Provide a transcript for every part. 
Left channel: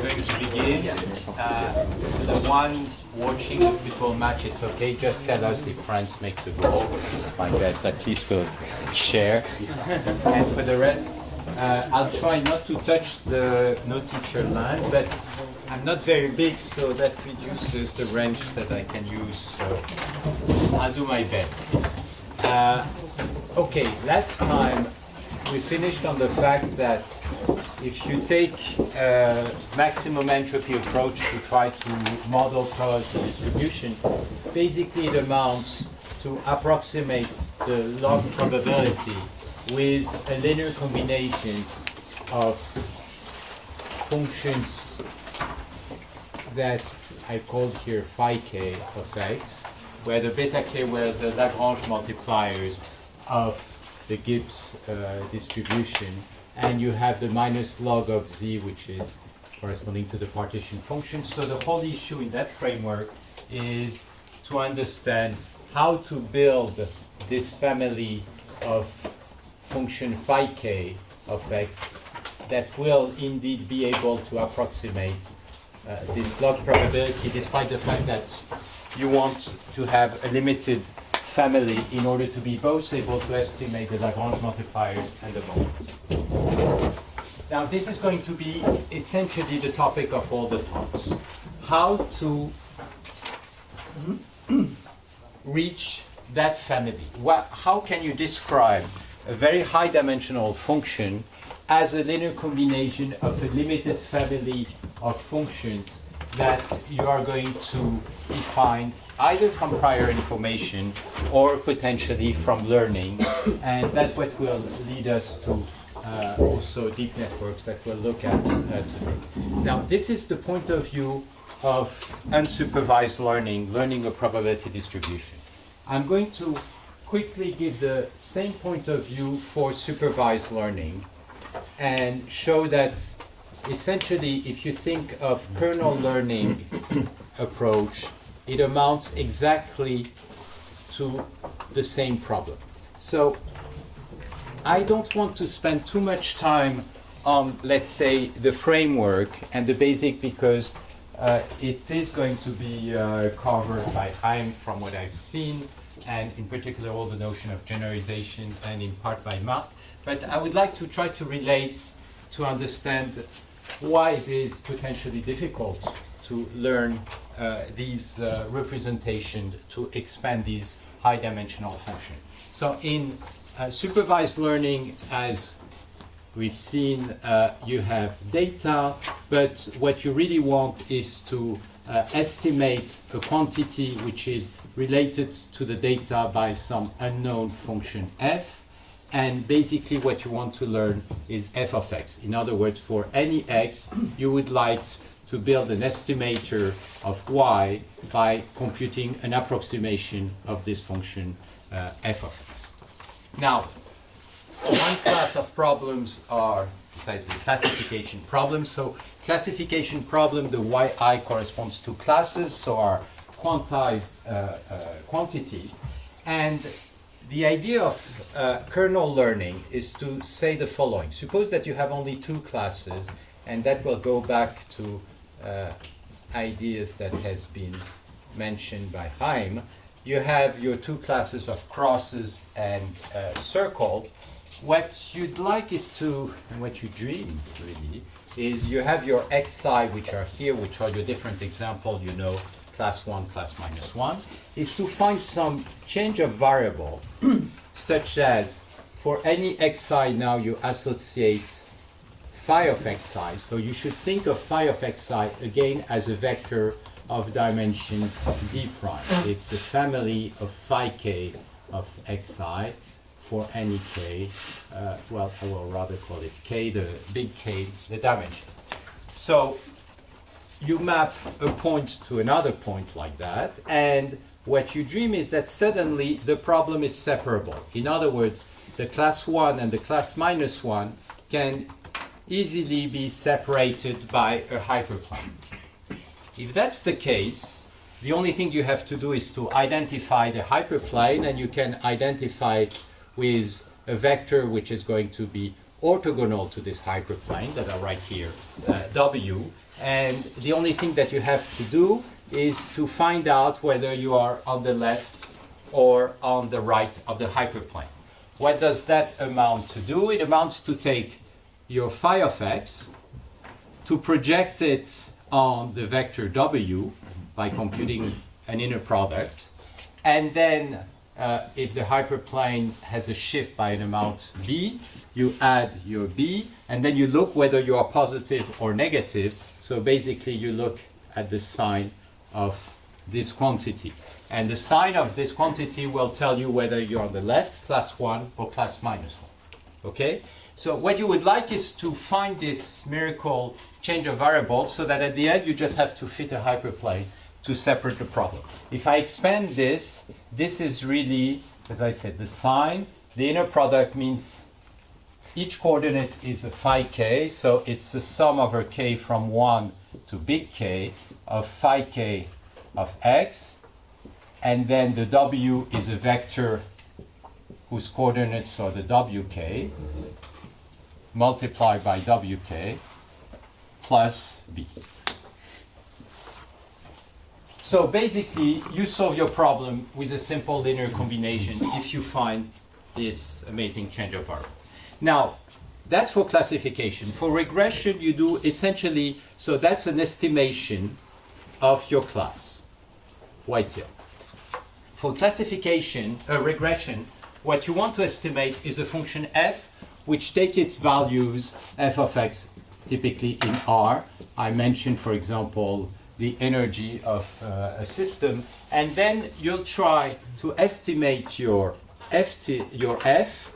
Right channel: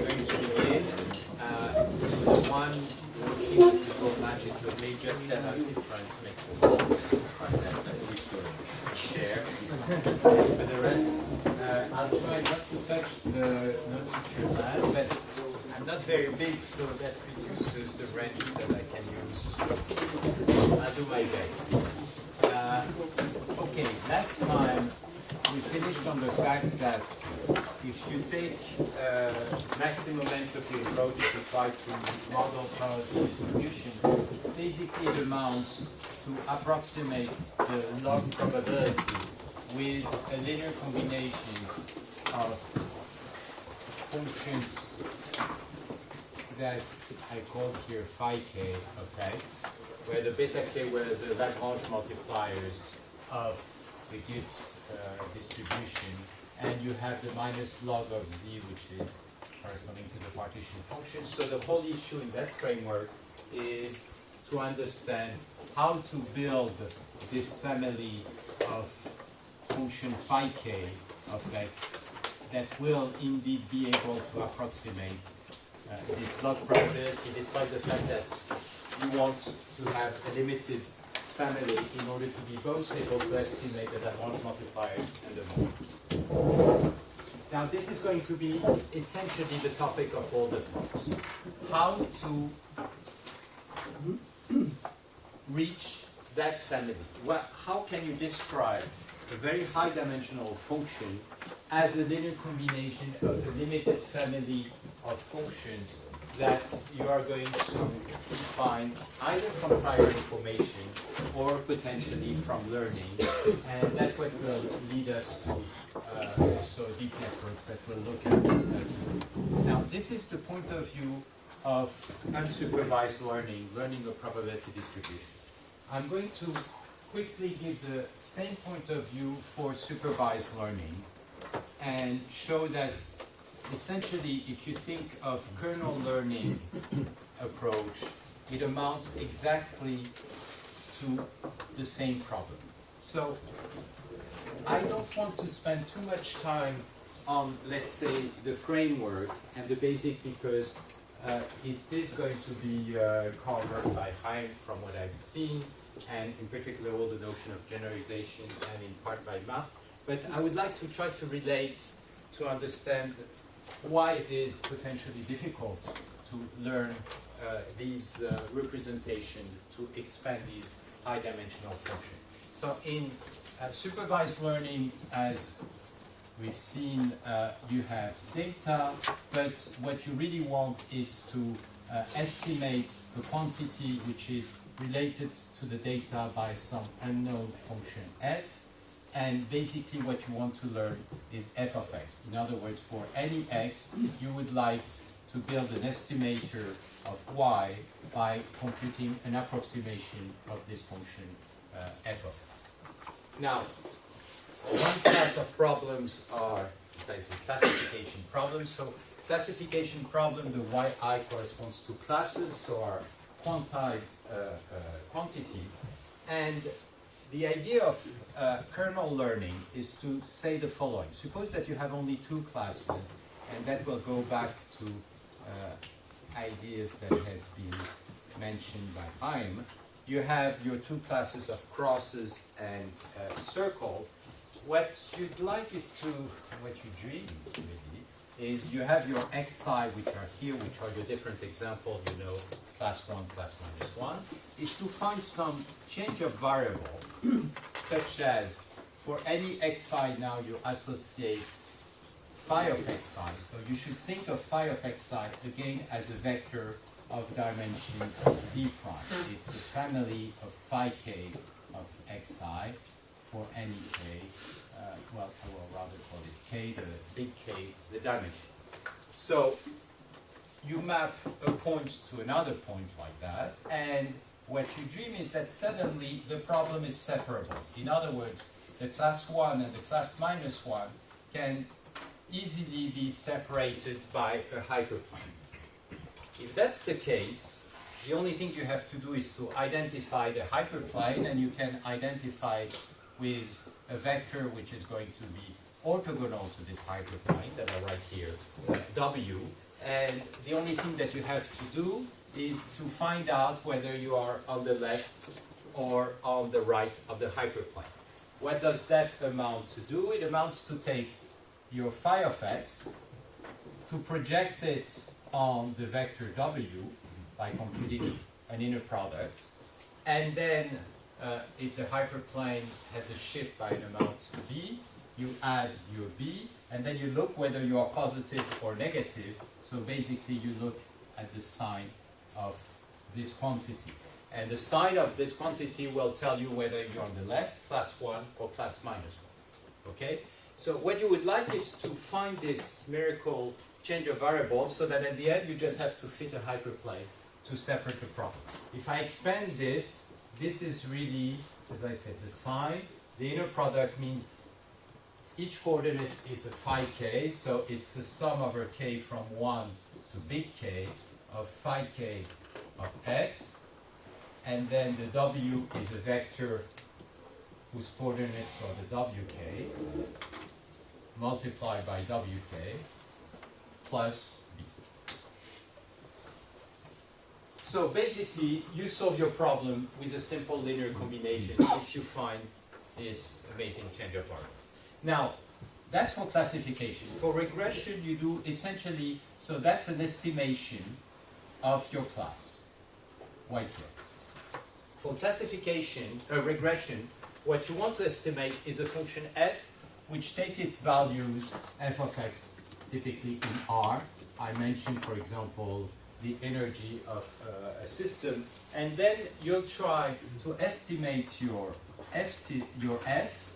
we're going to begin. The one watching the football match, it's okay. Just tell us if France makes a goal. Like that, at least we'll share. And for the rest, I'll try not to touch the no teacher line, but I'm not very big, so that reduces the range that I can use. So I'll do my best. Okay, last time we finished on the fact that if you take a maximum entropy approach to try to model probability distribution, basically it amounts to approximate the log probability with a linear combinations of functions that I called here phi k of x, where the beta k were the Lagrange multipliers of the Gibbs distribution, and you have the minus log of z, which is corresponding to the partition function. So the whole issue in that framework is to understand how to build this family of function phi k of x that will indeed be able to approximate this log probability, despite the fact that you want to have a limited family in order to be both able to estimate the Lagrange multipliers and the moments. Now this is going to be essentially the topic of all the talks. How to reach that family. How can you describe a very high dimensional function as a linear combination of a limited family of functions that you are going to define either from prior information or potentially from learning, and that's what will lead us to also deep networks that we'll look at today. Now, this is the point of view of unsupervised learning, learning a probability distribution. I'm going to quickly give the same point of view for supervised learning and show that essentially, if you think of kernel learning approach, it amounts exactly to the same problem. So I don't want to spend too much time on, let's say, the framework and the basic, because it is going to be covered by Chaim from what I've seen, and in particular all the notion of generalization, and in part by Mark. But I would like to try to relate to understand why it is potentially difficult to learn these representations to expand these high dimensional functions. So in supervised learning, as we've seen, you have data, but what you really want is to estimate a quantity which is related to the data by some unknown function f. And basically what you want to learn is f of x. In other words, for any x, you would like to build an estimator of y by computing an approximation of this function f of x. Now, one class of problems are precisely classification problems. So classification problem, the yi corresponds to classes, so are quantized quantities. And the idea of kernel learning is to say the following. Suppose that you have only two classes, and that will go back to ideas that has been mentioned by Chaim. You have your two classes of crosses and circles. What you'd like is to, and what you dream really, is you have your xi, which are here, which are your different examples, you know, class 1, class minus 1, is to find some change of variable, such as for any xi now you associate phi of xi. So you should think of phi of xi again as a vector of dimension d prime. It's a family of phi k of xi for any k. Well, I will rather call it k, the big K, the dimension. So you map a point to another point like that, and what you dream is that suddenly the problem is separable. In other words, the class 1 and the class minus 1 can easily be separated by a hyperplane. If that's the case, the only thing you have to do is to identify the hyperplane, and you can identify it with a vector which is going to be orthogonal to this hyperplane that are right here, W. And the only thing that you have to do is to find out whether you are on the left or on the right of the hyperplane. What does that amount to do? It amounts to take your phi of x, to project it on the vector w by computing an inner product, and then if the hyperplane has a shift by an amount b, you add your b, and then you look whether you are positive or negative. So basically you look at the sign of this quantity. And the sign of this quantity will tell you whether you're on the left, class 1, or class minus 1. Okay? So what you would like is to find this miracle change of variables so that at the end you just have to fit a hyperplane to separate the problem. If I expand this, this is really, as I said, the sign. The inner product means each coordinate is a phi k, so it's the sum over k from 1 to big K of phi k of x, and then the w is a vector whose coordinates are the wk multiplied by wk plus b. So basically, you solve your problem with a simple linear combination if you find this amazing change of variable. Now, that's for classification. For regression, you do essentially, so that's an estimation of your class, whitetail. For classification, regression, what you want to estimate is a function f, which take its values, f of x, typically in R. I mentioned, for example, the energy of a system, and then you'll try to estimate your f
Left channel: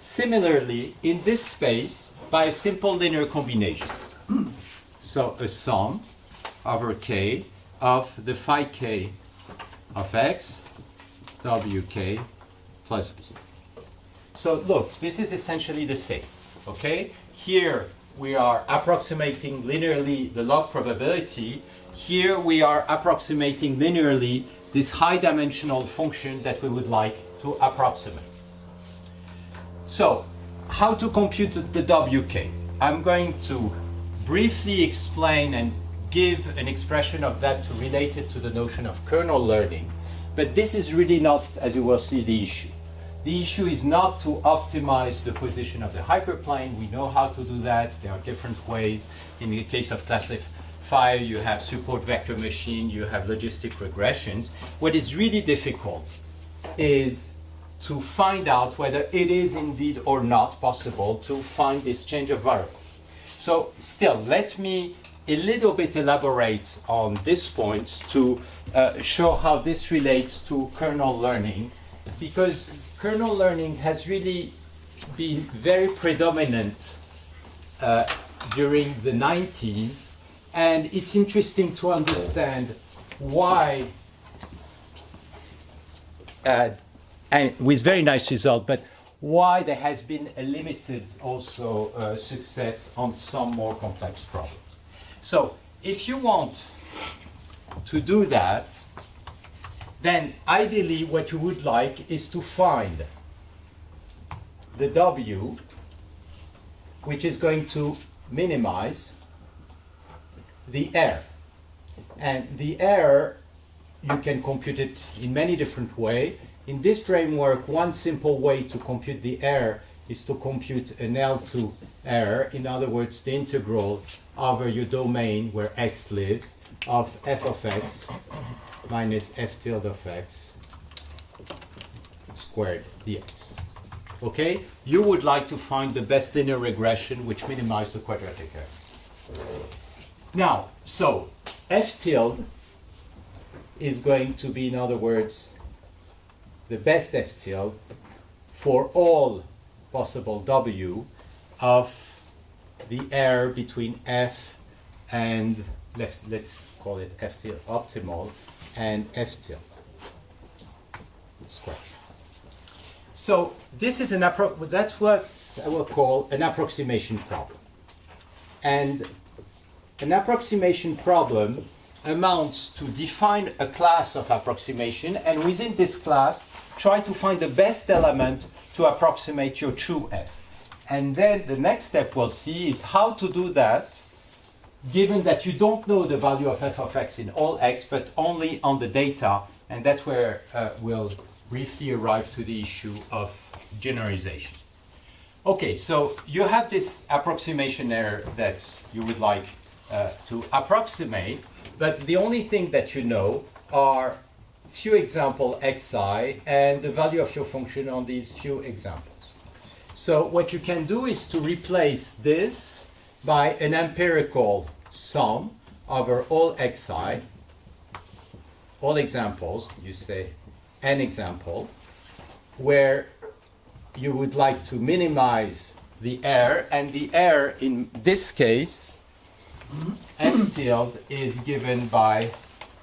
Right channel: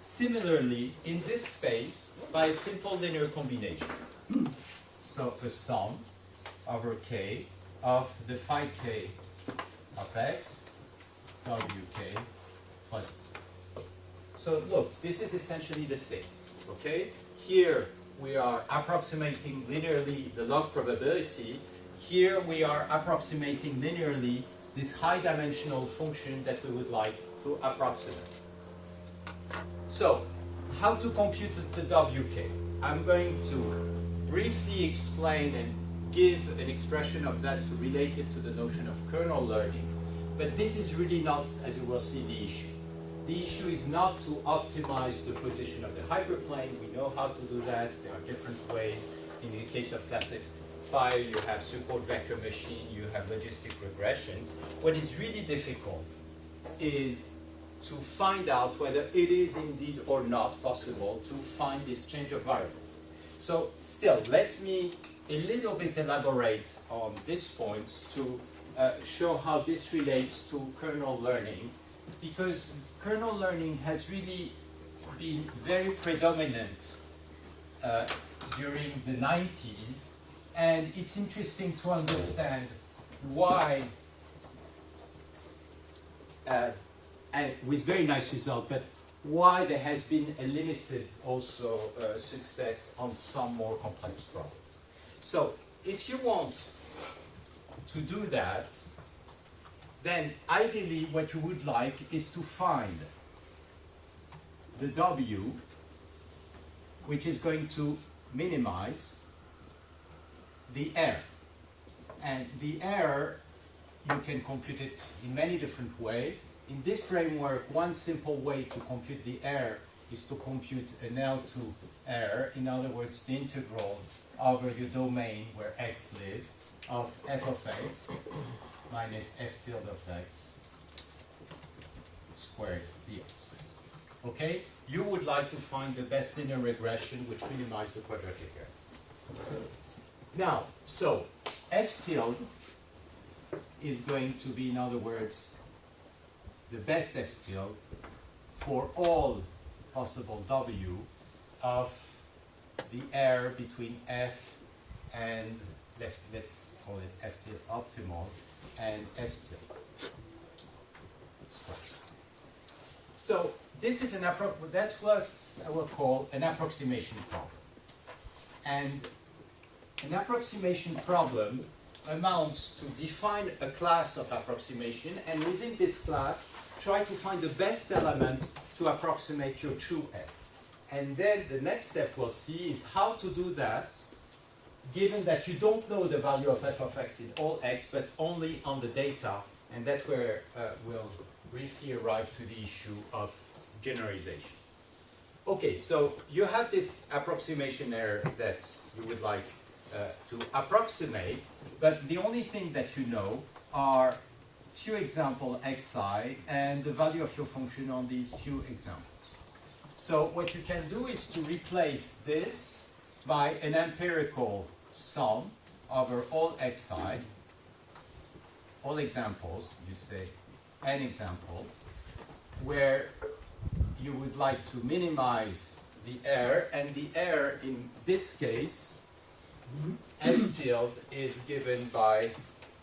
similarly in this space by a simple linear combination. So a sum over k of the phi k of x, wk plus b. So look, this is essentially the same, okay? Here we are approximating linearly the log probability. Here we are approximating linearly this high dimensional function that we would like to approximate. So, how to compute the wk? I'm going to briefly explain and give an expression of that to relate it to the notion of kernel learning. But this is really not, as you will see, the issue. The issue is not to optimize the position of the hyperplane. We know how to do that. There are different ways. In the case of classifier, you have support vector machine, you have logistic regressions. What is really difficult is to find out whether it is indeed or not possible to find this change of variable. So still, let me a little bit elaborate on this point to show how this relates to kernel learning, because kernel learning has really been very predominant during the 90s, and it's interesting to understand why, and with very nice result, but why there has been a limited also success on some more complex problems. So if you want to do that, then ideally what you would like is to find the W, which is going to minimize the error. And the error, you can compute it in many different ways. In this framework, one simple way to compute the error is to compute an L2 error. In other words, the integral over your domain where x lives of f of x minus f tilde of x squared dx. Okay? You would like to find the best linear regression which minimizes the quadratic error. Now, so f tilde is going to be, in other words, the best f tilde for all possible w of the error between f and, let's call it f tilde optimal, and f tilde squared. So this is that's what I will call an approximation problem. And an approximation problem amounts to define a class of approximation, and within this class try to find the best element to approximate your true f. And then the next step we'll see is how to do that given that you don't know the value of f of x in all x, but only on the data, and that's where we'll briefly arrive to the issue of generalization. Okay, so you have this approximation error that you would like to approximate, but the only thing that you know are few example xi and the value of your function on these few examples. So what you can do is to replace this by an empirical sum over all xi, all examples, you say n example, where you would like to minimize the error, and the error in this case, f tilde, is given by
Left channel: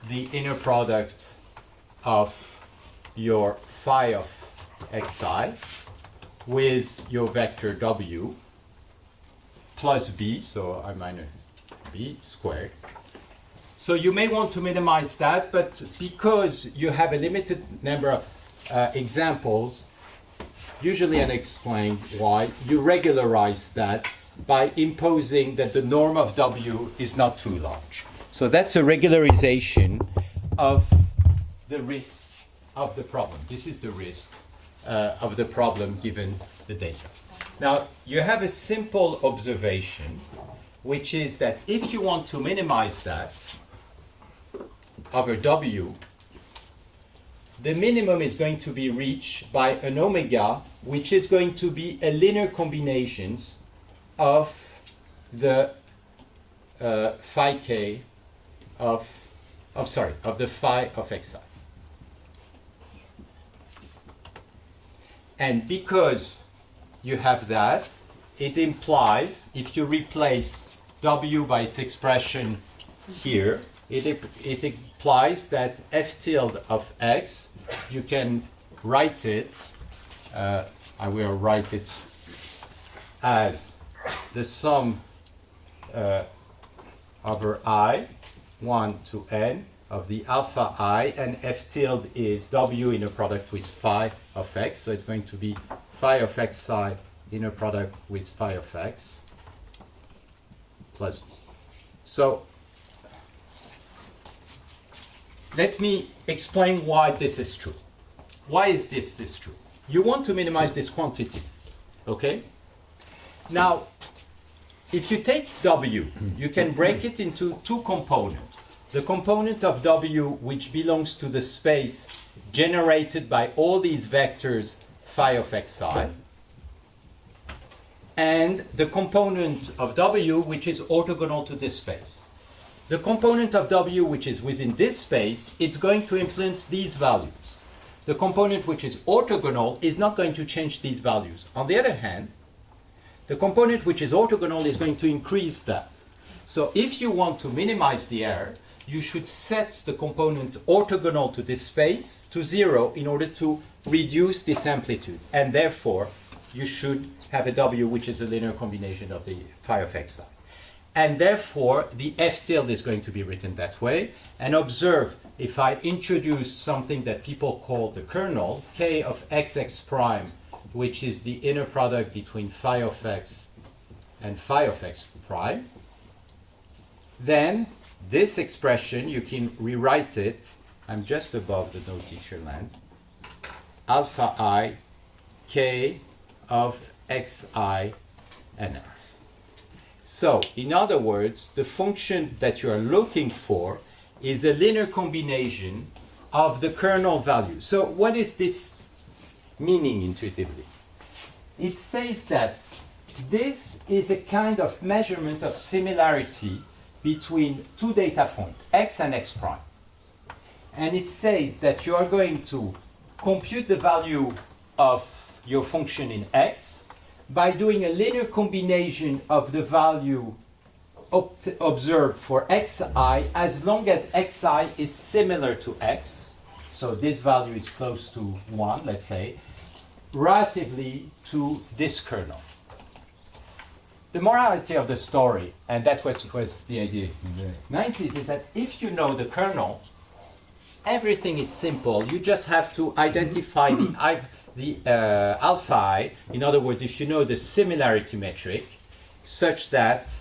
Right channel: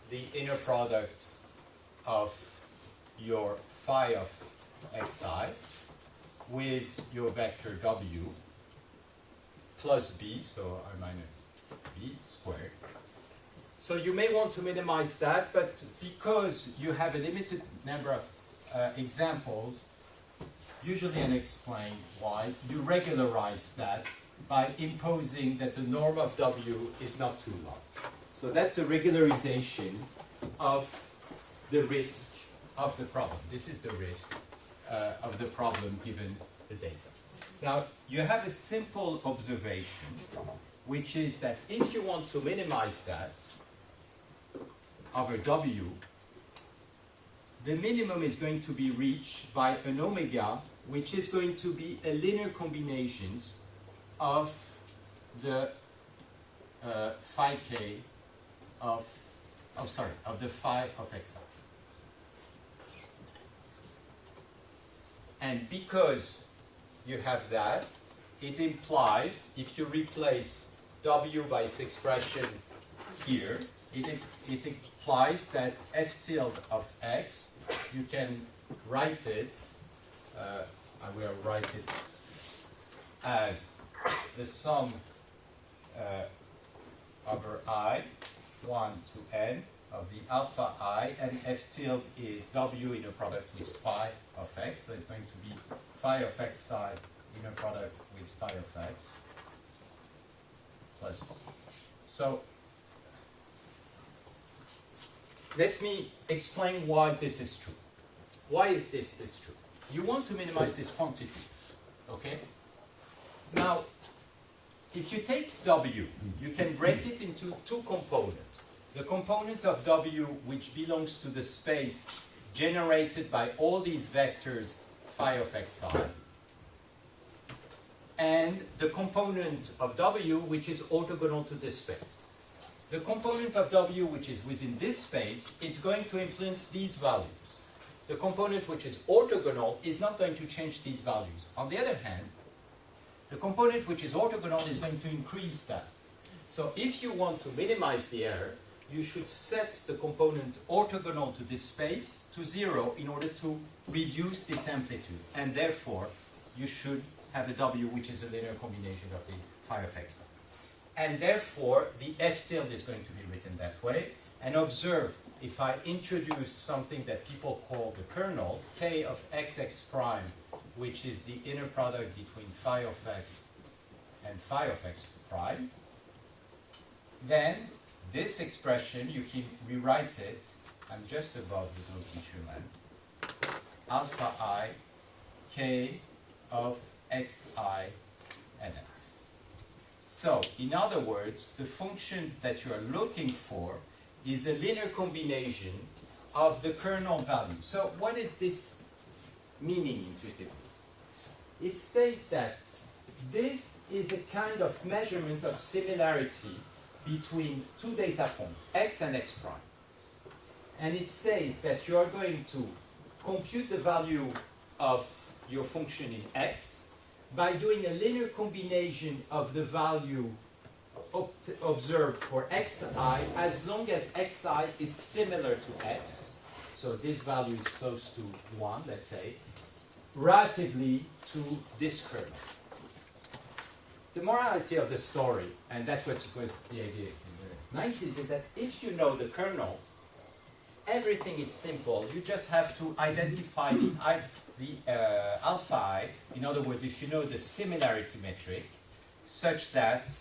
the inner product of your phi of xi with your vector w plus b, so I minus b squared. So you may want to minimize that, but because you have a limited number of examples, usually and explain why, you regularize that by imposing that the norm of w is not too large. So that's a regularization of the risk of the problem. This is the risk of the problem given the data. Now, you have a simple observation, which is that if you want to minimize that over w, the minimum is going to be reached by an omega, which is going to be a linear combinations of the phi k of the phi of xi. And because you have that, it implies, if you replace w by its expression here, it implies that f tilde of x, you can write it, I will write it as the sum over I, 1 to n, of the alpha I, and f tilde is w inner product with phi of x, so it's going to be phi of xi inner product with phi of x plus 1. So let me explain why this is true. Why is this true? You want to minimize this quantity, okay? Now, if you take w, you can break it into two components. The component of w which belongs to the space generated by all these vectors phi of xi, and the component of w which is orthogonal to this space. The component of w which is within this space, it's going to influence these values. The component which is orthogonal is not going to change these values. On the other hand, the component which is orthogonal is going to increase that. So if you want to minimize the error, you should set the component orthogonal to this space to 0 in order to reduce this amplitude. And therefore, you should have a w which is a linear combination of the phi of xi. And therefore, the f tilde is going to be written that way. And observe, if I introduce something that people call the kernel, k of xx prime, which is the inner product between phi of x and phi of x prime, then this expression, you can rewrite it, I'm just above the no teacher land, alpha I k of xi and x. So, in other words, the function that you are looking for is a linear combination of the kernel value. So, what is this meaning intuitively? It says that this is a kind of measurement of similarity between two data points, x and x prime. And it says that you are going to compute the value of your function in x by doing a linear combination of the value observed for xi as long as xi is similar to x. So this value is close to 1, let's say, relatively to this kernel. The morality of the story, and that's what was the idea in the 90s, is that if you know the kernel, everything is simple. You just have to identify the alpha I. In other words, if you know the similarity metric, such that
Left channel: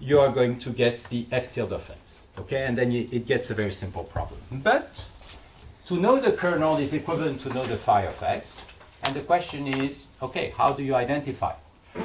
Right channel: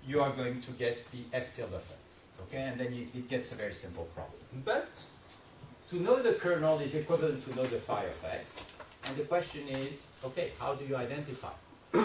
you are going to get the f tilde of x. Okay, and then it gets a very simple problem. But to know the kernel is equivalent to know the phi of x. And the question is, okay, how do you identify?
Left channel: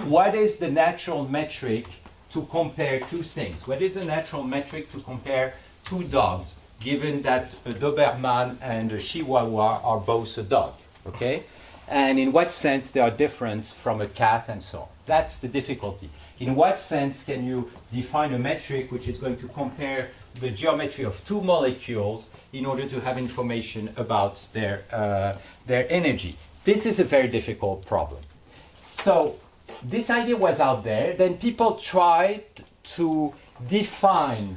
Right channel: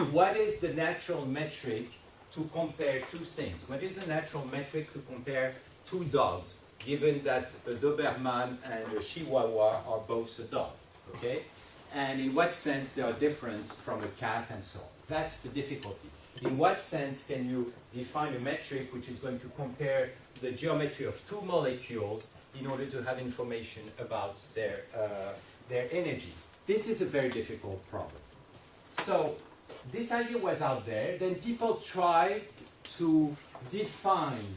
What is the natural metric to compare two things? What is a natural metric to compare two dogs, given that a Doberman and a Chihuahua are both a dog? Okay? And in what sense they are different from a cat and so on? That's the difficulty. In what sense can you define a metric which is going to compare the geometry of two molecules in order to have information about their energy? This is a very difficult problem. So this idea was out there. Then people tried to define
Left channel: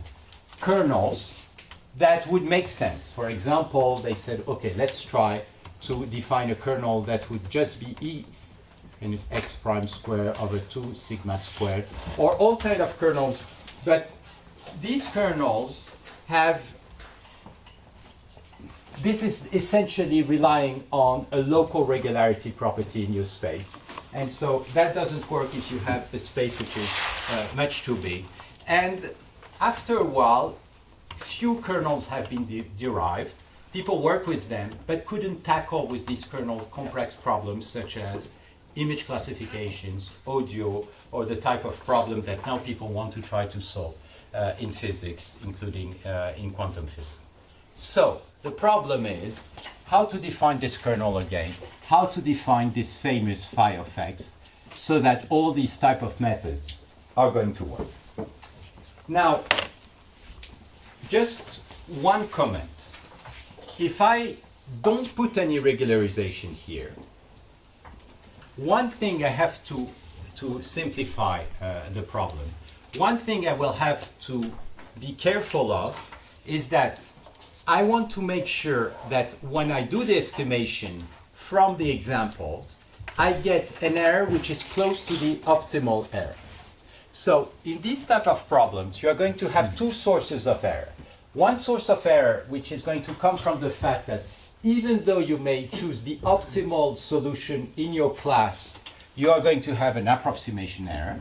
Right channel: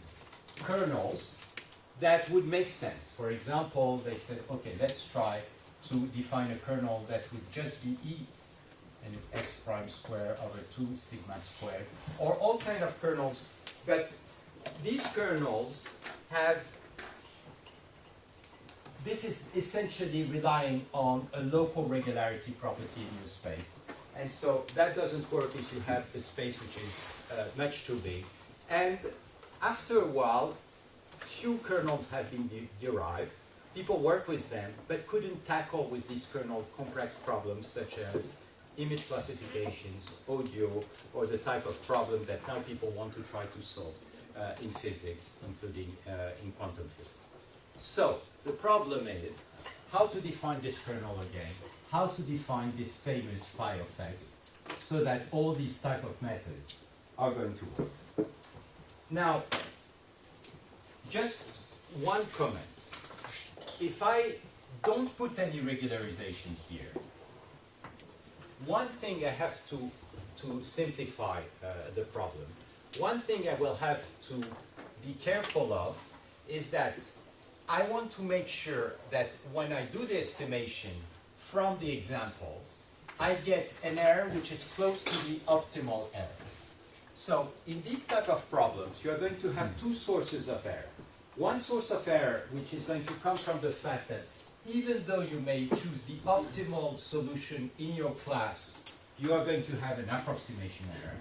kernels that would make sense. For example, they said, okay, let's try to define a kernel that would just be E minus x prime squared over 2 sigma squared, or all kind of kernels. But these kernels have, this is essentially relying on a local regularity property in your space. And so that doesn't work if you have a space which is much too big. And after a while, few kernels have been derived. People work with them, but couldn't tackle with these kernel complex problems such as image classifications, audio, or the type of problem that now people want to try to solve in physics, including in quantum physics. So the problem is how to define this kernel again, how to define this famous phi of x, so that all these type of methods are going to work. Now, just one comment. If I don't put any regularization here, one thing I have to simplify the problem. One thing I will have to be careful of is that I want to make sure that when I do the estimation from the examples, I get an error which is close to the optimal error. So in these type of problems, you are going to have two sources of error. One source of error which is going to come from the fact that even though you may choose the optimal solution in your class, you are going to have an approximation error.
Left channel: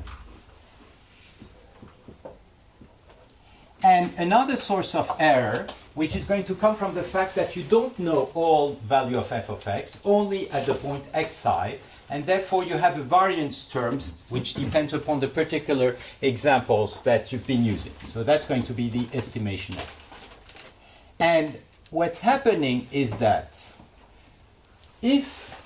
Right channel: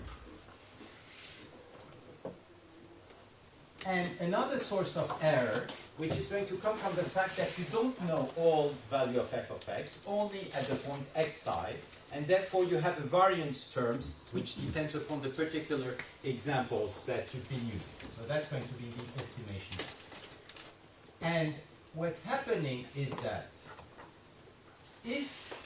And another source of error, which is going to come from the fact that you don't know all value of f of x, only at the point xi, and therefore you have a variance terms which depends upon the particular examples that you've been using. So that's going to be the estimation error. And what's happening is that if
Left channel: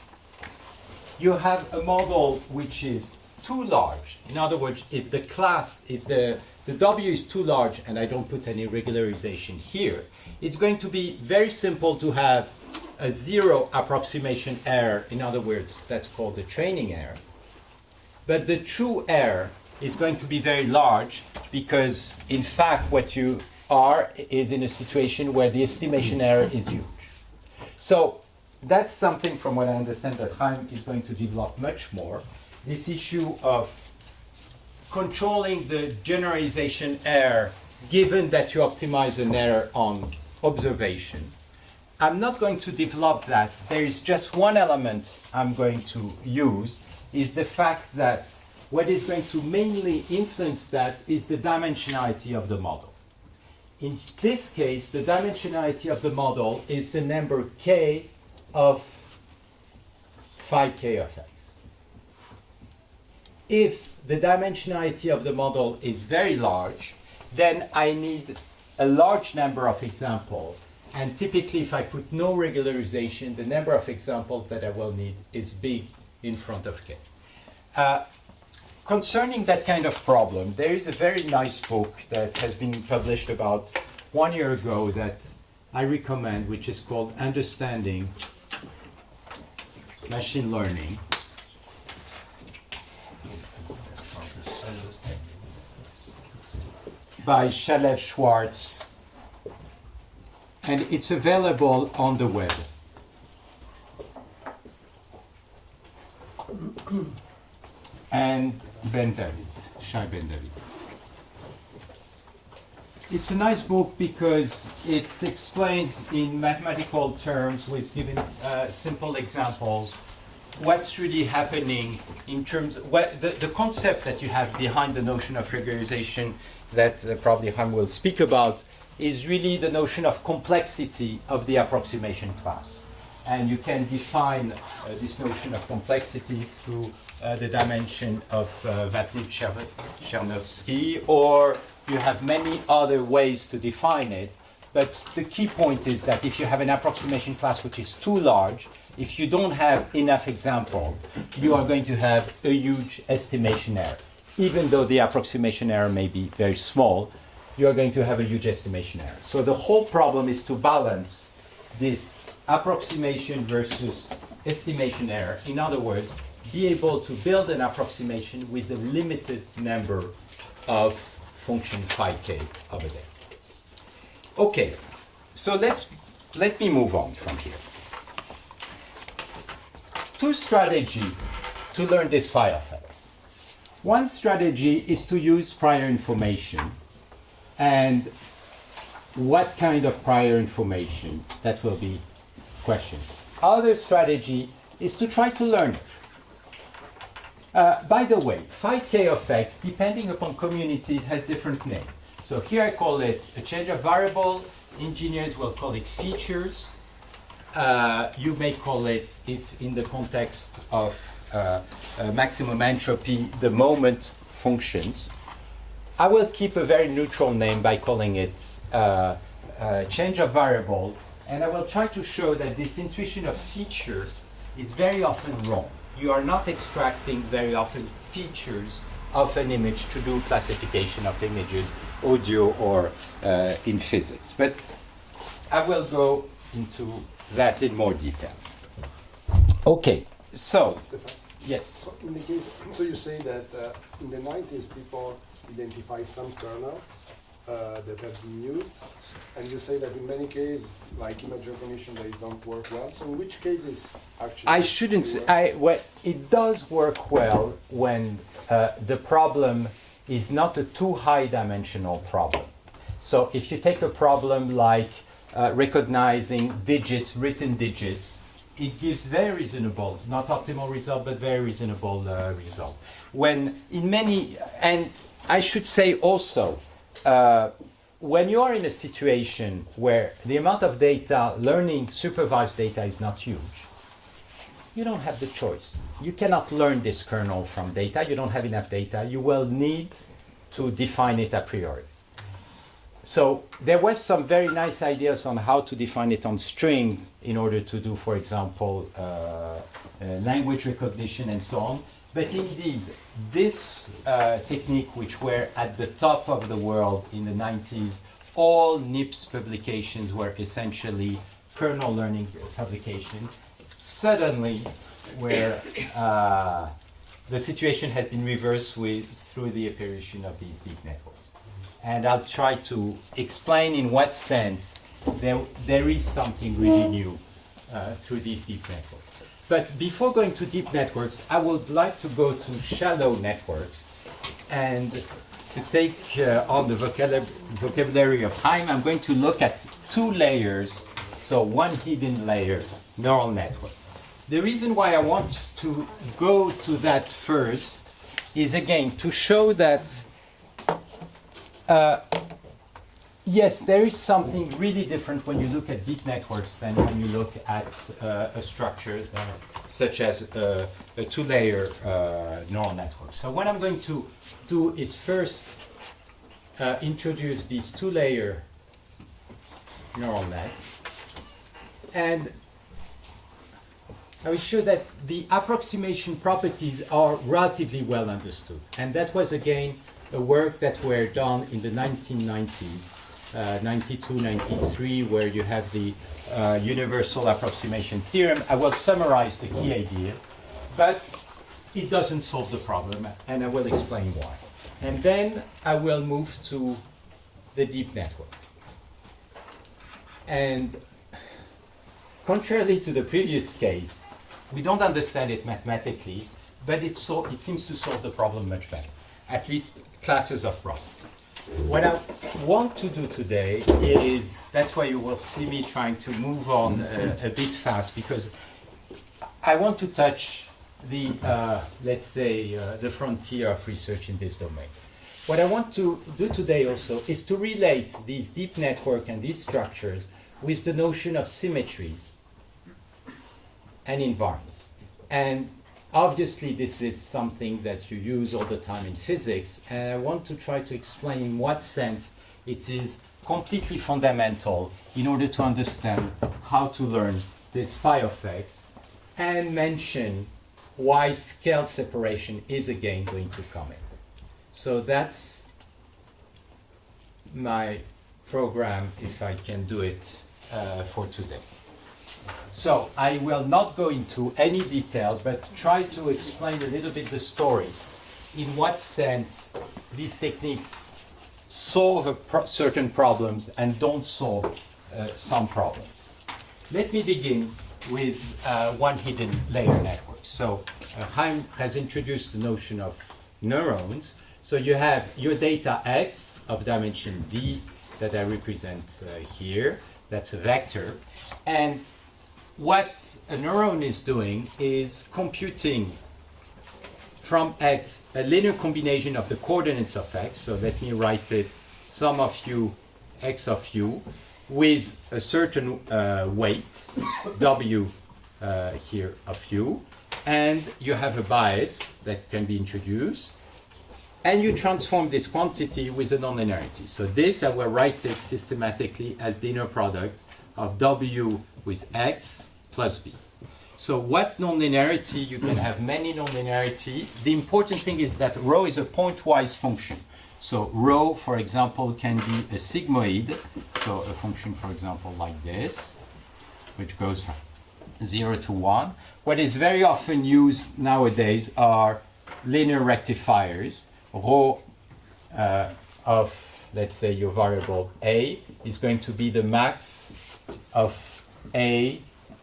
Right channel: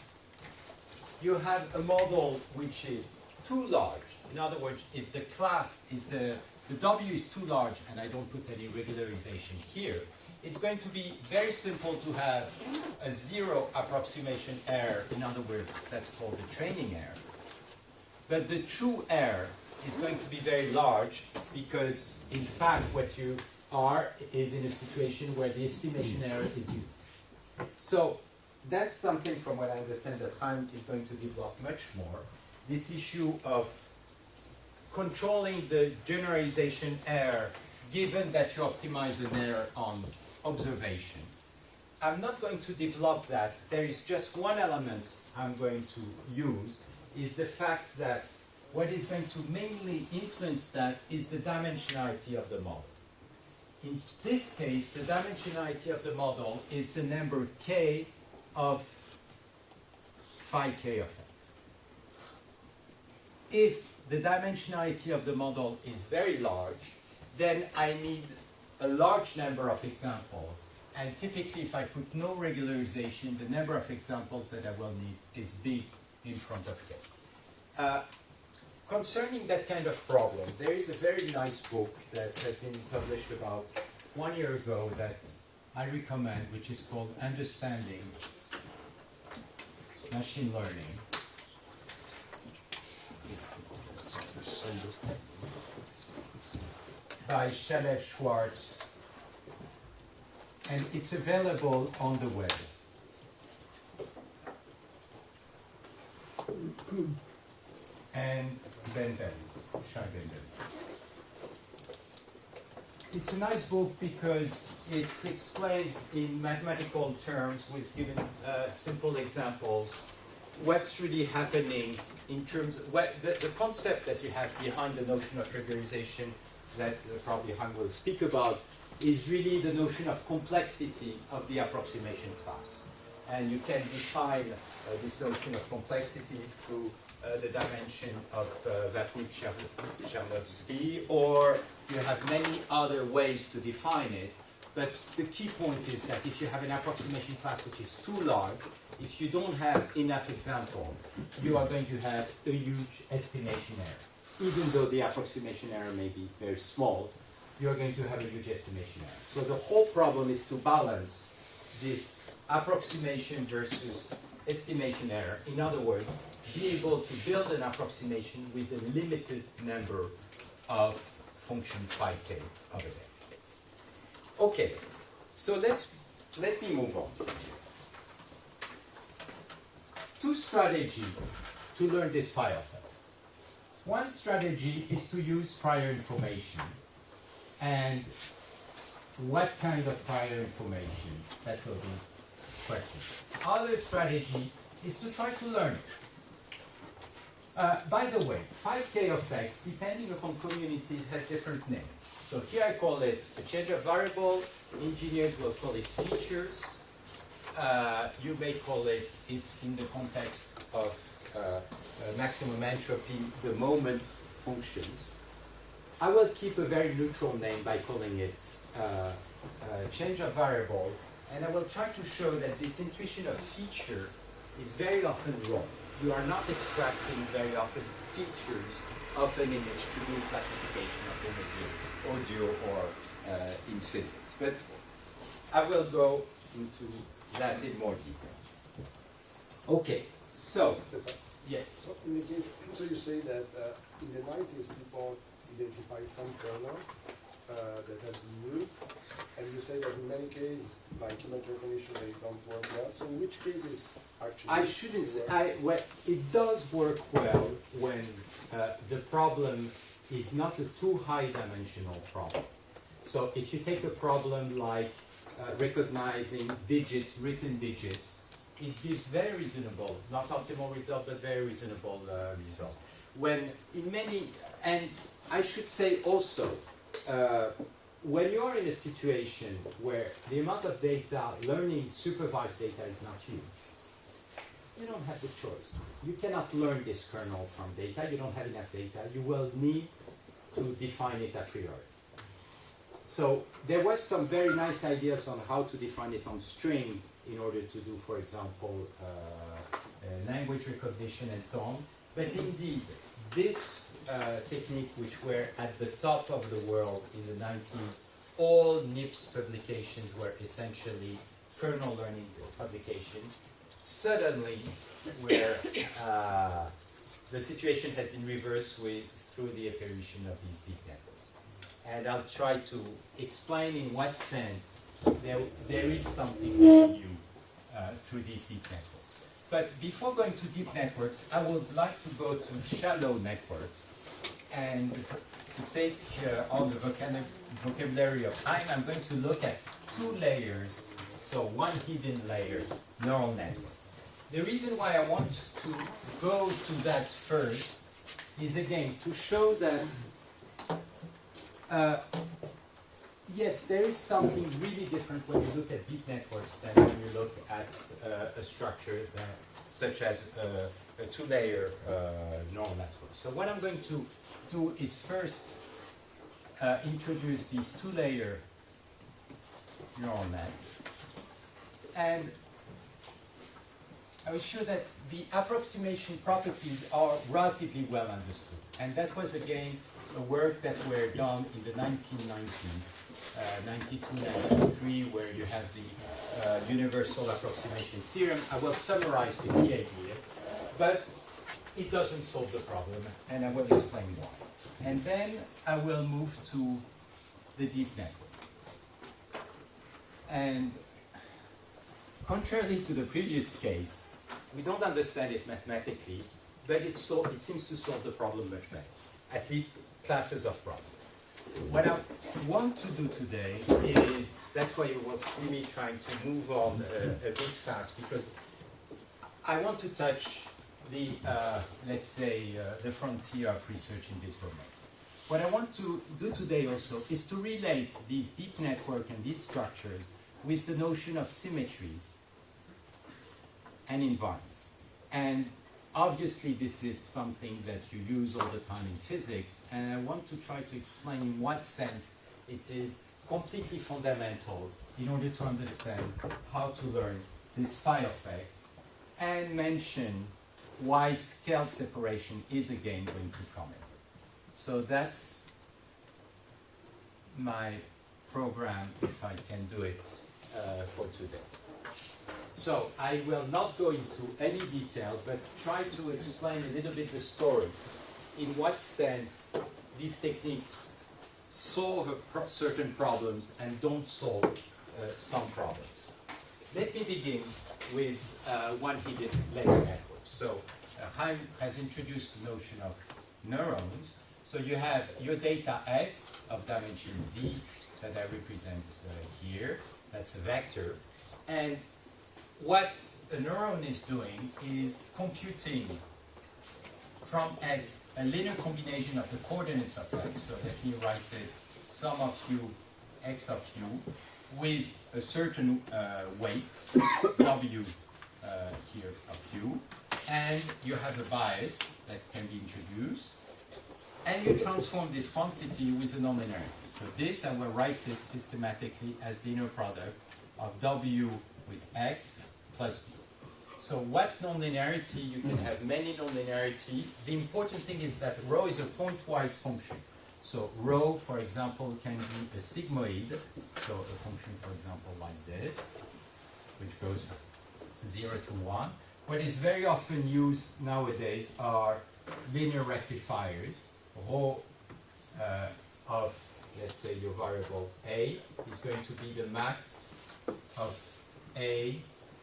you have a model which is too large, in other words, if the class, if the W is too large and I don't put any regularization here, it's going to be very simple to have a zero approximation error. In other words, that's called the training error. But the true error is going to be very large because, in fact, what you are is in a situation where the estimation error is huge. So that's something, from what I understand, that Chaim is going to develop much more. This issue of controlling the generalization error, given that you optimize an error on observation. I'm not going to develop that. There is just one element I'm going to use, is the fact that what is going to mainly influence that is the dimensionality of the model. In this case, the dimensionality of the model is the number k of phi k of x. If the dimensionality of the model is very large, then I need a large number of examples. And typically, if I put no regularization, the number of examples that I will need is big in front of k. Concerning that kind of problem, there is a very nice book that has been published about 1 year ago that I recommend, which is called Understanding Machine Learning. By Shalev Schwartz, and it's available on the web. And Ben David, Shai Ben David. It's a nice book because it explains in mathematical terms with given simple examples what's really happening in terms of the concept that you have behind the notion of regularization that probably Han will speak about is really the notion of complexity of the approximation class. And you can define this notion of complexity through the dimension of Vatnip-Chernovsky, or you have many other ways to define it. But the key point is that if you have an approximation class which is too large, if you don't have enough examples, you are going to have a huge estimation error. Even though the approximation error may be very small, you are going to have a huge estimation error. So the whole problem is to balance this approximation versus estimation error. In other words, be able to build an approximation with a limited number of function phi k over there. Okay, so let me move on from here. Two strategies to learn this phi of x. One strategy is to use prior information, and what kind of prior information, that will be question. Other strategy is to try to learn it. By the way, phi k of x, depending upon community, has different names. So here I call it a change of variable. Engineers will call it features. You may call it, if in the context of maximum entropy, the moment functions. I will keep a very neutral name by calling it change of variable, and I will try to show that this intuition of feature is very often wrong. You are not extracting very often features of an image to do classification of images, audio or in physics. But I will go into that in more detail. Okay, so, yes. So in the case, so you say that in the 90s people identify some kernel that has been used, and you say that in many cases, like image recognition, they don't work well. So in which cases actually? I shouldn't say, well, it does work well when the problem is not a too high dimensional problem. So if you take a problem like recognizing digits, written digits, it gives very reasonable, not optimal result, but very reasonable result. When in many, and I should say also, when you are in a situation where the amount of data, learning supervised data is not huge, you don't have the choice. You cannot learn this kernel from data. You don't have enough data. You will need to define it a priori. So there was some very nice ideas on how to define it on strings in order to do, for example, language recognition and so on. But indeed, this technique, which were at the top of the world in the 90s, all NIPS publications were essentially kernel learning publications, suddenly where the situation has been reversed through the apparition of these deep networks. And I'll try to explain in what sense there is something really new through these deep networks. But before going to deep networks, I would like to go to shallow networks. And to take on the vocabulary of time, I'm going to look at two layers. So one hidden layer, neural network. The reason why I want to go to that first is, again, to show that yes, there is something really different when you look at deep networks than when you look at a structure such as a two-layer neural network. So what I'm going to do is first introduce this two-layer neural net, and I will show that the approximation properties are relatively well understood. And that was, again, a work that were done in the 1990s, 92, 93, where you have the universal approximation theorem. I will summarize the key idea, but it doesn't solve the problem, and I will explain why. And then I will move to the deep network. And contrarily to the previous case, we don't understand it mathematically, but it seems to solve the problem much better, at least classes of problems. What I want to do today is, that's why you will see me trying to move on a bit fast, because I want to touch the, let's say, the frontier of research in this domain. What I want to do today also is to relate these deep networks and these structures with the notion of symmetries and environments. And obviously this is something that you use all the time in physics, and I want to try to explain in what sense it is completely fundamental in order to understand how to learn this phi effects, and mention why scale separation is again going to come in. So that's my program, if I can do it for today. So I will not go into any detail, but try to explain a little bit the story, in what sense these techniques solve certain problems and don't solve some problems. Let me begin with one hidden layer network. So Chaim has introduced the notion of neurons. So you have your data X of dimension D that I represent here. That's a vector. And what a neuron is doing is computing from X a linear combination of the coordinates of X. So let me write it, sum of u, X of u, with a certain weight, W here of u. And you have a bias that can be introduced. And you transform this quantity with a nonlinearity. So this, I will write it systematically as the inner product of W with X plus B. So what nonlinearity? You can have many nonlinearity. The important thing is that rho is a pointwise function. So rho, for example, can be a sigmoid. So a function, for example, like this, which goes from 0 to 1. What is very often used nowadays are linear rectifiers. Rho of, let's say, your variable A is going to be the max of A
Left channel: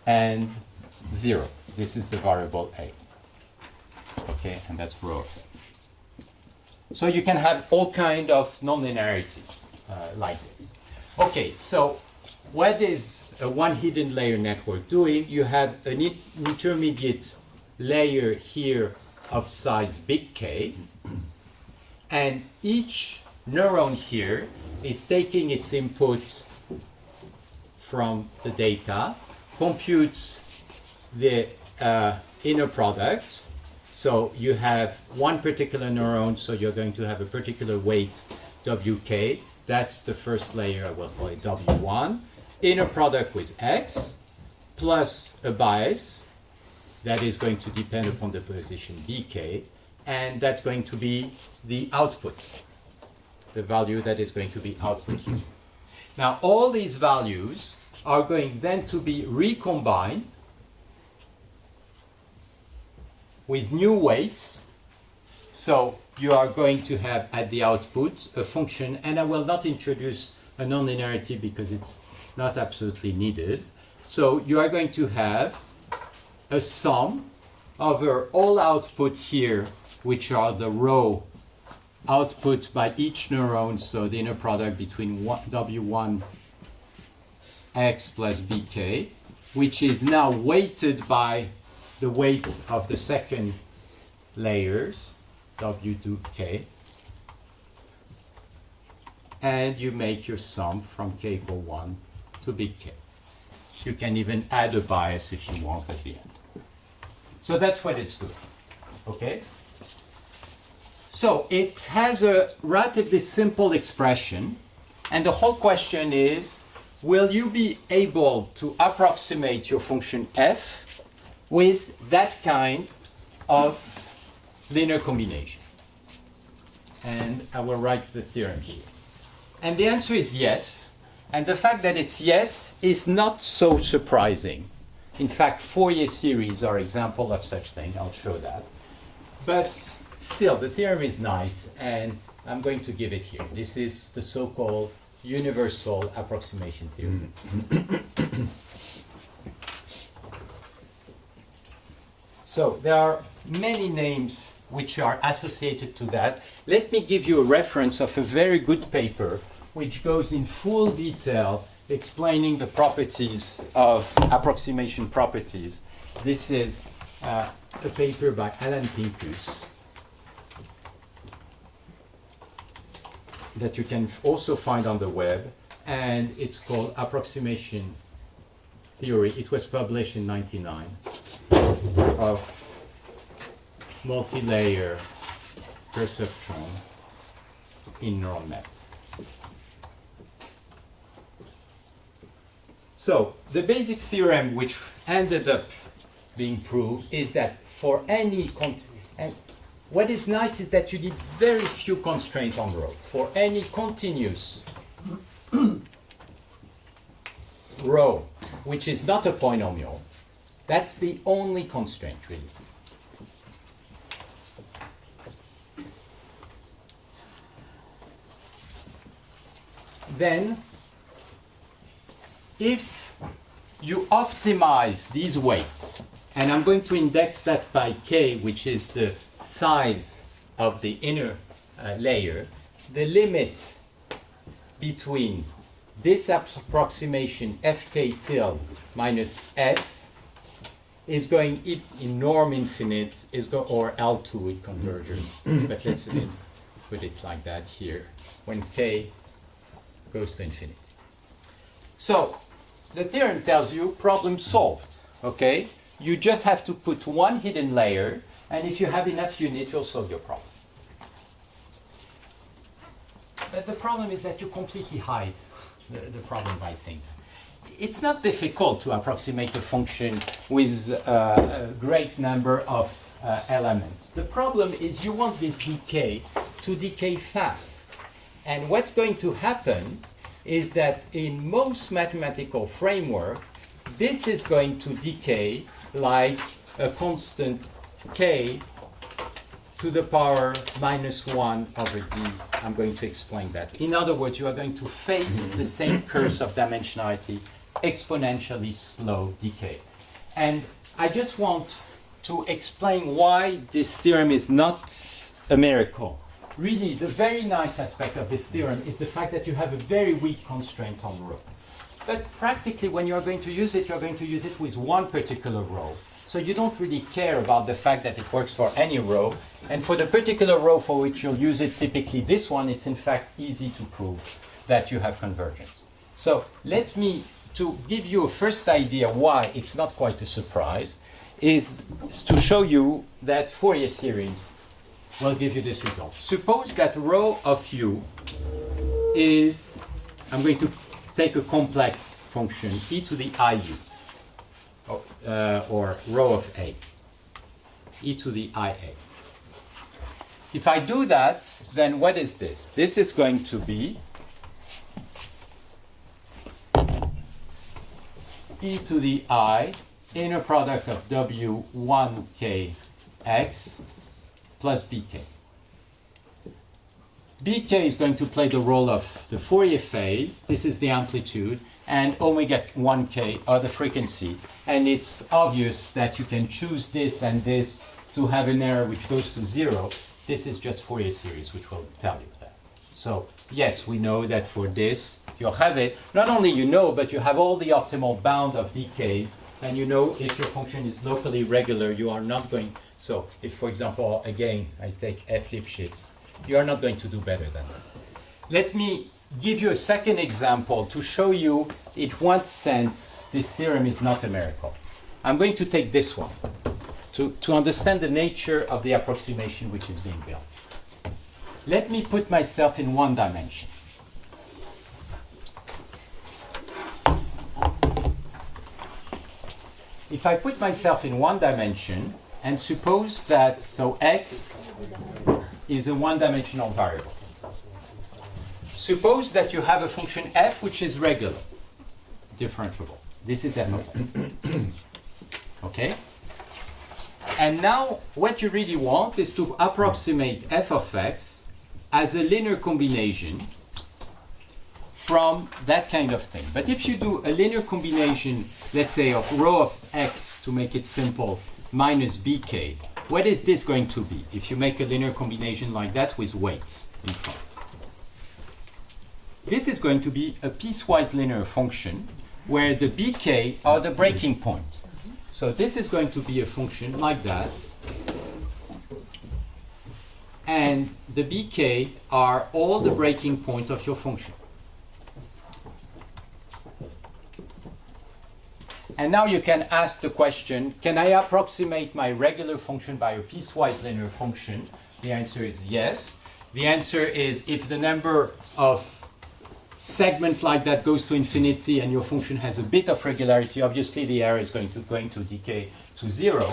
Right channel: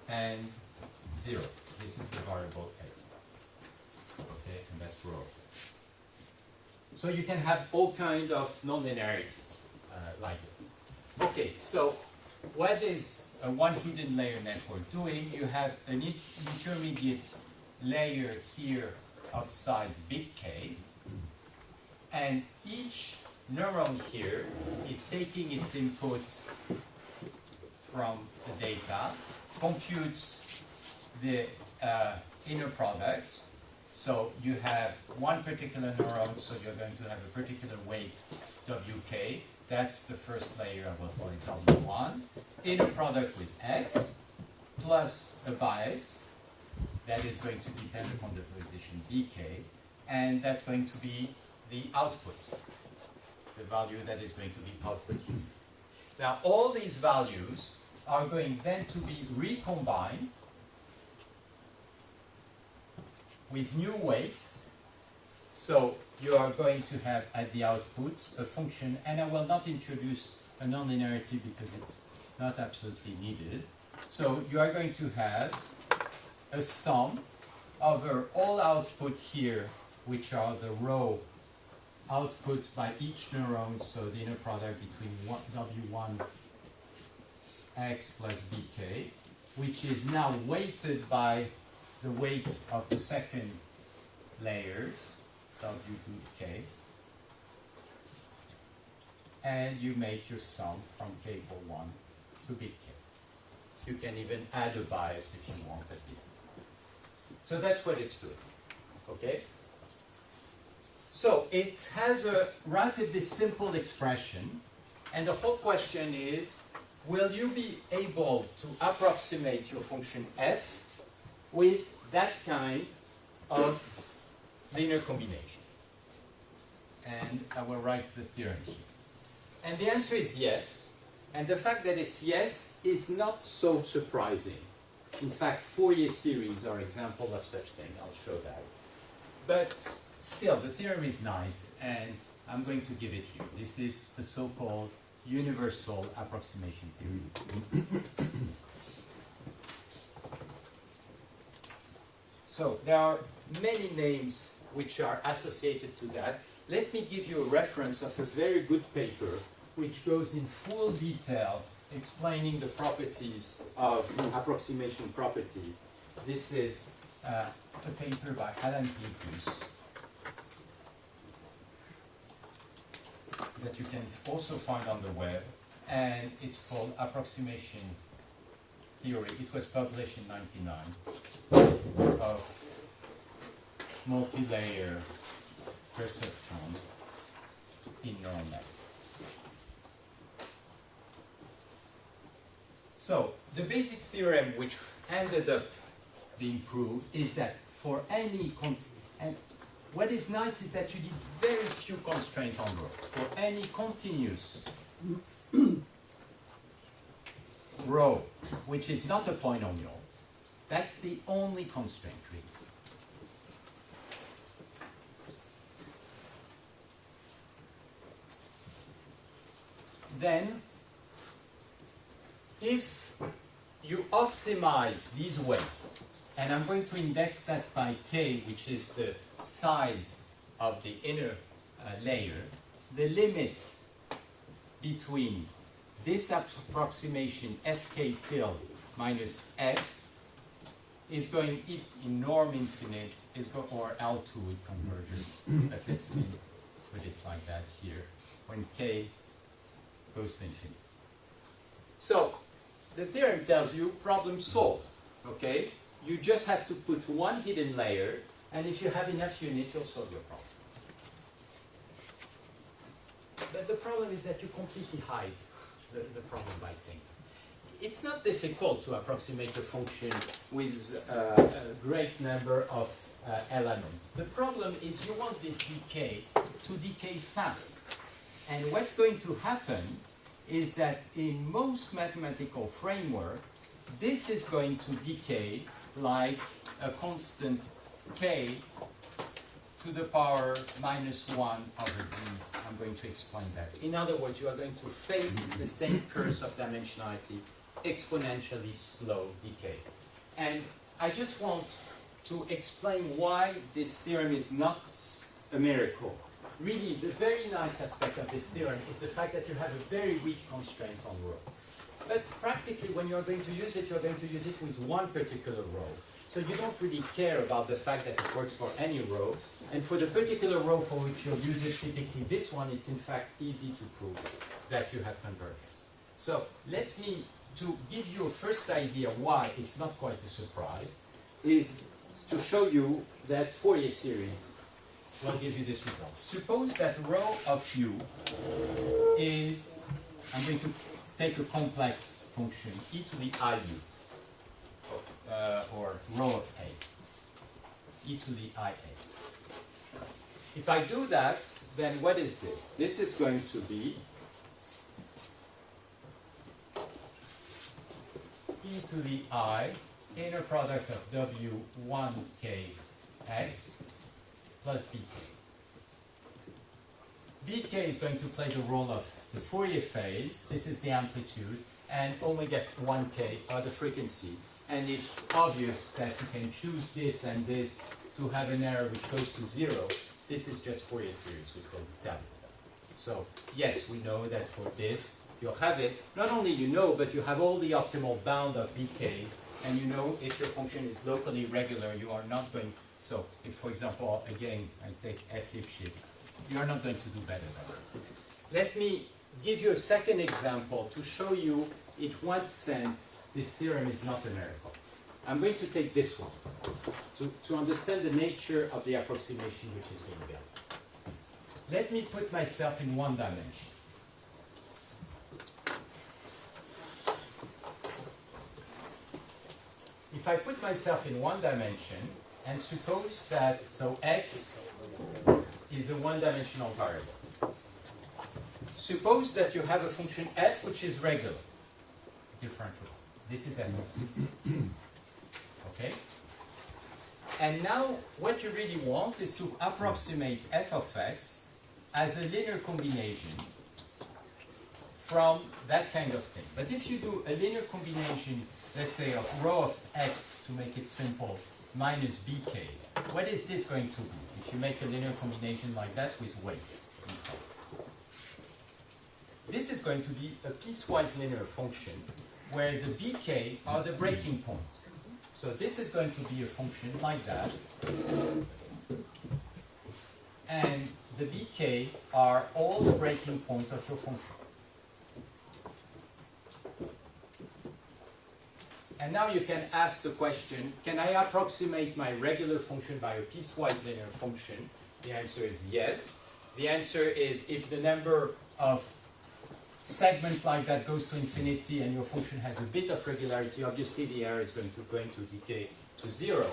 and 0. This is the variable A. Okay, and that's rho of A. So you can have all kind of nonlinearities like this. Okay, so what is a one hidden layer network doing? You have an intermediate layer here of size big K, and each neuron here is taking its input from the data, computes the inner product. So you have one particular neuron, so you're going to have a particular weight, WK. That's the first layer, I will call it W1. Inner product with X, plus a bias that is going to depend upon the position BK, and that's going to be the output, the value that is going to be output. Now, all these values are going then to be recombined with new weights. So you are going to have at the output a function, and I will not introduce a nonlinearity because it's not absolutely needed. So you are going to have a sum over all output here, which are the row output by each neuron, so the inner product between W1 X plus BK, which is now weighted by the weight of the second layers, W2K, and you make your sum from K equal 1 to big K. You can even add a bias if you want at the end. So that's what it's doing, okay? So it has a relatively simple expression, and the whole question is, will you be able to approximate your function f with that kind of linear combination? And I will write the theorem here. And the answer is yes. And the fact that it's yes is not so surprising. In fact, Fourier series are example of such thing. I'll show that. But still, the theorem is nice, and I'm going to give it here. This is the so-called universal approximation theorem. So there are many names which are associated to that. Let me give you a reference of a very good paper which goes in full detail explaining the properties of approximation properties. This is a paper by Alan Pincus that you can also find on the web, and it's called Approximation Theory. It was published in '99 of multi-layer perceptron in neural nets. So the basic theorem which ended up being proved is that for any and what is nice is that you need very few constraints on rho. For any continuous rho, which is not a polynomial, that's the only constraint really. Then, if you optimize these weights, and I'm going to index that by k, which is the size of the inner layer, the limit between this approximation fk tilde minus f is going in norm infinite, or L2 in convergence, but let's put it like that here, when k goes to infinity. So the theorem tells you problem solved, okay? You just have to put one hidden layer, and if you have enough units, you'll solve your problem. But the problem is that you completely hide the problem by saying it's not difficult to approximate a function with a great number of elements. The problem is you want this decay to decay fast. And what's going to happen is that in most mathematical framework, this is going to decay like a constant k to the power -1 over d. I'm going to explain that. In other words, you are going to face the same curse of dimensionality, exponentially slow decay. And I just want to explain why this theorem is not a miracle. Really, the very nice aspect of this theorem is the fact that you have a very weak constraint on rho. But practically, when you are going to use it, you're going to use it with one particular rho. So you don't really care about the fact that it works for any rho. And for the particular rho for which you'll use it, typically this one, it's in fact easy to prove that you have convergence. So let me, to give you a first idea why it's not quite a surprise, is to show you that Fourier series will give you this result. Suppose that rho of u is, I'm going to take a complex function, e to the iu, or rho of a, e to the ia. If I do that, then what is this? This is going to be e to the I, inner product of w1kx plus bk. bk is going to play the role of the Fourier phase. This is the amplitude, and omega 1k are the frequency. And it's obvious that you can choose this and this to have an error which goes to 0. This is just Fourier series, which will tell you that. So yes, we know that for this, you'll have it. Not only you know, but you have all the optimal bound of decays, and you know if your function is locally regular, you are not going. So if, for example, again, I take f Lipschitz, you are not going to do better than that. Let me give you a second example to show you in what sense this theorem is not a miracle. I'm going to take this one to understand the nature of the approximation which is being built. Let me put myself in one dimension. If I put myself in one dimension, and suppose that, so x is a one-dimensional variable. Suppose that you have a function f which is regular, differentiable. This is f of x. Okay? And now what you really want is to approximate f of x as a linear combination from that kind of thing. But if you do a linear combination, let's say of rho of x, to make it simple, minus bk, what is this going to be if you make a linear combination like that with weights in front? This is going to be a piecewise linear function where the bk are the breaking points. So this is going to be a function like that. And the bk are all the breaking point of your function. And now you can ask the question, can I approximate my regular function by a piecewise linear function? The answer is yes. The answer is if the number of segments like that goes to infinity and your function has a bit of regularity, obviously the error is going to decay to 0.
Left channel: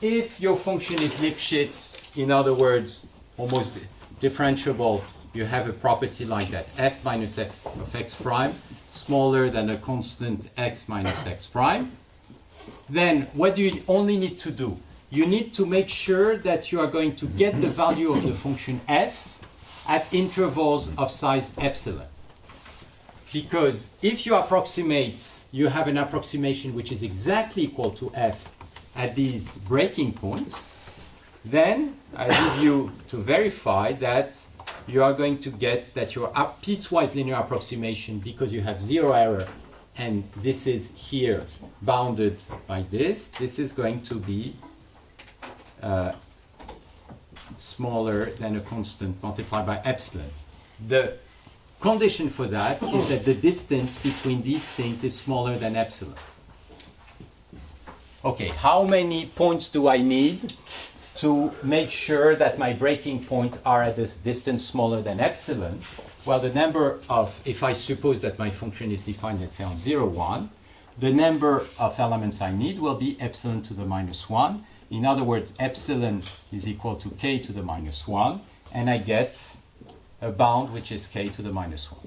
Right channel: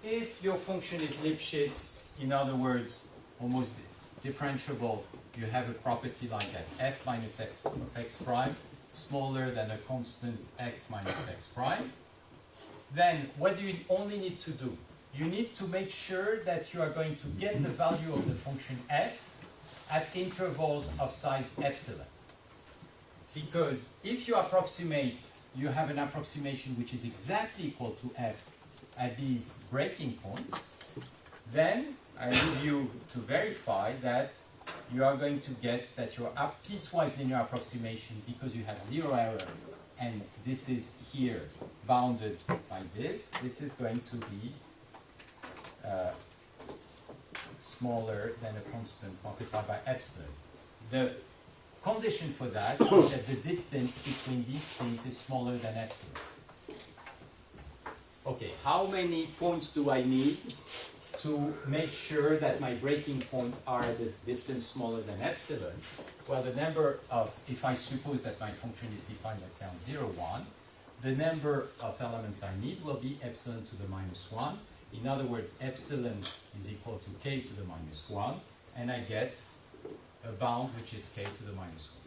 If your function is Lipschitz, in other words, almost differentiable, you have a property like that, f minus f of x prime smaller than a constant x minus x prime, then what do you only need to do? You need to make sure that you are going to get the value of the function f at intervals of size epsilon. Because if you approximate, you have an approximation which is exactly equal to f at these breaking points, then I need you to verify that you are going to get that your piecewise linear approximation, because you have 0 error, and this is here bounded by this is going to be smaller than a constant multiplied by epsilon. The condition for that is that the distance between these things is smaller than epsilon. Okay, how many points do I need to make sure that my breaking point are at this distance smaller than epsilon? Well, the number of, if I suppose that my function is defined, let's say on 0, 1, the number of elements I need will be epsilon to the minus 1. In other words, epsilon is equal to k to the minus 1, and I get a bound which is k to the minus 1.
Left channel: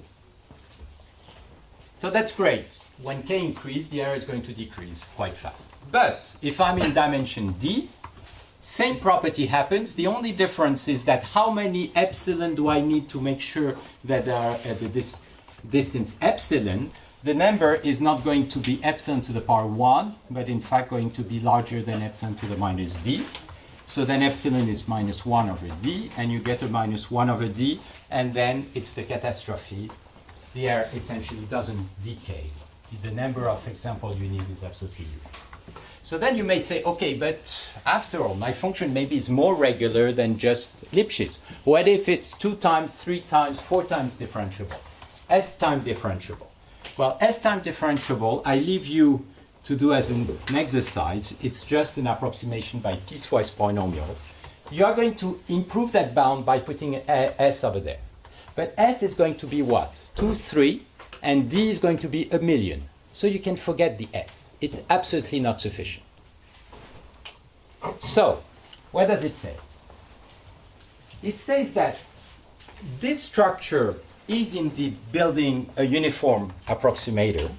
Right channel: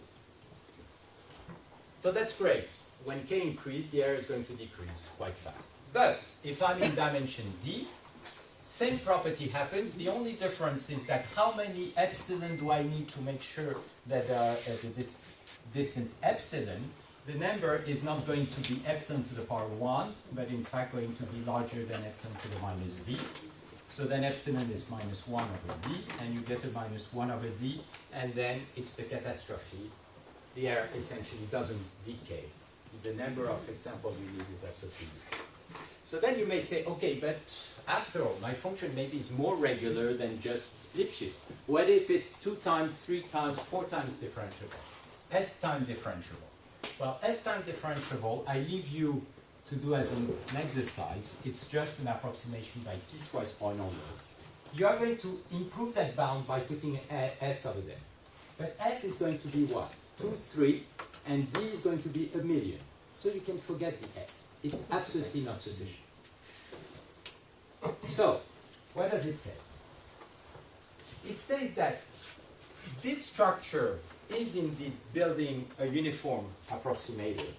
So that's great. When k increases, the error is going to decrease quite fast. But if I'm in dimension d, same property happens. The only difference is that how many epsilon do I need to make sure that they are at this distance epsilon. The number is not going to be epsilon to the power 1, but in fact going to be larger than epsilon to the minus d. So then epsilon is minus 1 over d, and you get a minus 1 over d, and then it's the catastrophe. The error essentially doesn't decay. The number of examples you need is absolutely zero. So then you may say, okay, but after all, my function maybe is more regular than just Lipschitz. What if it's 2 times, 3 times, 4 times differentiable? S time differentiable. Well, S time differentiable, I leave you to do as an exercise. It's just an approximation by piecewise polynomials. You are going to improve that bound by putting S over there. But S is going to be what? 2, 3, and D is going to be 1,000,000. So you can forget the S. It's absolutely not sufficient. So, what does it say? It says that this structure is indeed building a uniform approximator,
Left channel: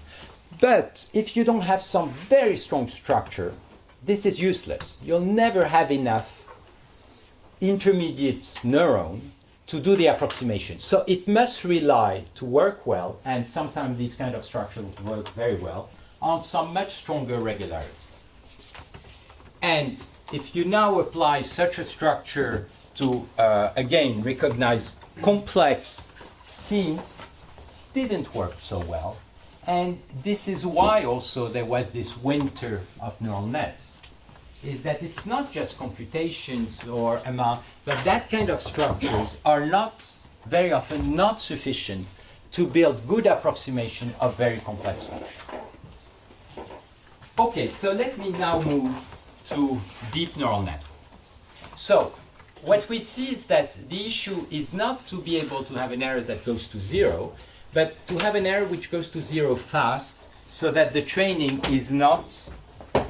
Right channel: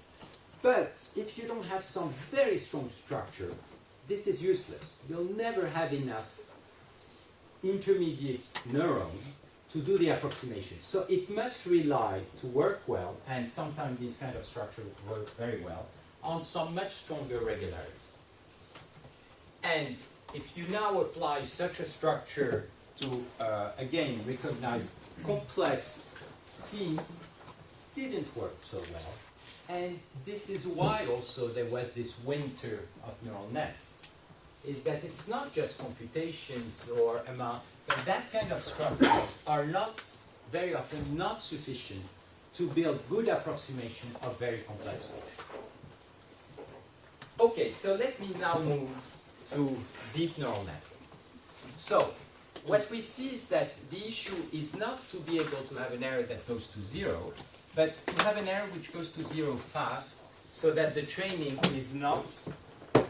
but if you don't have some very strong structure, this is useless. You'll never have enough intermediate neuron to do the approximation. So it must rely to work well, and sometimes these kind of structures work very well, on some much stronger regularity. And if you now apply such a structure to, again, recognize complex scenes, didn't work so well. And this is why also there was this winter of neural nets, is that it's not just computations or amount, but that kind of structures are not, very often, not sufficient to build good approximation of very complex functions. Okay, so let me now move to deep neural network. So, what we see is that the issue is not to be able to have an error that goes to 0, but to have an error which goes to 0 fast, so that the training is not,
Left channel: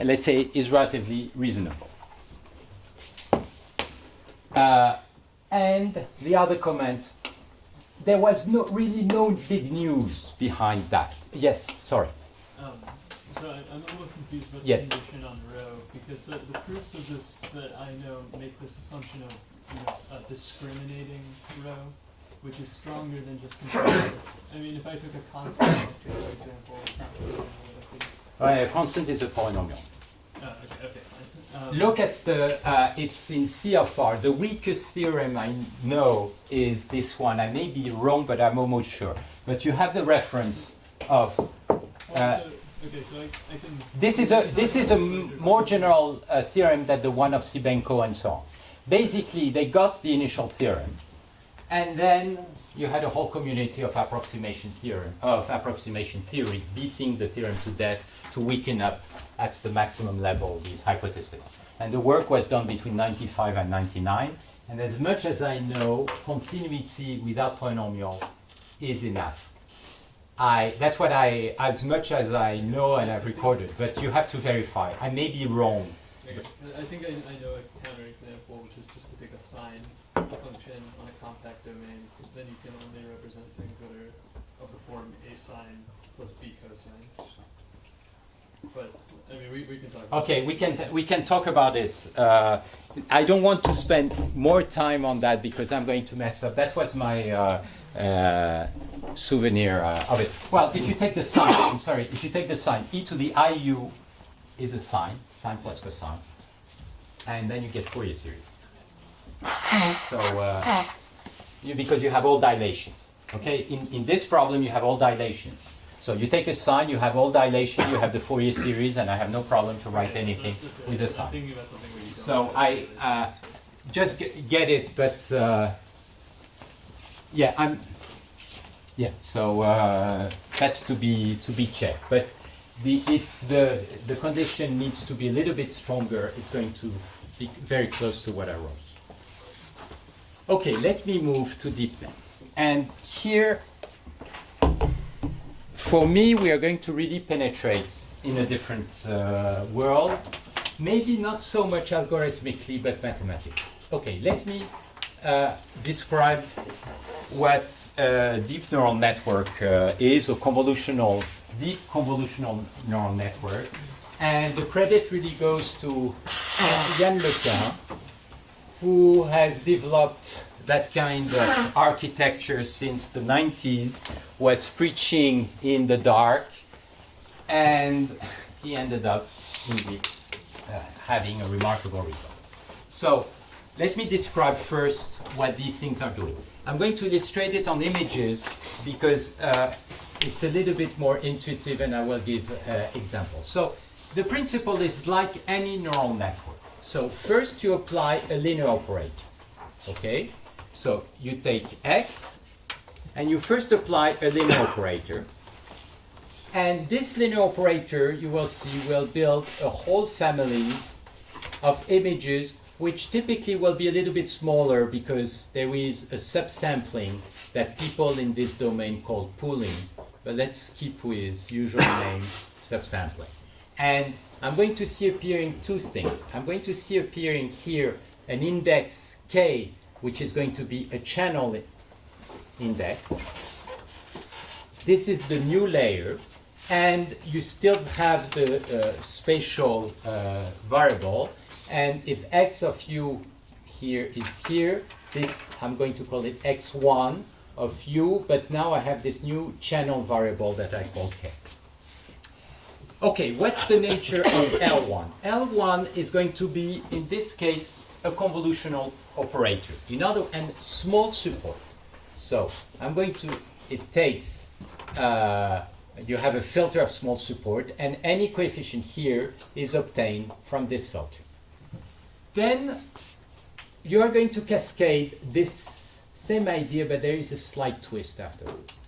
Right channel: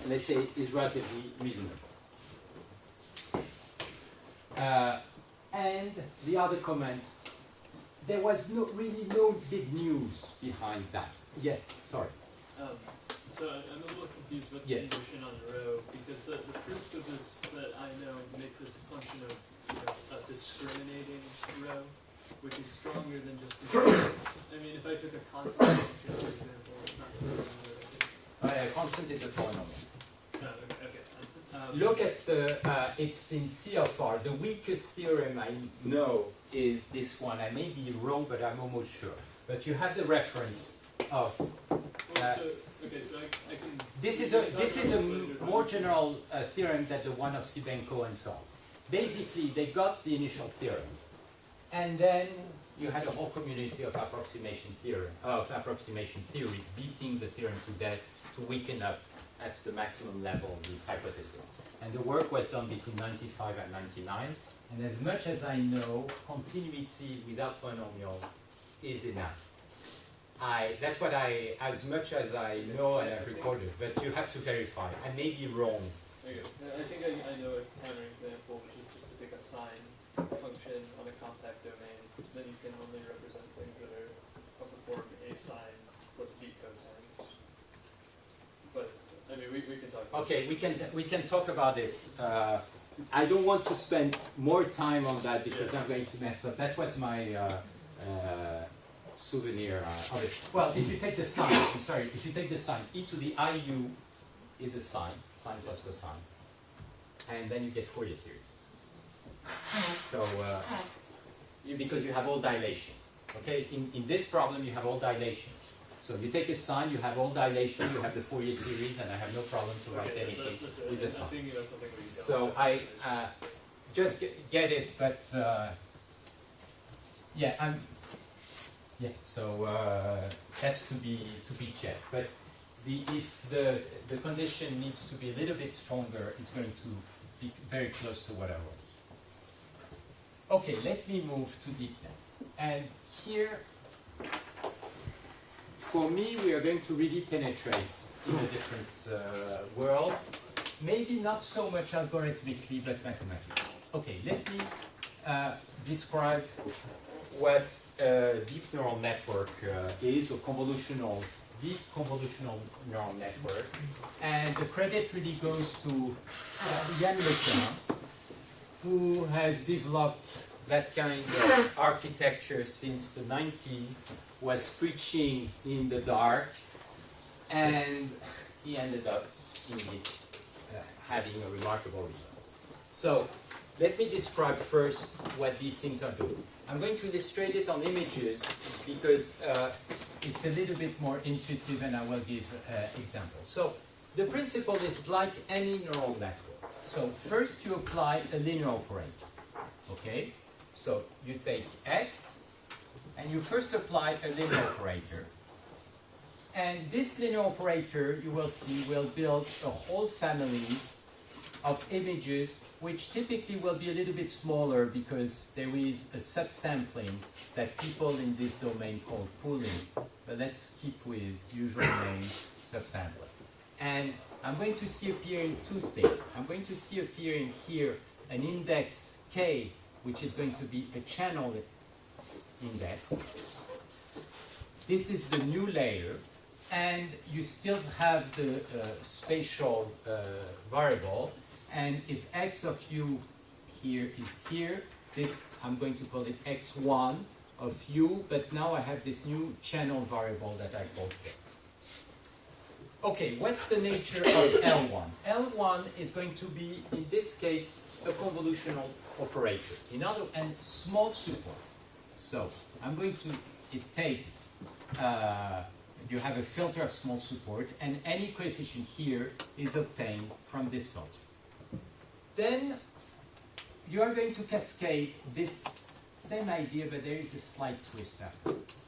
let's say, is relatively reasonable. And the other comment, there was really no big news behind that. Yes, sorry. So I'm a little confused with Yes. the condition on row, because the proofs of this that I know make this assumption of a discriminating row, which is stronger than just continuous. I mean, if I took a constant function, for example, it's not proving what I think. A constant is a polynomial. Oh, okay. Look at the, it's in C of R. The weakest theorem I know is this one. I may be wrong, but I'm almost sure. But you have the reference of, Okay, so I can. This is a more general theorem than the one of Sibenko and so on. Basically, they got the initial theorem, and then you had a whole community of approximation theory beating the theorem to death to weaken up at the maximum level these hypotheses. And the work was done between 95 and 99. And as much as I know, continuity without polynomial is enough. That's what as much as I know and I've recorded, but you have to verify. I may be wrong. Okay. I think I know a counter example, which is just to take a sine function on a compact domain, because then you can only represent things that are of the form a sine plus b cosine. But I mean, we can talk. Okay, we can talk about it. I don't want to spend more time on that because I'm going to mess up. That was my souvenir of it. Well, if you take the sine, I'm sorry, if you take the sine, e to the iu is a sine plus cosine, and then you get Fourier series. So, because you have all dilations. Okay, in this problem you have all dilations. So you take a sine, you have all dilation, you have the Fourier series, and I have no problem to write anything with a sine. So I just get it, but yeah, so that's to be checked. But if the condition needs to be a little bit stronger, it's going to be very close to what I wrote. Okay, let me move to deepness. And here, for me, we are going to really penetrate in a different world. Maybe not so much algorithmically, but mathematically. Okay, let me describe what a deep neural network is, a deep convolutional neural network. And the credit really goes to Yann Lequin, who has developed that kind of architecture since the 90s, was preaching in the dark, and he ended up indeed having a remarkable result. So let me describe first what these things are doing. I'm going to illustrate it on images because it's a little bit more intuitive, and I will give examples. So the principle is like any neural network. So first you apply a linear operator, okay? So you take x, and you first apply a linear operator. And this linear operator, you will see, will build a whole families of images, which typically will be a little bit smaller because there is a subsampling that people in this domain call pooling. But let's keep with usually named subsampling. And I'm going to see appearing two things. I'm going to see appearing here an index k, which is going to be a channel index. This is the new layer, and you still have the spatial variable. And if x of u here is here, this I'm going to call it x1 of u, but now I have this new channel variable that I call k. Okay, what's the nature of L1? L1 is going to be, in this case, a convolutional operator. And small support. So I'm going to, it takes, you have a filter of small support, and any coefficient here is obtained from this filter. Then you are going to cascade this same idea, but there is a slight twist afterwards.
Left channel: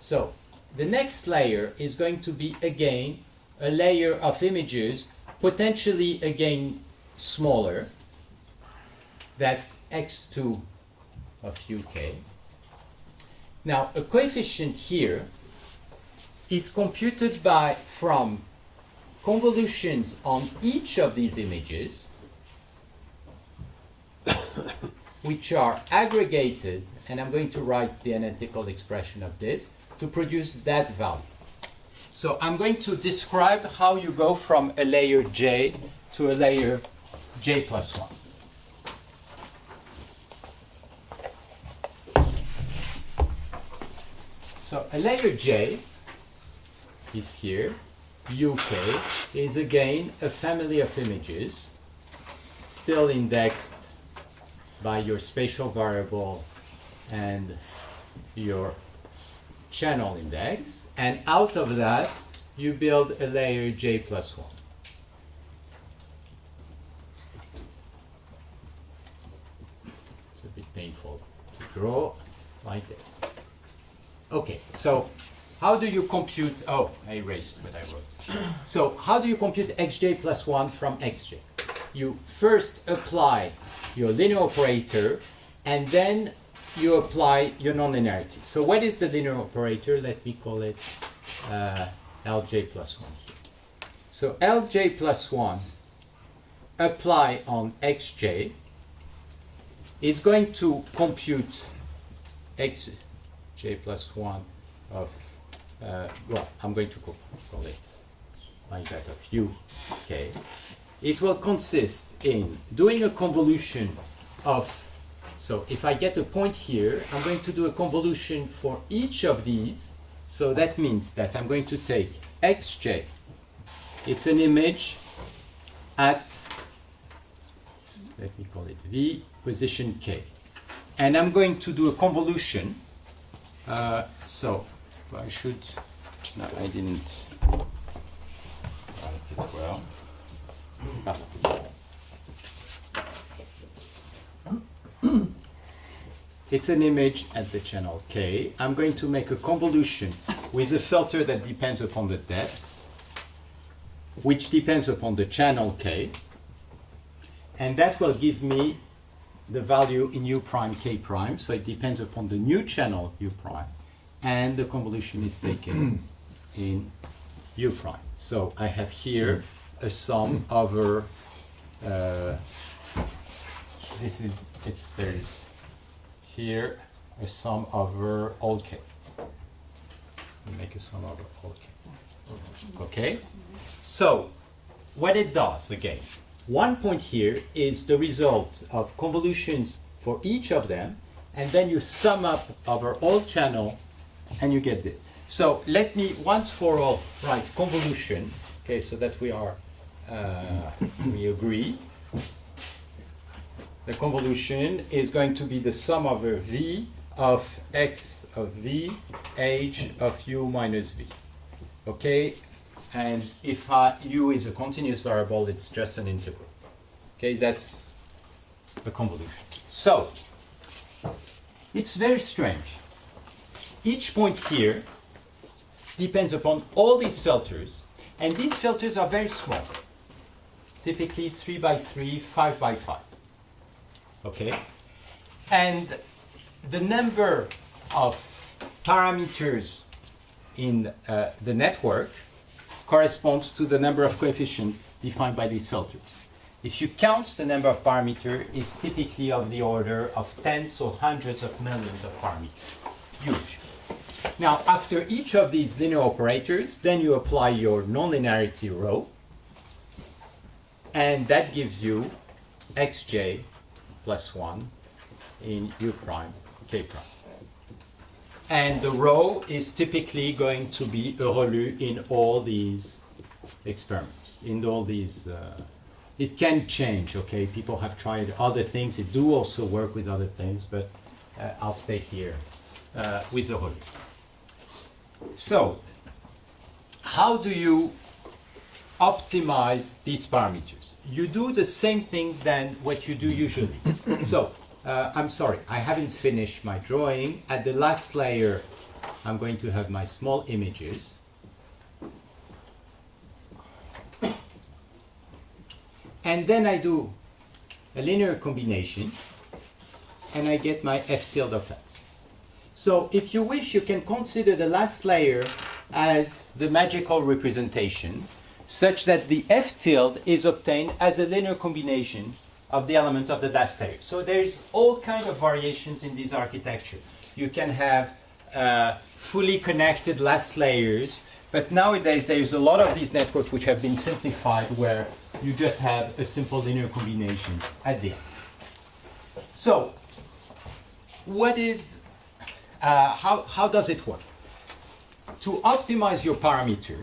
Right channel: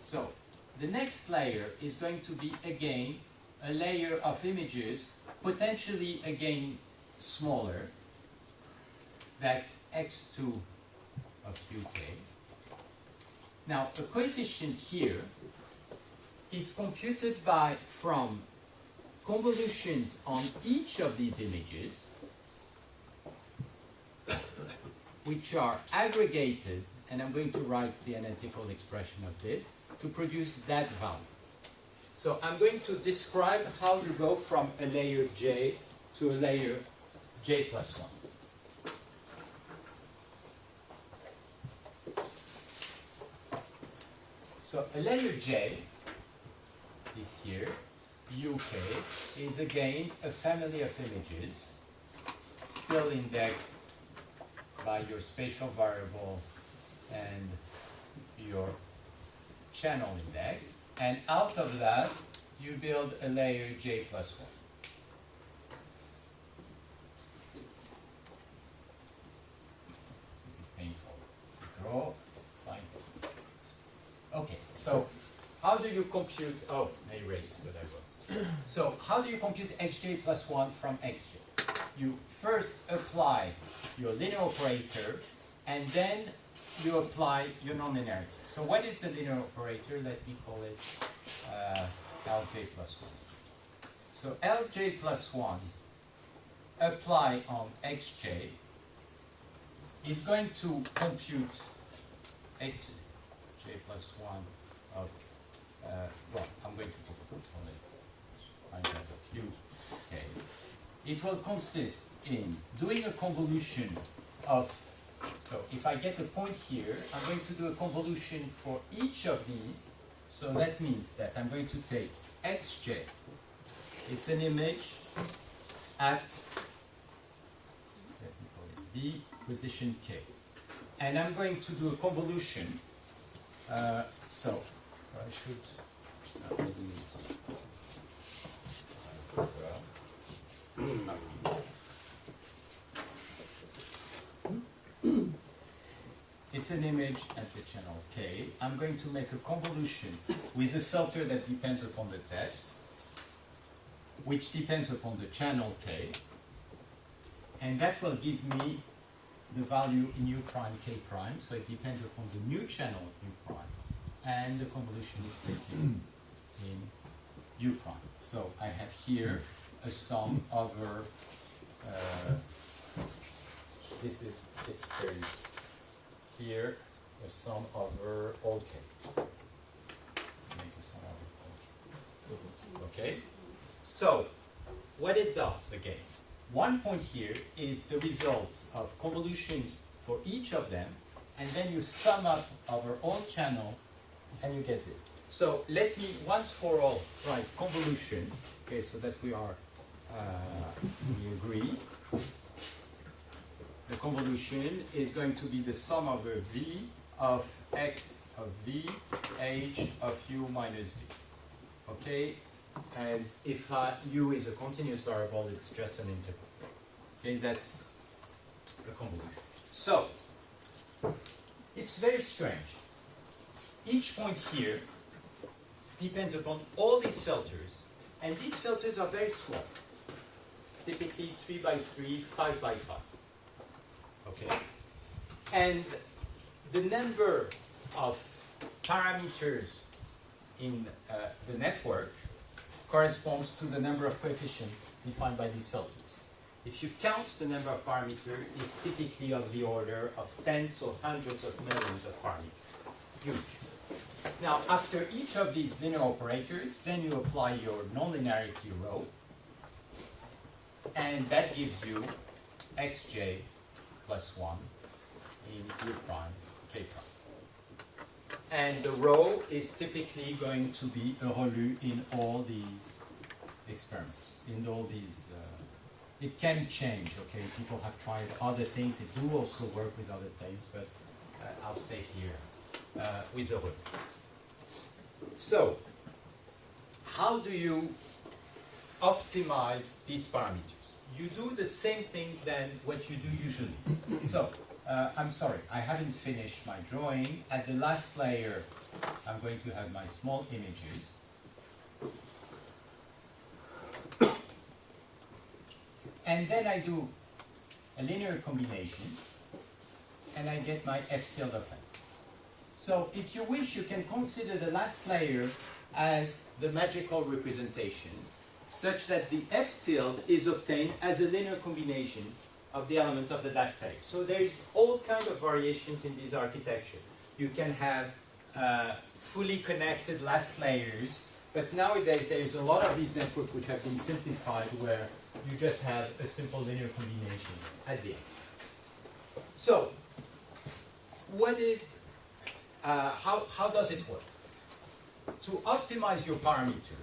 So the next layer is going to be, again, a layer of images, potentially, again, smaller. That's x2 of uk. Now, a coefficient here is computed from convolutions on each of these images, which are aggregated, and I'm going to write the analytical expression of this, to produce that value. So I'm going to describe how you go from a layer j to a layer j plus 1. So a layer j is here, uk is again a family of images, still indexed by your spatial variable and your channel index, and out of that you build a layer j plus 1. It's a bit painful to draw like this. Okay, so how do you compute, oh, I erased what I wrote. So how do you compute xj plus 1 from xj? You first apply your linear operator, and then you apply your nonlinearity. So what is the linear operator? Let me call it Lj plus 1 here. So Lj plus 1 apply on xj is going to compute xj plus 1 of, well, I'm going to call it like that of uk. It will consist in doing a convolution of, so if I get a point here, I'm going to do a convolution for each of these. So that means that I'm going to take xj, it's an image at, let me call it v, position k. And I'm going to do a convolution. So I should, no, I didn't write it well. It's an image at the channel K. I'm going to make a convolution with a filter that depends upon the depth, which depends upon the channel K, and that will give me the value in u prime k prime, so it depends upon the new channel u prime, and the convolution is taken in u prime. So I have here a sum over, this is, there's here a sum over all k. We'll make a sum over all k. Okay? So, what it does, again, one point here is the result of convolutions for each of them, and then you sum up over all channel, and you get this. So, let me once for all write convolution, okay, so that we are, we agree. The convolution is going to be the sum over v of x of v, h of u minus v. Okay? And if u is a continuous variable, it's just an integral. Okay, that's the convolution. So, it's very strange. Each point here depends upon all these filters, and these filters are very small. Typically 3 by 3, 5 by 5. Okay? And the number of parameters in the network corresponds to the number of coefficients defined by these filters. If you count the number of parameters, it's typically of the order of tens or hundreds of millions of parameters. Huge. Now, after each of these linear operators, then you apply your nonlinearity rho, and that gives you xj plus 1 in u prime, k prime. And the rho is typically going to be Relu in all these experiments, in all these, it can change, okay? People have tried other things. It do also work with other things, but I'll stay here with the Relu. So, how do you optimize these parameters? You do the same thing than what you do usually. So, I'm sorry, I haven't finished my drawing. At the last layer, I'm going to have my small images. And then I do a linear combination, and I get my f tilde of x. So if you wish, you can consider the last layer as the magical representation, such that the f tilde is obtained as a linear combination of the element of the last layer. So there is all kind of variations in this architecture. You can have fully connected last layers, but nowadays there's a lot of these networks which have been simplified where you just have a simple linear combinations at the end. So, what is, how does it work? To optimize your parameter,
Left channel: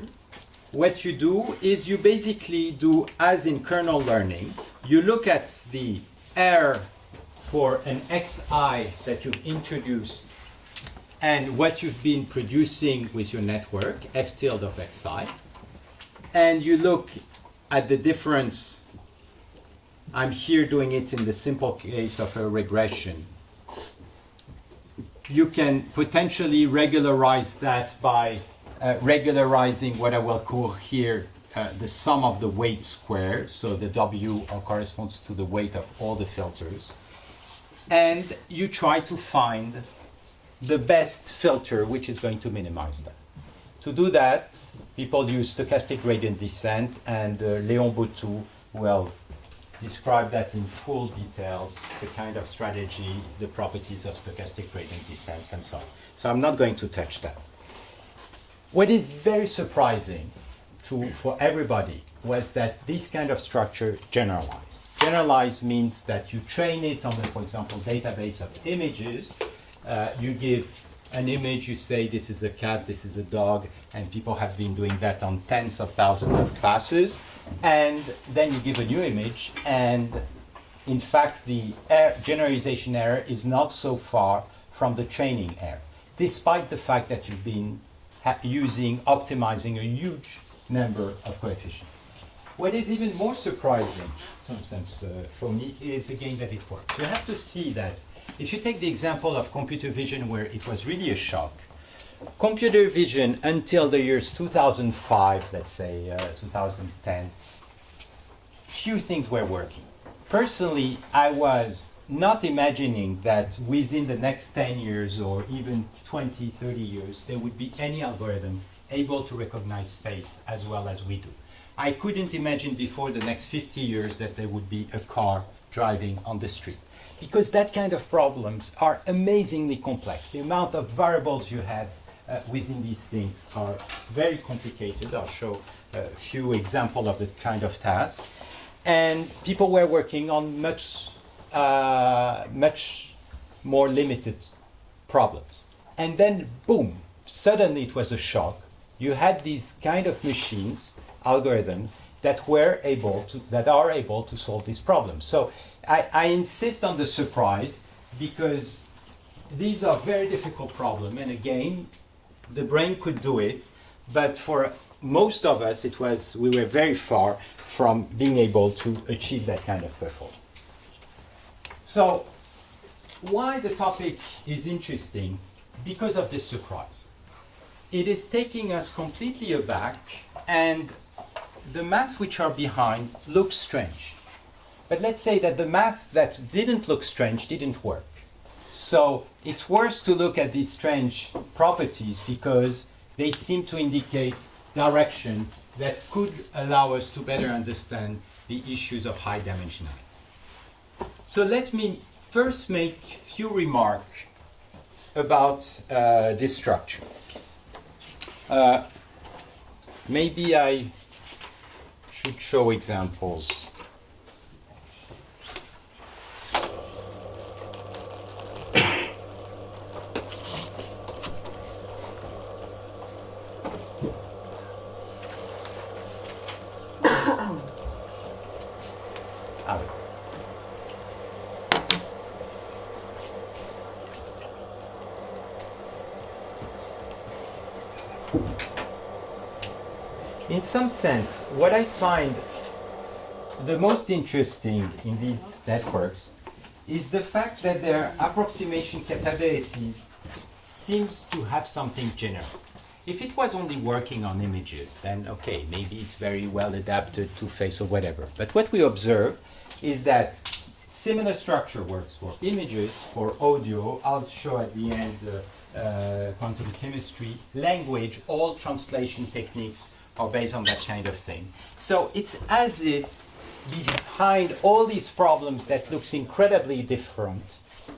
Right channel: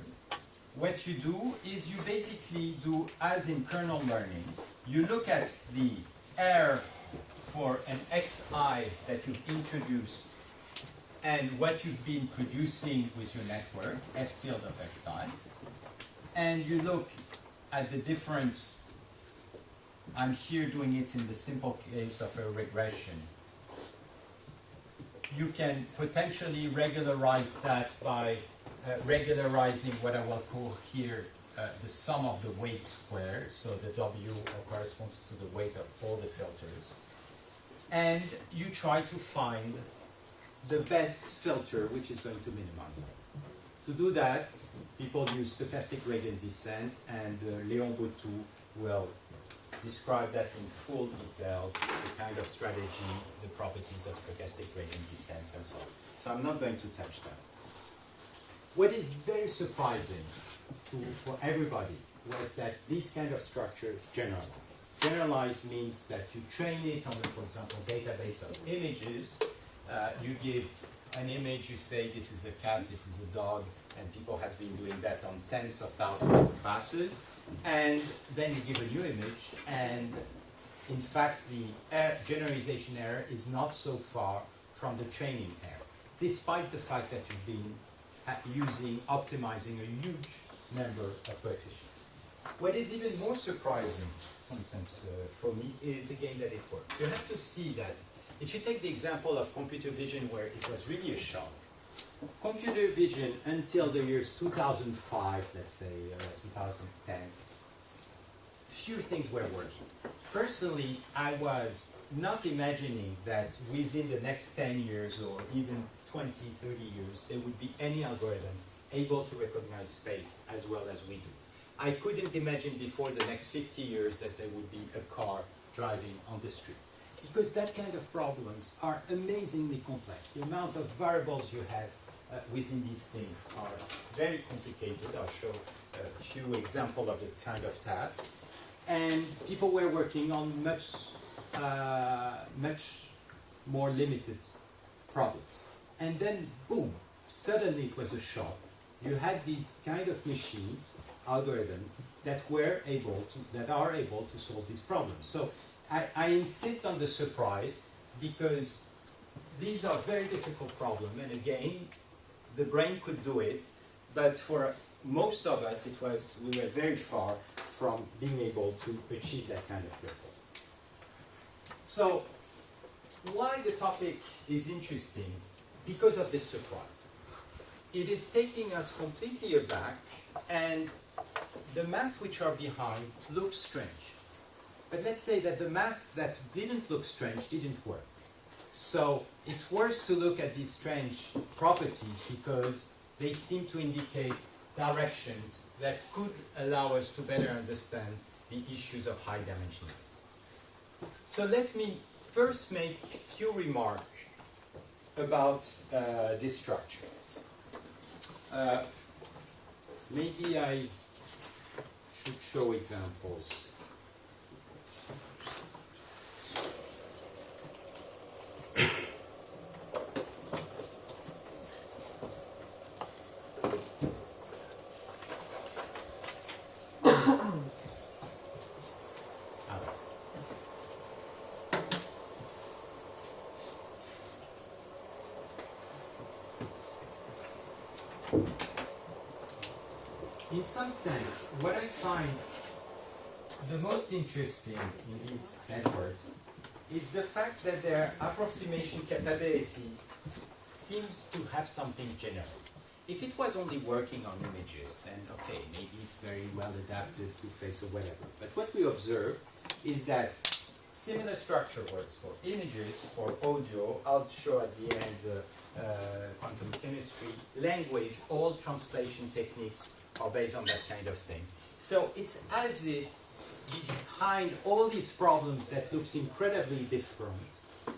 what you do is you basically do, as in kernel learning, you look at the R for an xi that you've introduced and what you've been producing with your network, f tilde of xi, and you look at the difference, I'm here doing it in the simple case of a regression. You can potentially regularize that by regularizing what I will call here the sum of the weight square. So the W corresponds to the weight of all the filters. And you try to find the best filter which is going to minimize that. To do that, people use stochastic gradient descent, and Léon Boutou will describe that in full details, the kind of strategy, the properties of stochastic gradient descent, and so on. So I'm not going to touch that. What is very surprising for everybody was that this kind of structure generalized. Generalized means that you train it on a, for example, database of images. You give an image, you say this is a cat, this is a dog, and people have been doing that on tens of thousands of classes. And then you give a new image, and in fact the generalization error is not so far from the training error, despite the fact that you've been optimizing a huge number of coefficients. What is even more surprising, in some sense, for me, is again that it works. You have to see that if you take the example of computer vision, where it was really a shock, computer vision until the years 2005, let's say 2010, few things were working. Personally, I was not imagining that within the next 10 years or even 20, 30 years, there would be any algorithm able to recognize space as well as we do. I couldn't imagine before the next 50 years that there would be a car driving on the street, because that kind of problems are amazingly complex. The amount of variables you have within these things are very complicated. I'll show a few examples of the kind of task. And people were working on much more limited problems. And then, boom, suddenly it was a shock. You had these kind of machines, algorithms, that are able to solve these problems. So I insist on the surprise, because these are very difficult problems. And again, the brain could do it, but for most of us, we were very far from being able to achieve that kind of performance. So why the topic is interesting? Because of this surprise. It is taking us completely aback, and the math which are behind looks strange. But let's say that the math that didn't look strange didn't work. So it's worse to look at these strange properties, because they seem to indicate direction that could allow us to better understand the issues of high dimensionality. So let me first make a few remarks about this structure. Maybe I should show examples. In some sense, what I find the most interesting in these networks is the fact that their approximation capabilities seems to have something general. If it was only working on images, then okay, maybe it's very well adapted to face or whatever. But what we observe is that similar structure works for images, for audio. I'll show at the end quantum chemistry, language, all translation techniques are based on that kind of thing. So it's as if behind all these problems that looks incredibly different,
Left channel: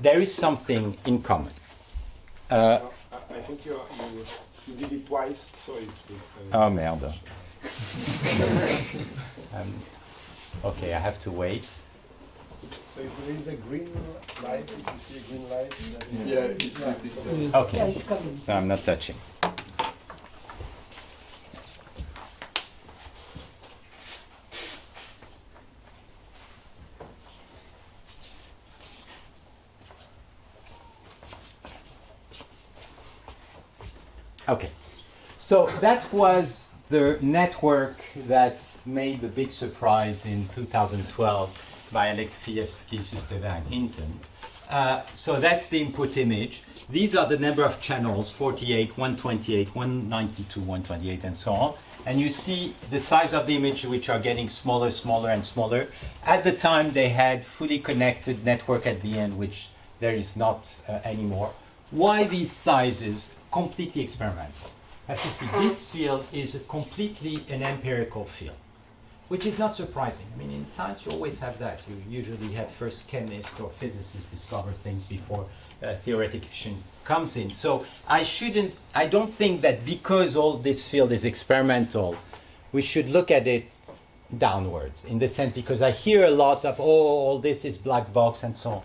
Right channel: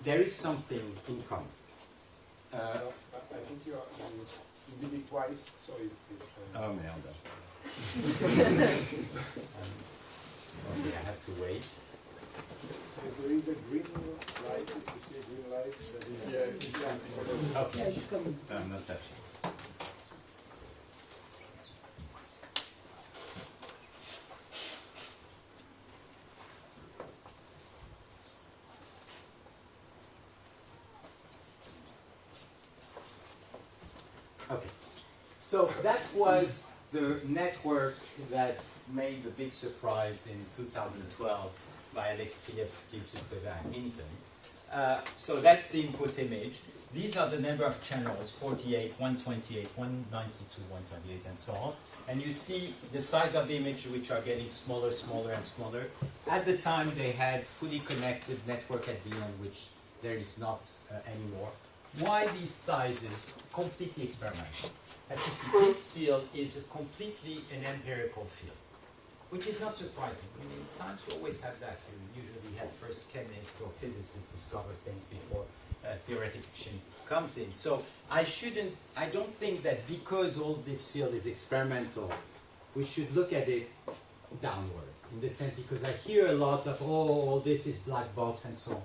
there is something in common. I think you did it twice, so Oh merde. Okay, I have to wait. So if there is a green light, if you see a green light, then Yeah, Okay, so I'm not touching. Okay, so that was the network that made the big surprise in 2012 by Alex Krzyzewski, Sustever, and Hinton. So that's the input image. These are the number of channels, 48, 128, 192, 128, and so on. And you see the size of the image, which are getting smaller, smaller, and smaller. At the time, they had fully connected network at the end, which there is not anymore. Why these sizes? Completely experimental. As you see, this field is completely an empirical field, which is not surprising. I mean, in science, you always have that. You usually have first chemists or physicists discover things before theoretician comes in. So I don't think that because all this field is experimental, we should look at it downwards, in the sense, because I hear a lot of, all this is black box and so on.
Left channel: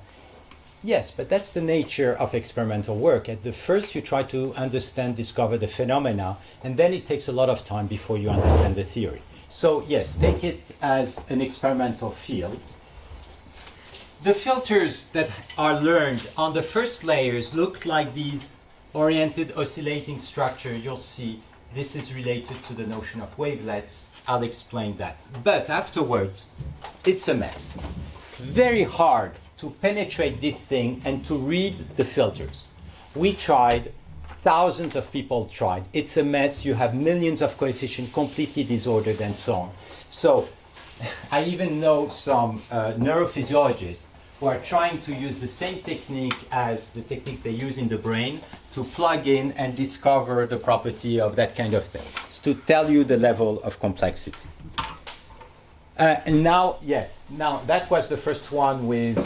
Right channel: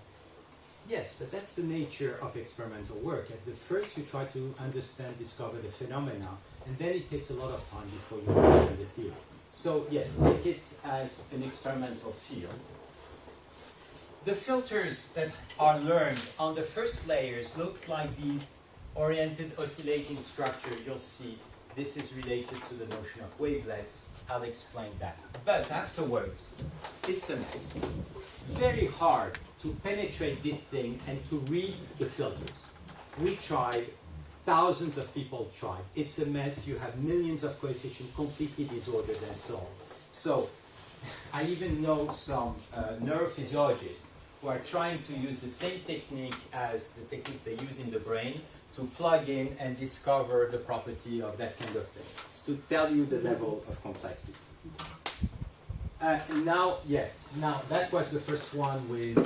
Yes, but that's the nature of experimental work. At the first, you try to understand, discover the phenomena, and then it takes a lot of time before you understand the theory. So yes, take it as an experimental field. The filters that are learned on the first layers look like these oriented oscillating structure. You'll see this is related to the notion of wavelets. I'll explain that. But afterwards, it's a mess. Very hard to penetrate this thing and to read the filters. We tried, thousands of people tried. It's a mess. You have millions of coefficients completely disordered and so on. So I even know some neurophysiologists who are trying to use the same technique as the technique they use in the brain to plug in and discover the property of that kind of thing. It's to tell you the level of complexity. And now, yes, now that was the first one with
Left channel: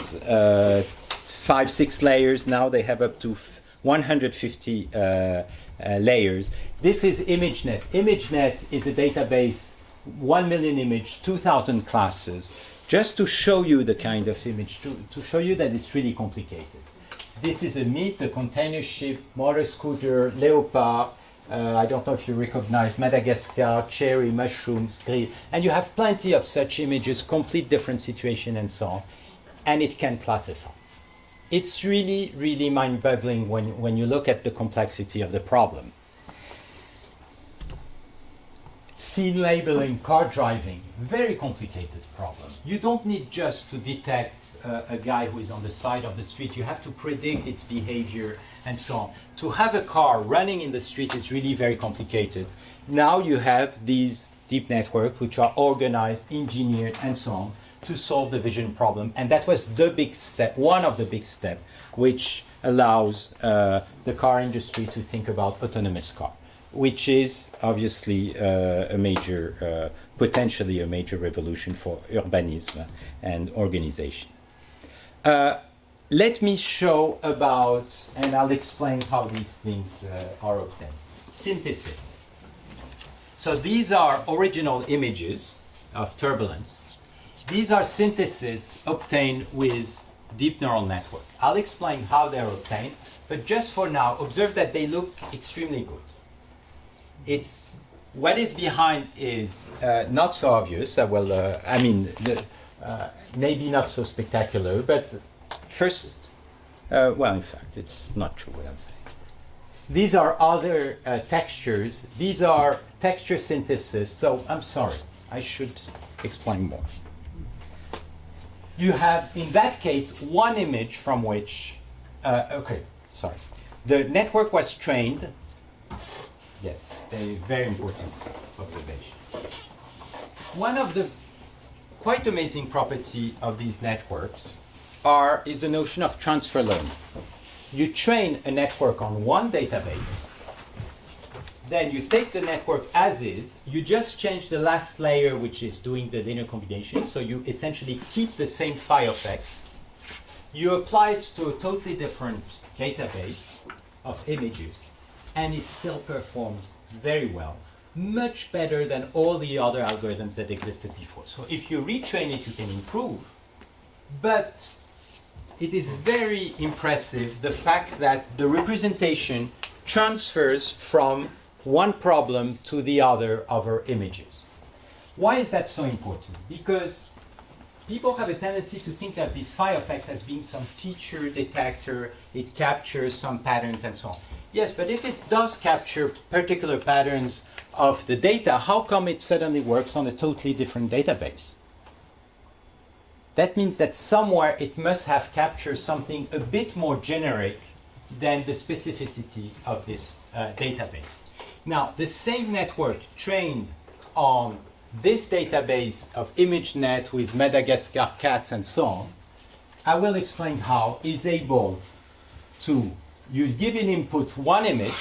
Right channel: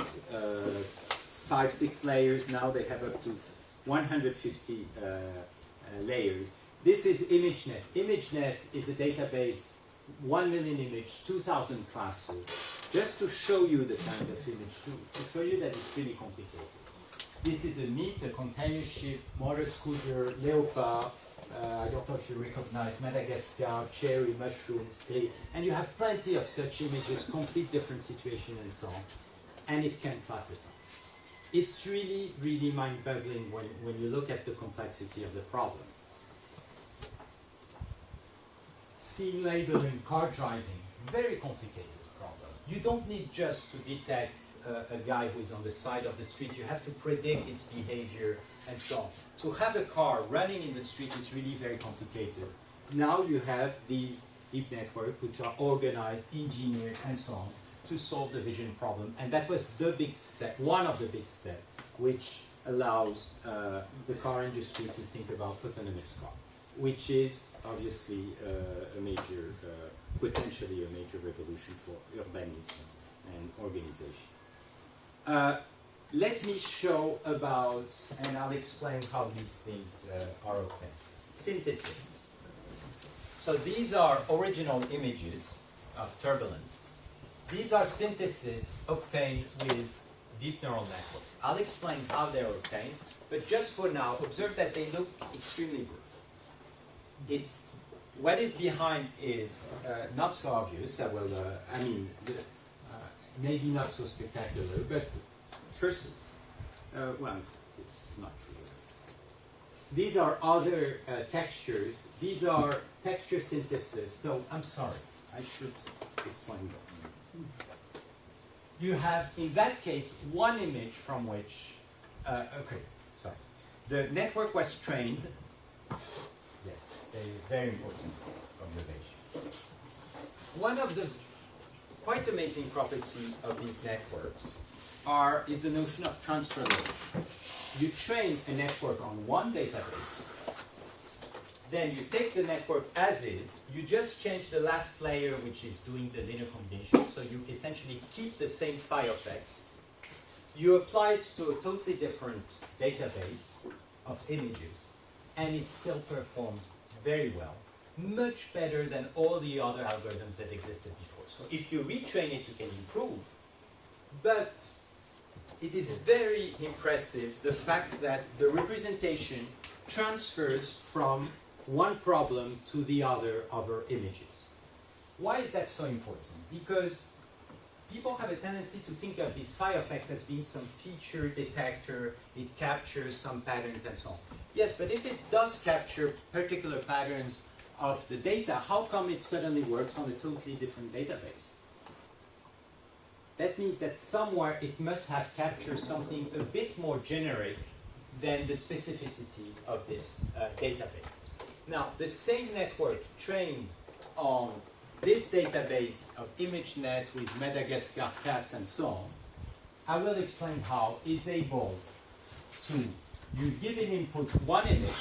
5, 6 layers. Now they have up to 150 layers. This is ImageNet. ImageNet is a database, 1 million image, 2,000 classes, just to show you the kind of image, to show you that it's really complicated. This is a meat, a container ship, motor scooter, leopard. I don't know if you recognize Madagascar, cherry, mushrooms, grill. And you have plenty of such images, complete different situation and so on. And it can classify. It's really, really mind-boggling when you look at the complexity of the problem. Scene labeling, car driving, very complicated problem. You don't need just to detect a guy who is on the side of the street. You have to predict its behavior and so on. To have a car running in the street is really very complicated. Now you have these deep networks which are organized, engineered, and so on to solve the vision problem. And that was the big step, one of the big steps, which allows the car industry to think about autonomous car, which is obviously a major, potentially a major revolution for urbanism and organization. Let me show about, and I'll explain how these things are obtained. Synthesis. So these are original images of turbulence. These are syntheses obtained with deep neural network. I'll explain how they're obtained, but just for now, observe that they look extremely good. It's what is behind is not so obvious. Maybe not so spectacular, but first, well, in fact, it's not true what I'm saying. These are other textures. These are texture synthesis. So I'm sorry, I should explain more. You have, in that case, one image from which, the network was trained. Yes, a very important observation. One of the quite amazing property of these networks is the notion of transfer learning. You train a network on one database, then you take the network as is, you just change the last layer, which is doing the linear combination, so you essentially keep the same phi of x. You apply it to a totally different database of images, and it still performs very well, much better than all the other algorithms that existed before. So if you retrain it, you can improve, but it is very impressive the fact that the representation transfers from one problem to the other of our images. Why is that so important? Because people have a tendency to think of this phi of x as being some feature detector, it captures some patterns and so on. Yes, but if it does capture particular patterns of the data, how come it suddenly works on a totally different database? That means that somewhere it must have captured something a bit more generic than the specificity of this database. Now, the same network trained on this database of ImageNet with Madagascar cats and so on, I will explain how, is able to, you give an input one image,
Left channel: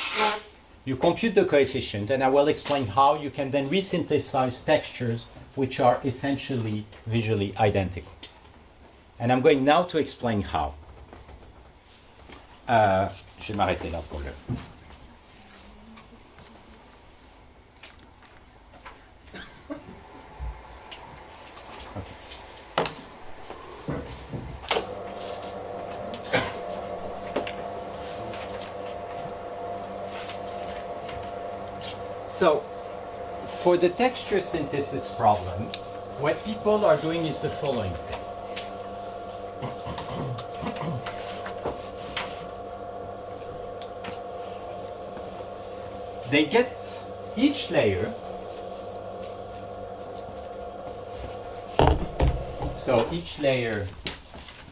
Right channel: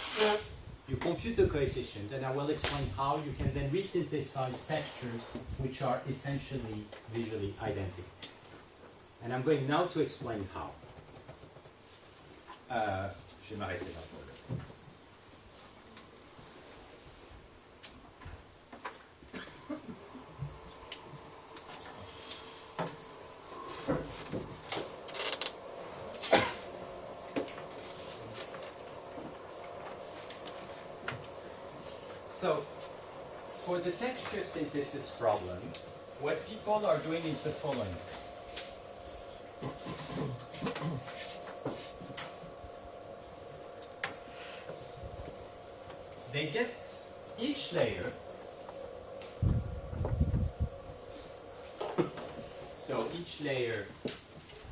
you compute the coefficient, and I will explain how you can then resynthesize textures which are essentially visually identical. And I'm going now to explain how. Je vais m'arrêter là pour le. So, for the texture synthesis problem, what people are doing is the following thing. They get each layer, so each layer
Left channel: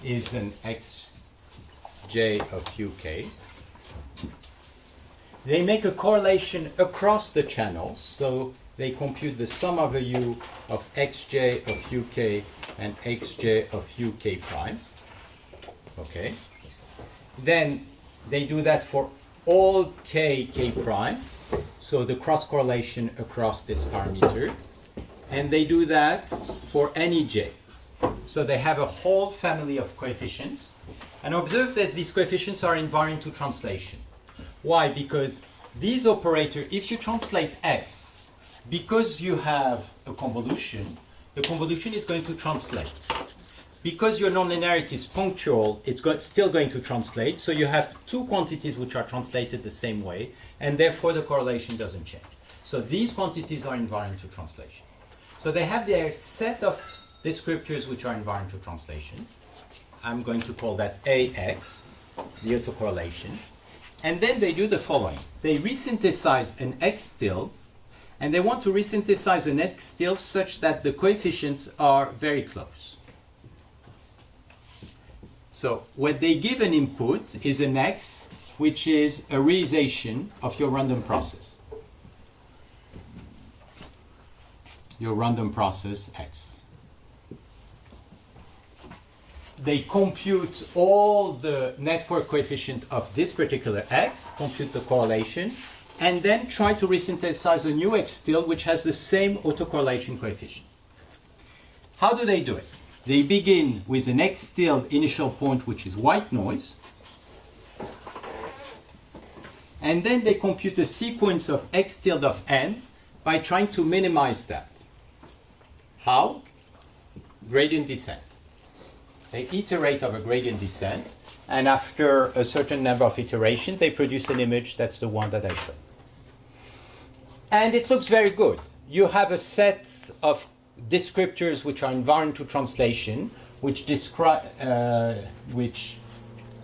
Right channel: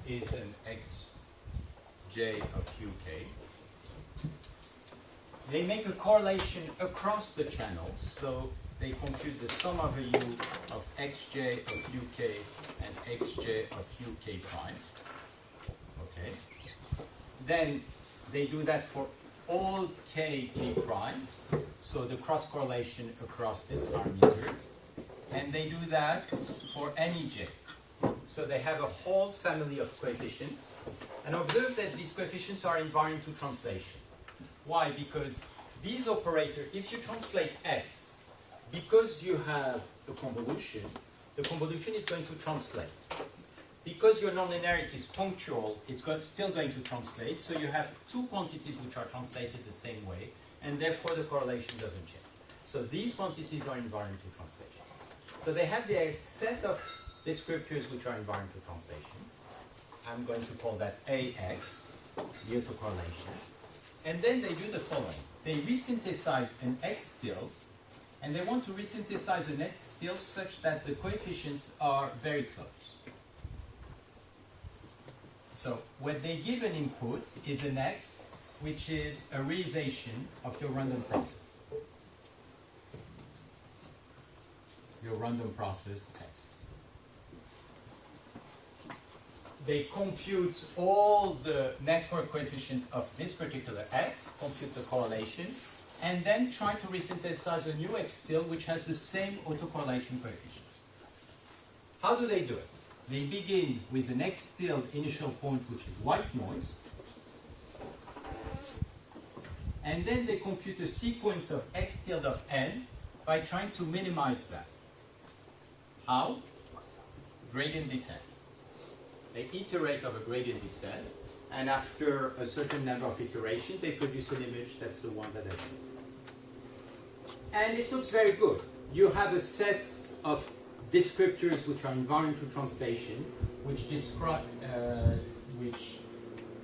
is an xj of uk. They make a correlation across the channels, so they compute the sum of a u of xj of uk and xj of uk prime. Okay. Then they do that for all k prime, so the cross correlation across this parameter, and they do that for any j. So they have a whole family of coefficients, and observe that these coefficients are invariant to translation. Why? Because these operators, if you translate x, because you have a convolution, the convolution is going to translate. Because your nonlinearity is punctual, it's still going to translate, so you have two quantities which are translated the same way, and therefore the correlation doesn't change. So these quantities are invariant to translation. So they have their set of descriptors which are invariant to translation. I'm going to call that AX, the autocorrelation. And then they do the following. They resynthesize an X tilde, and they want to resynthesize an X tilde such that the coefficients are very close. So what they give an input is an X, which is a realization of your random process. Your random process X. They compute all the network coefficient of this particular X, compute the correlation, and then try to resynthesize a new X tilde which has the same autocorrelation coefficient. How do they do it? They begin with an X tilde initial point which is white noise, and then they compute a sequence of X tilde of n by trying to minimize that. How? Gradient descent. They iterate of a gradient descent, and after a certain number of iterations, they produce an image that's the one that I showed. And it looks very good. You have a set of descriptors which are invariant to translation, which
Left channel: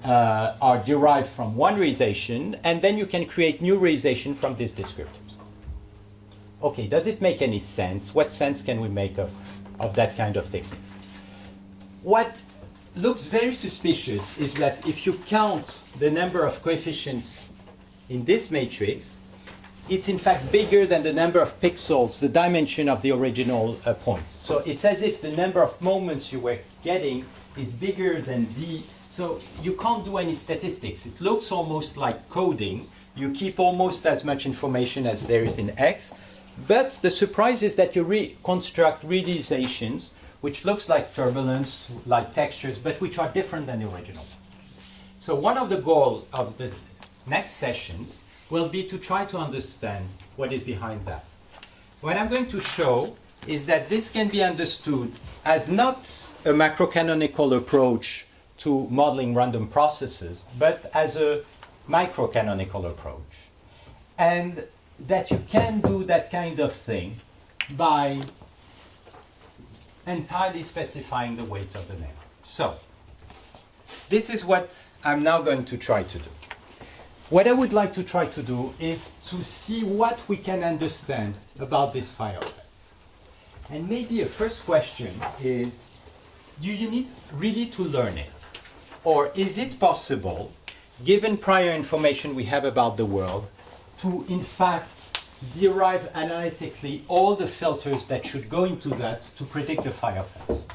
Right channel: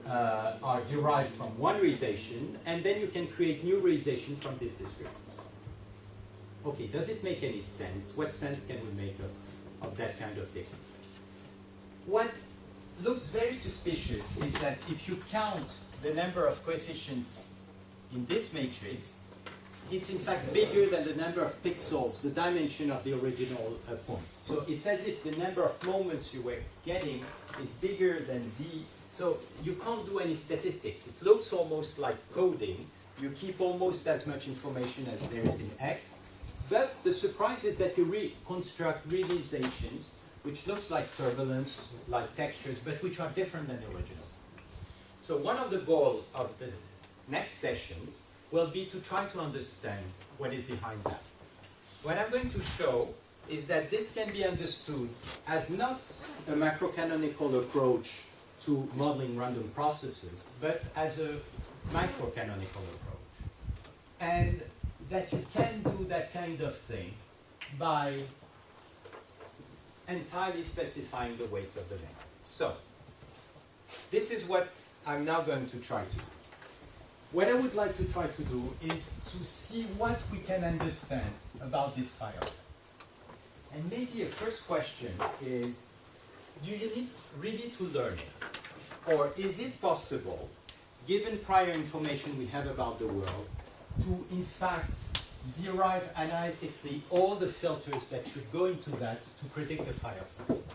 are derived from one realization, and then you can create new realization from this descriptor. Okay, does it make any sense? What sense can we make of that kind of technique? What looks very suspicious is that if you count the number of coefficients in this matrix, it's in fact bigger than the number of pixels, the dimension of the original point. So it's as if the number of moments you were getting is bigger than d. So you can't do any statistics. It looks almost like coding. You keep almost as much information as there is in X. But the surprise is that you reconstruct realizations which looks like turbulence, like textures, but which are different than the original. So one of the goals of the next sessions will be to try to understand what is behind that. What I'm going to show is that this can be understood as not a macrocanonical approach to modeling random processes, but as a microcanonical approach. And that you can do that kind of thing by entirely specifying the weights of the name. So, this is what I'm now going to try to do. what I would like to try to do is to see what we can understand about this fire effect. And maybe a first question is, do you need really to learn it? Or is it possible, given prior information we have about the world, to in fact derive analytically all the filters that should go into that to predict the fire effects?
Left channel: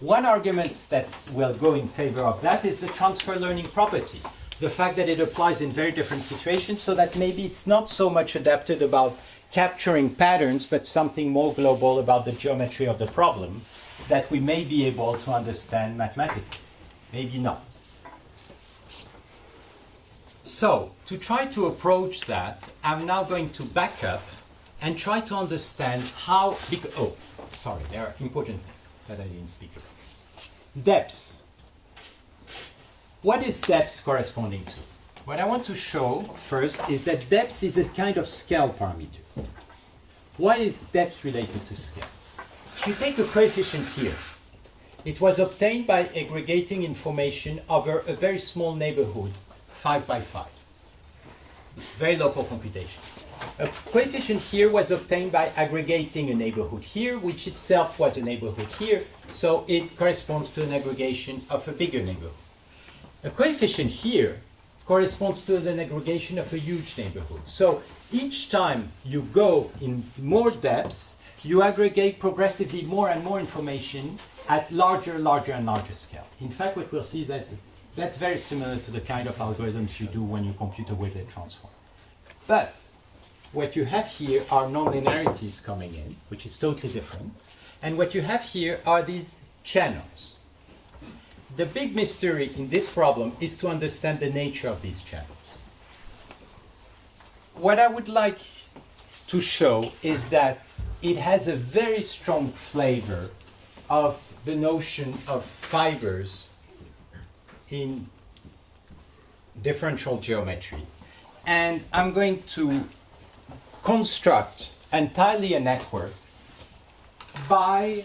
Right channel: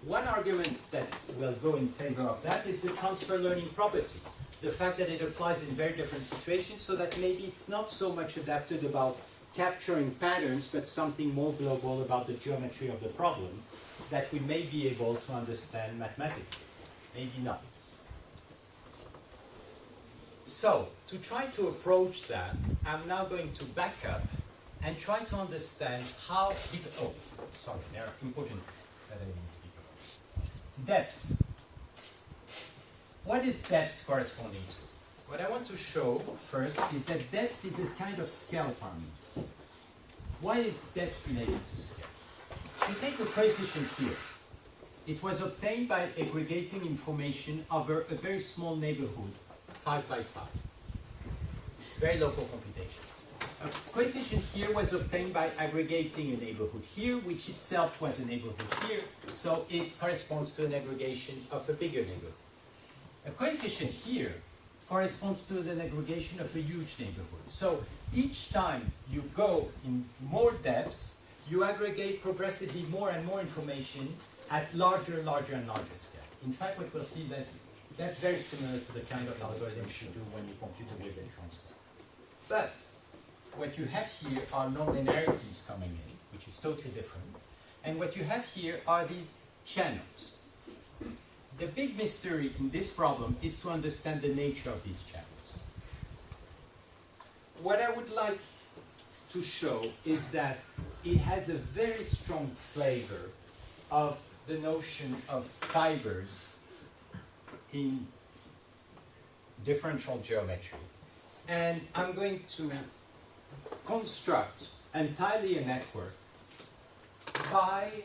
One argument that will go in favor of that is the transfer learning property. The fact that it applies in very different situations, so that maybe it's not so much adapted about capturing patterns, but something more global about the geometry of the problem that we may be able to understand mathematically. Maybe not. So, to try to approach that, I'm now going to back up and try to understand how, oh, sorry, there are important that I didn't speak about. Depths. What is depth corresponding to? What I want to show first is that depth is a kind of scale parameter. Why is depth related to scale? If you take a coefficient here, it was obtained by aggregating information over a very small neighborhood, 5 by 5. Very local computation. A coefficient here was obtained by aggregating a neighborhood here, which itself was a neighborhood here, so it corresponds to an aggregation of a bigger neighborhood. A coefficient here corresponds to an aggregation of a huge neighborhood. So each time you go in more depths, you aggregate progressively more and more information at larger and larger scale. In fact, what we'll see that that's very similar to the kind of algorithms you do when you compute a weighted transform. But what you have here are nonlinearities coming in, which is totally different. And what you have here are these channels. The big mystery in this problem is to understand the nature of these channels. What I would like to show is that it has a very strong flavor of the notion of fibers in differential geometry. And I'm going to construct entirely a network by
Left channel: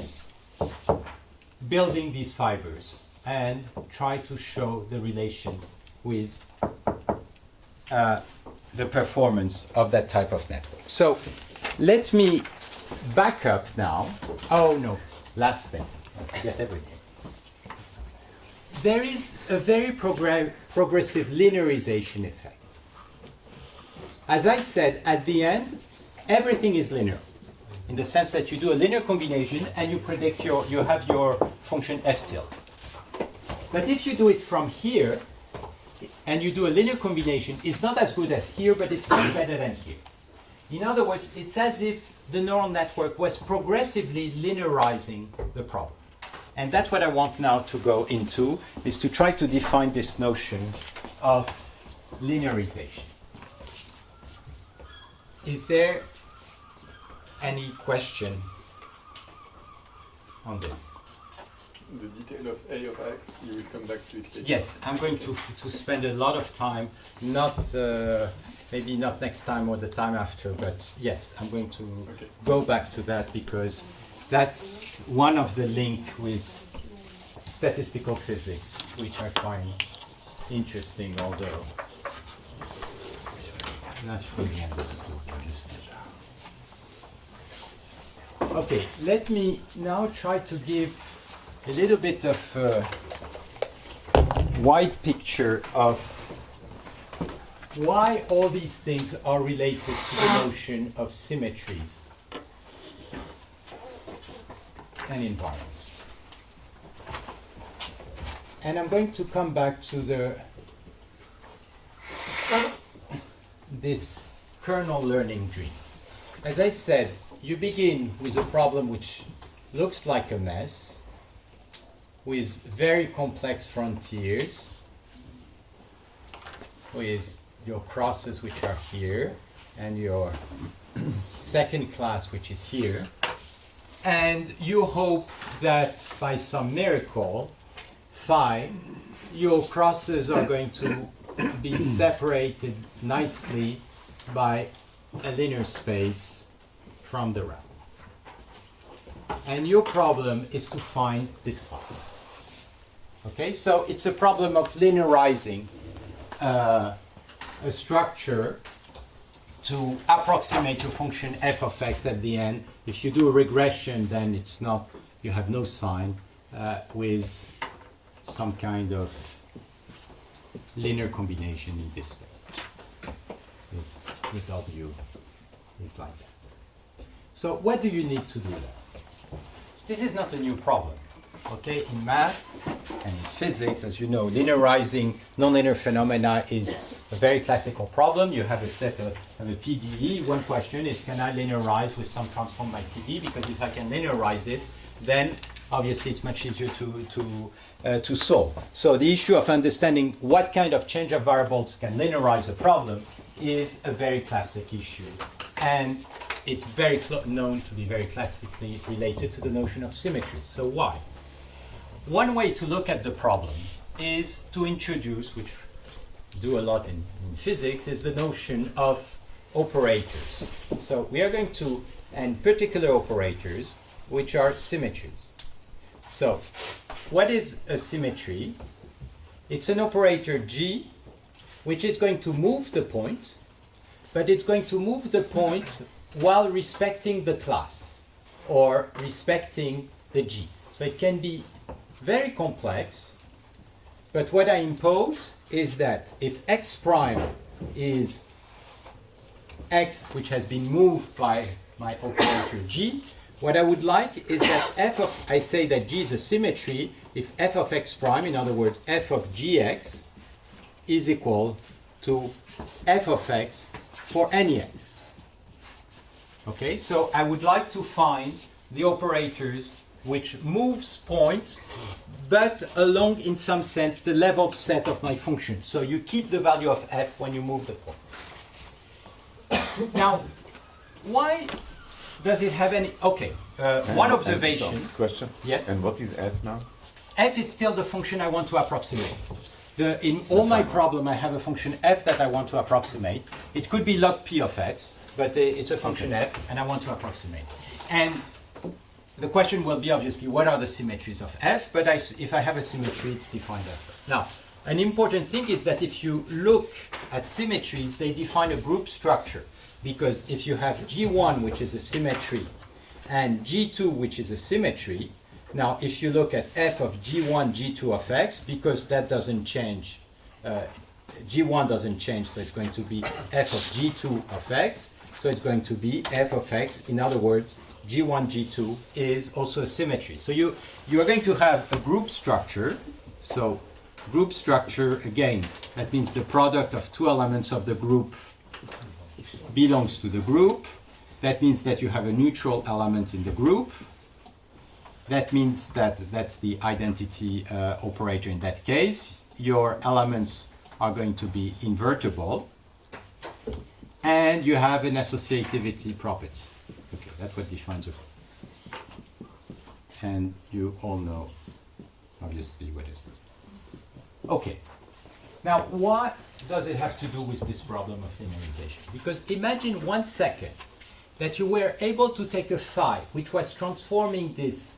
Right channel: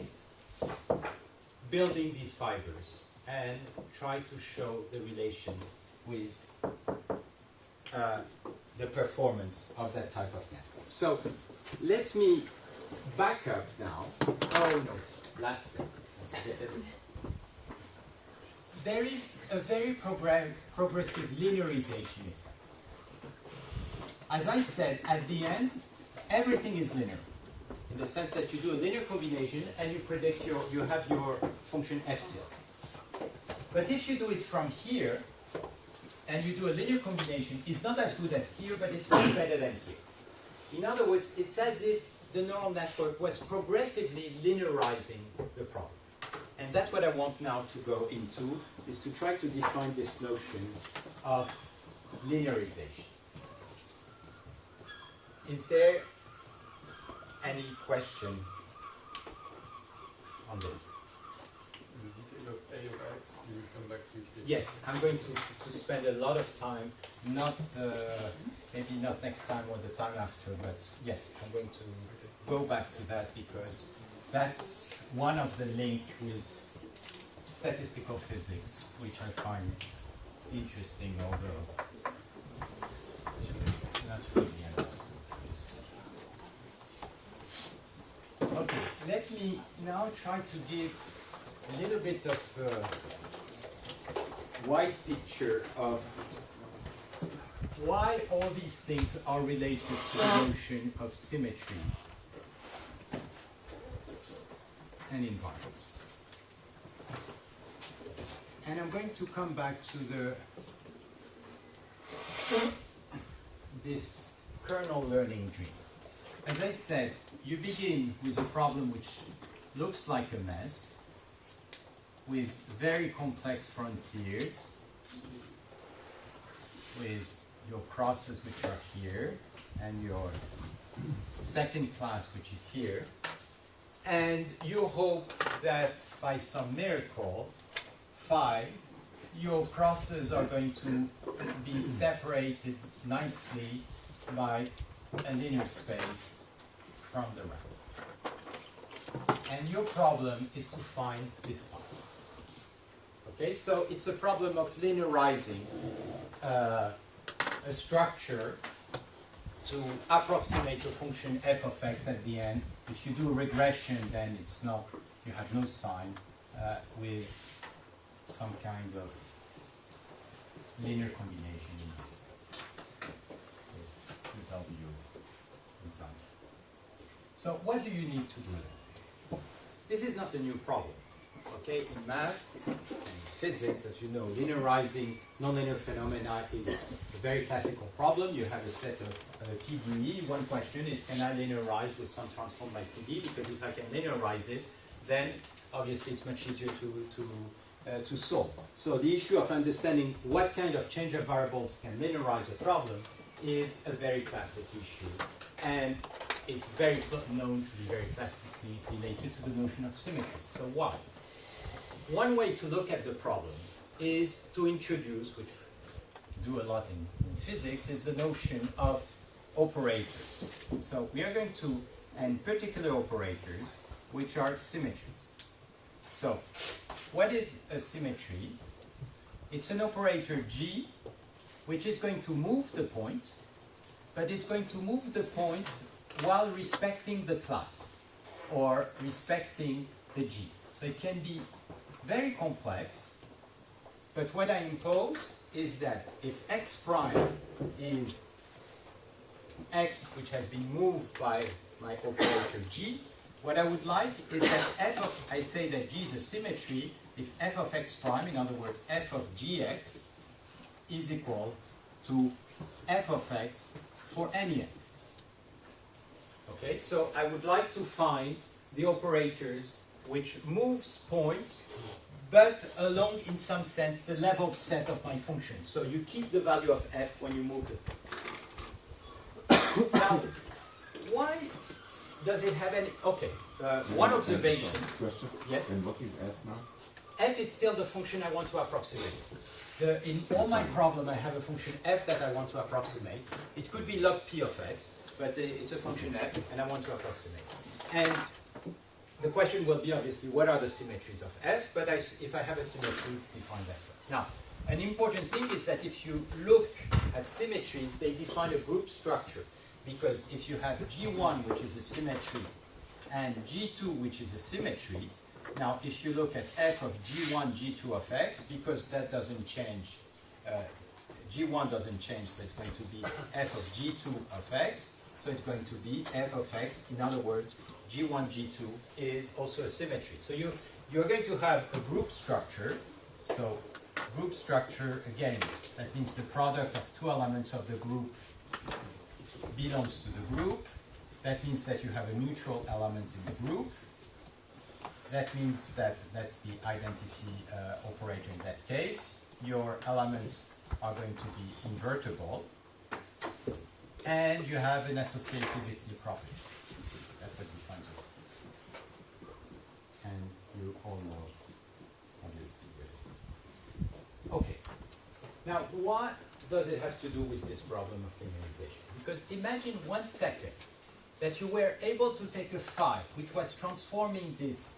building these fibers and try to show the relations with the performance of that type of network. So let me back up now. Oh no, last thing. Get everything. There is a very progressive linearization effect. As I said, at the end, everything is linear, in the sense that you do a linear combination and you predict you have your function f tilde. But if you do it from here, and you do a linear combination, it's not as good as here, but it's much better than here. In other words, it's as if the neural network was progressively linearizing the problem. And that's what I want now to go into, is to try to define this notion of linearization. Is there any question on this? The detail of A of X, you will come back to it later. Yes, I'm going to spend a lot of time, not maybe not next time or the time after, but yes, I'm going to go back to that because that's one of the link with statistical physics, which I find interesting, although not fully understood. Okay, let me now try to give a little bit of a wide picture of why all these things are related to the notion of symmetries and invariants. And I'm going to come back to this kernel learning dream. As I said, you begin with a problem which looks like a mess, with very complex frontiers, with your crosses which are here, and your second class which is here. And you hope that by some miracle, phi, your crosses are going to be separated nicely by a linear space from the RAM. And your problem is to find this phi. Okay, so it's a problem of linearizing a structure to approximate your function f of x at the end. If you do a regression, then it's not, you have no sign with some kind of linear combination in this case. With W is like that. So what do you need to do that? This is not a new problem. Okay, in math and in physics, as you know, linearizing nonlinear phenomena is a very classical problem. You have a set of a PDE. One question is, can I linearize with some transform my PDE? Because if I can linearize it, then obviously it's much easier to solve. So the issue of understanding what kind of change of variables can linearize a problem is a very classic issue. And it's very known to be very classically related to the notion of symmetries. So why? One way to look at the problem is to introduce, which we do a lot in physics, is the notion of operators. So we are going to, and particular operators, which are symmetries. So what is a symmetry? It's an operator G, which is going to move the point, but it's going to move the point while respecting the class, or respecting the G. So it can be very complex, but what I impose is that if x prime is x which has been moved by my operator G, what I would like is that I say that G is a symmetry if f of x prime, in other words, f of gx, is equal to f of x for any x. Okay, so I would like to find the operators which moves points, but along, in some sense, the level set of my function. So you keep the value of f when you move the point. Now, why does it have any... Okay, one observation. Question? Yes? And what is f now? F is still the function I want to approximate. In all my problem, I have a function f that I want to approximate. It could be log p of x, but it's a function f, and I want to approximate. And the question will be, obviously, what are the symmetries of f? But if I have a symmetry, it's defined f. Now, an important thing is that if you look at symmetries, they define a group structure. Because if you have G1, which is a symmetry, and G2, which is a symmetry, now if you look at f of G1, G2 of x, because that doesn't change, G1 doesn't change, so it's going to be f of G2 of x, so it's going to be f of x. In other words, G1, G2 is also a symmetry. So you are going to have a group structure. So group structure, again, that means the product of two elements of the group belongs to the group. That means that you have a neutral element in the group. That means that that's the identity operator in that case. Your elements are going to be invertible. And you have an associativity property. Okay, that's what defines a group. And you all know, obviously, what is it. Okay. Now, what does it have to do with this problem of linearization? Because imagine 1 second that you were able to take a phi, which was transforming this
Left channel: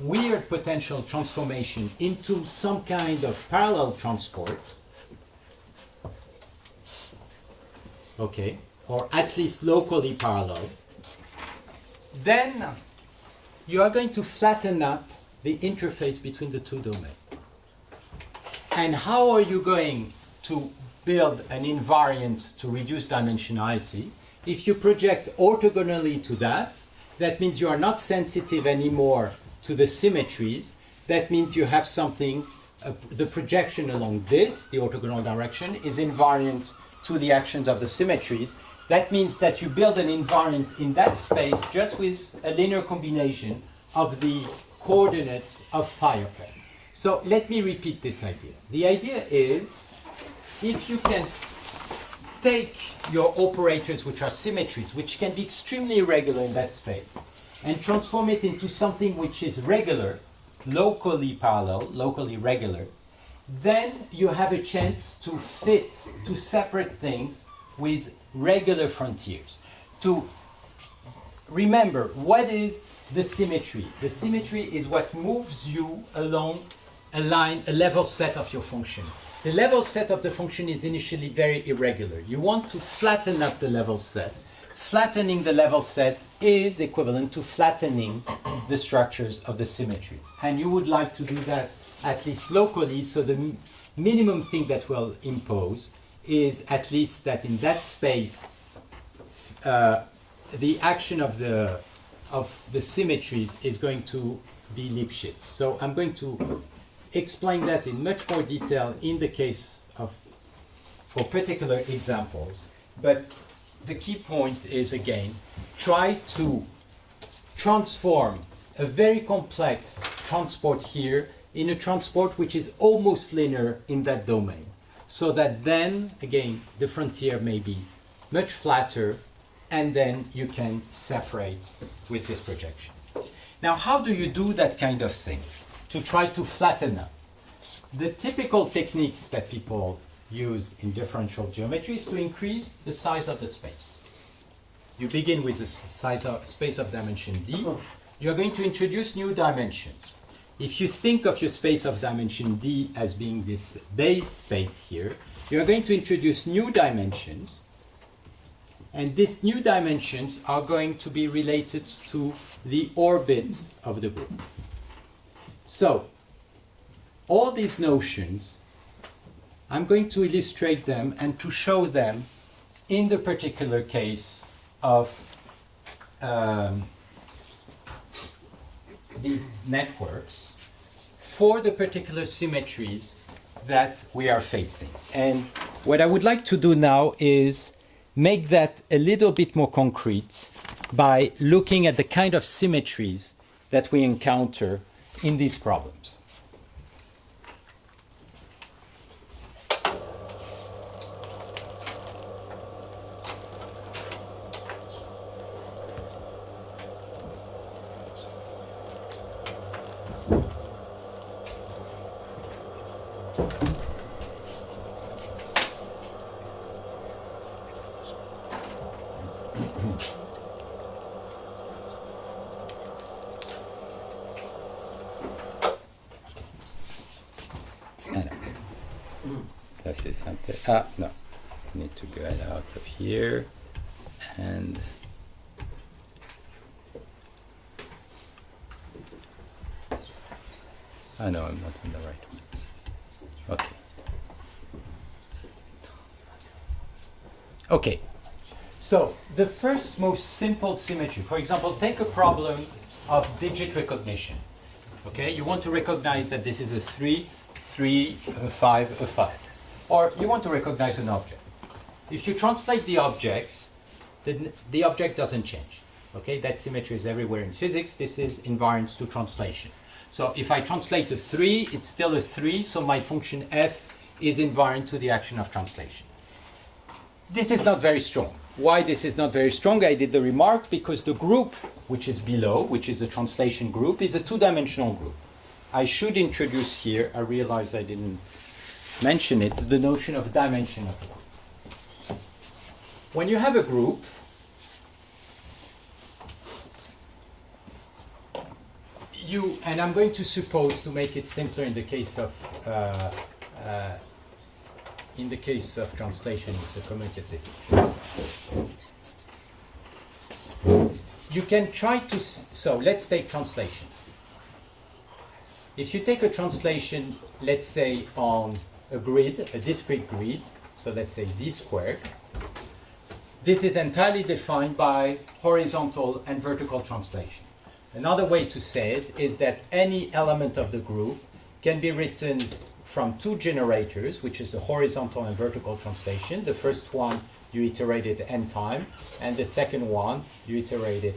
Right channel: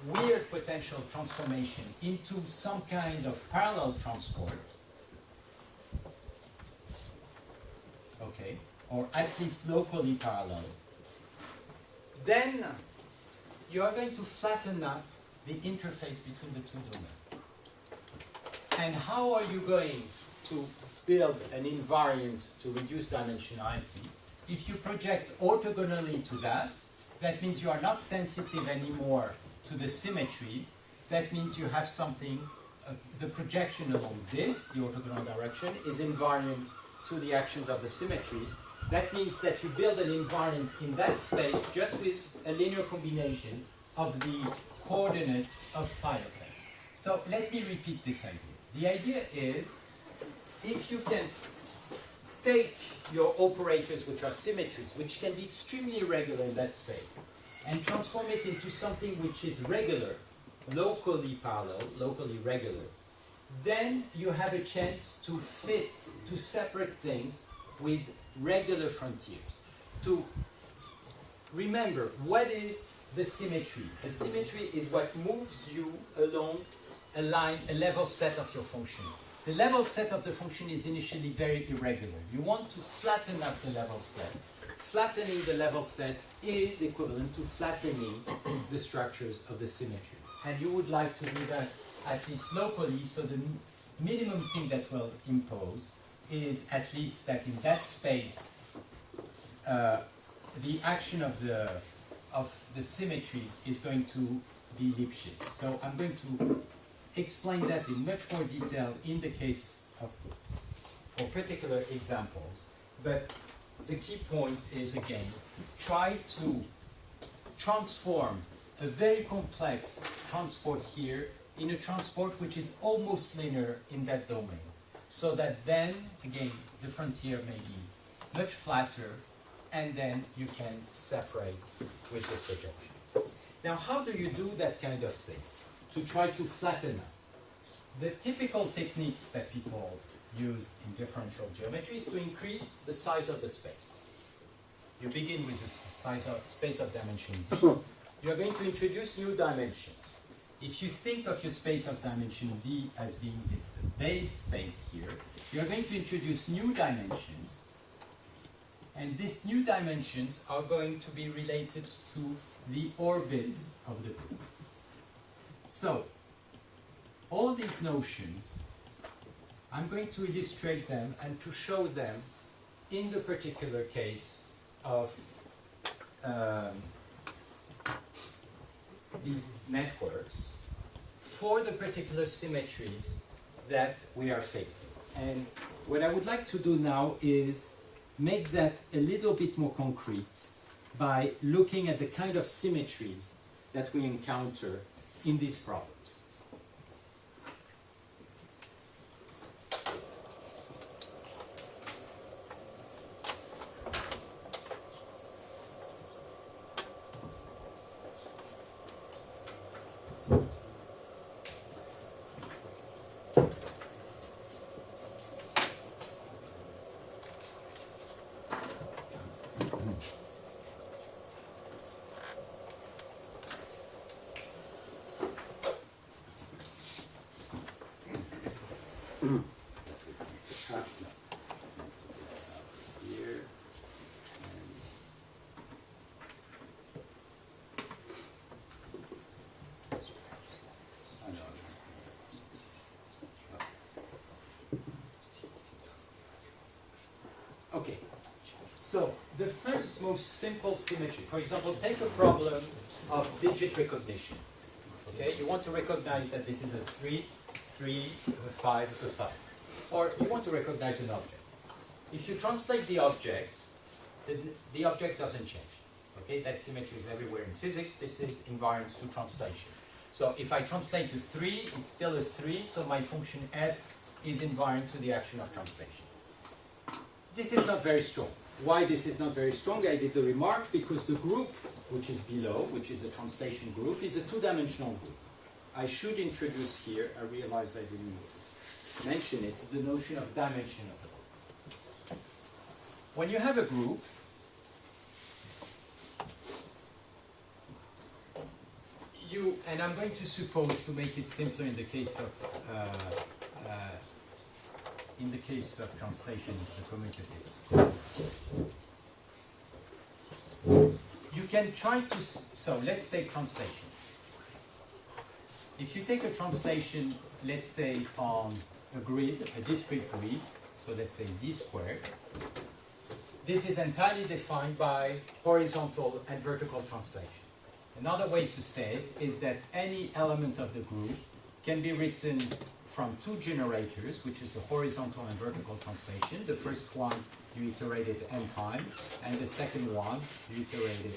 weird potential transformation into some kind of parallel transport, okay, or at least locally parallel, then you are going to flatten up the interface between the two domains. And how are you going to build an invariant to reduce dimensionality? If you project orthogonally to that, that means you are not sensitive anymore to the symmetries. That means you have something, the projection along this, the orthogonal direction, is invariant to the actions of the symmetries. That means that you build an invariant in that space just with a linear combination of the coordinates of phi of x. So let me repeat this idea. The idea is, if you can take your operators, which are symmetries, which can be extremely irregular in that space, and transform it into something which is regular, locally parallel, locally regular, then you have a chance to fit, to separate things with regular frontiers. To remember, what is the symmetry? The symmetry is what moves you along a line, a level set of your function. the level set of the function is initially very irregular. You want to flatten up the level set. Flattening the level set is equivalent to flattening the structures of the symmetries. And you would like to do that at least locally, so the minimum thing that will impose is at least that in that space, the action of the symmetries is going to be Lipschitz. So I'm going to explain that in much more detail in the case of, for particular examples. But the key point is, again, try to transform a very complex transport here in a transport which is almost linear in that domain. So that then, again, the frontier may be much flatter, and then you can separate with this projection. Now, how do you do that kind of thing? To try to flatten up. The typical techniques that people use in differential geometry is to increase the size of the space. You begin with a size of space of dimension d. You're going to introduce new dimensions. If you think of your space of dimension d as being this base space here, you're going to introduce new dimensions, and these new dimensions are going to be related to the orbit of the group. So, all these notions, I'm going to illustrate them and to show them in the particular case of these networks for the particular symmetries that we are facing. And what I would like to do now is make that a little bit more concrete by looking at the kind of symmetries that we encounter in these problems. No, I need to get out of here, and I know I'm not in the right one. Okay. Okay. So the first most simple symmetry, for example, take a problem of digit recognition. Okay, you want to recognize that this is a 3, 3, a 5, a 5. Or you want to recognize an object. If you translate the object, the object doesn't change. Okay, that symmetry is everywhere in physics. This is invariant to translation. So if I translate a 3, it's still a 3, so my function f is invariant to the action of translation. This is not very strong. Why this is not very strong? I did the remark because the group which is below, which is a translation group, is a two-dimensional group. I should introduce here, I realized I didn't mention it, the notion of dimension of one. When you have a group, and I'm going to suppose, to make it simpler in the case of translation, it's a commutative. You can try to, so let's take translations. If you take a translation, let's say on a grid, a discrete grid, so let's say z squared, this is entirely defined by horizontal and vertical translation. Another way to say it is that any element of the group can be written from two generators, which is the horizontal and vertical translation. The first one you iterated n time, and the second one you iterated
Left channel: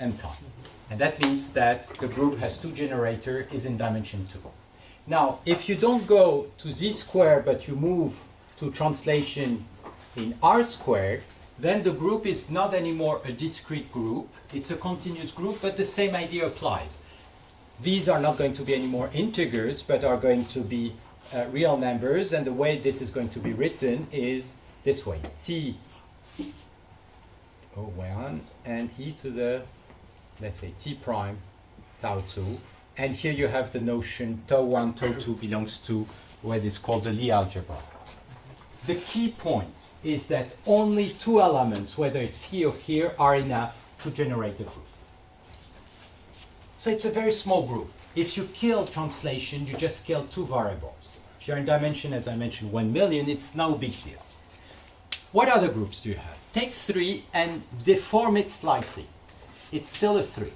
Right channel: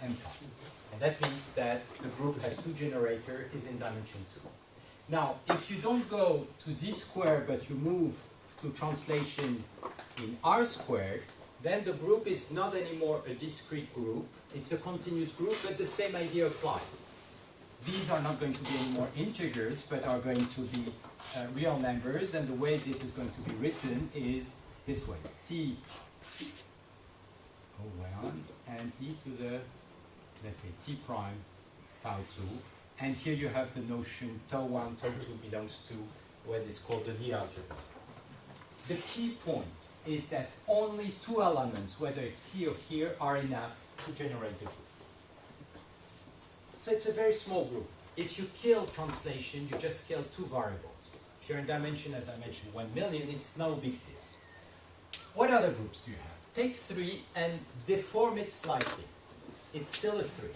n time. And that means that the group has two generators, is in dimension 2. Now, if you don't go to z squared, but you move to translation in r squared, then the group is not anymore a discrete group. It's a continuous group, but the same idea applies. These are not going to be any more integers, but are going to be real numbers, and the way this is going to be written is this way: t O1 and e to the, let's say, t prime tau 2. And here you have the notion tau 1, tau 2 belongs to what is called the Lie algebra. The key point is that only two elements, whether it's here or here, are enough to generate the group. So it's a very small group. If you kill translation, you just kill two variables. If you're in dimension, as I mentioned, 1 million, it's no big deal. What other groups do you have? Take 3 and deform it slightly. It's still a 3.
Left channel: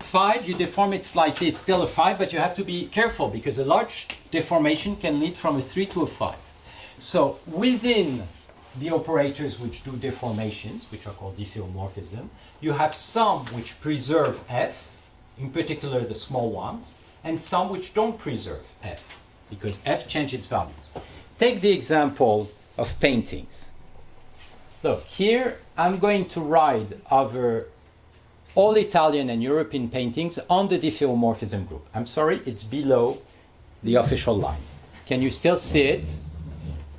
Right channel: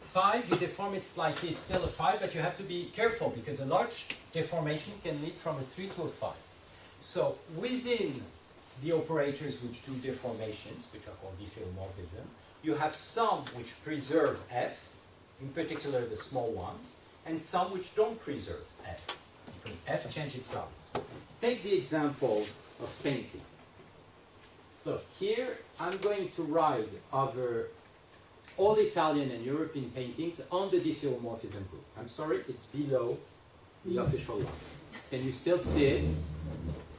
5, you deform it slightly, it's still a 5, but you have to be careful because a large deformation can lead from a 3 to a 5. So within the operators which do deformations, which are called diffeomorphism, you have some which preserve f, in particular the small ones, and some which don't preserve f, because f changes its values. Take the example of paintings. Look, here I'm going to ride over all Italian and European paintings on the diffeomorphism group. I'm sorry, it's below the official line. Can you still see it?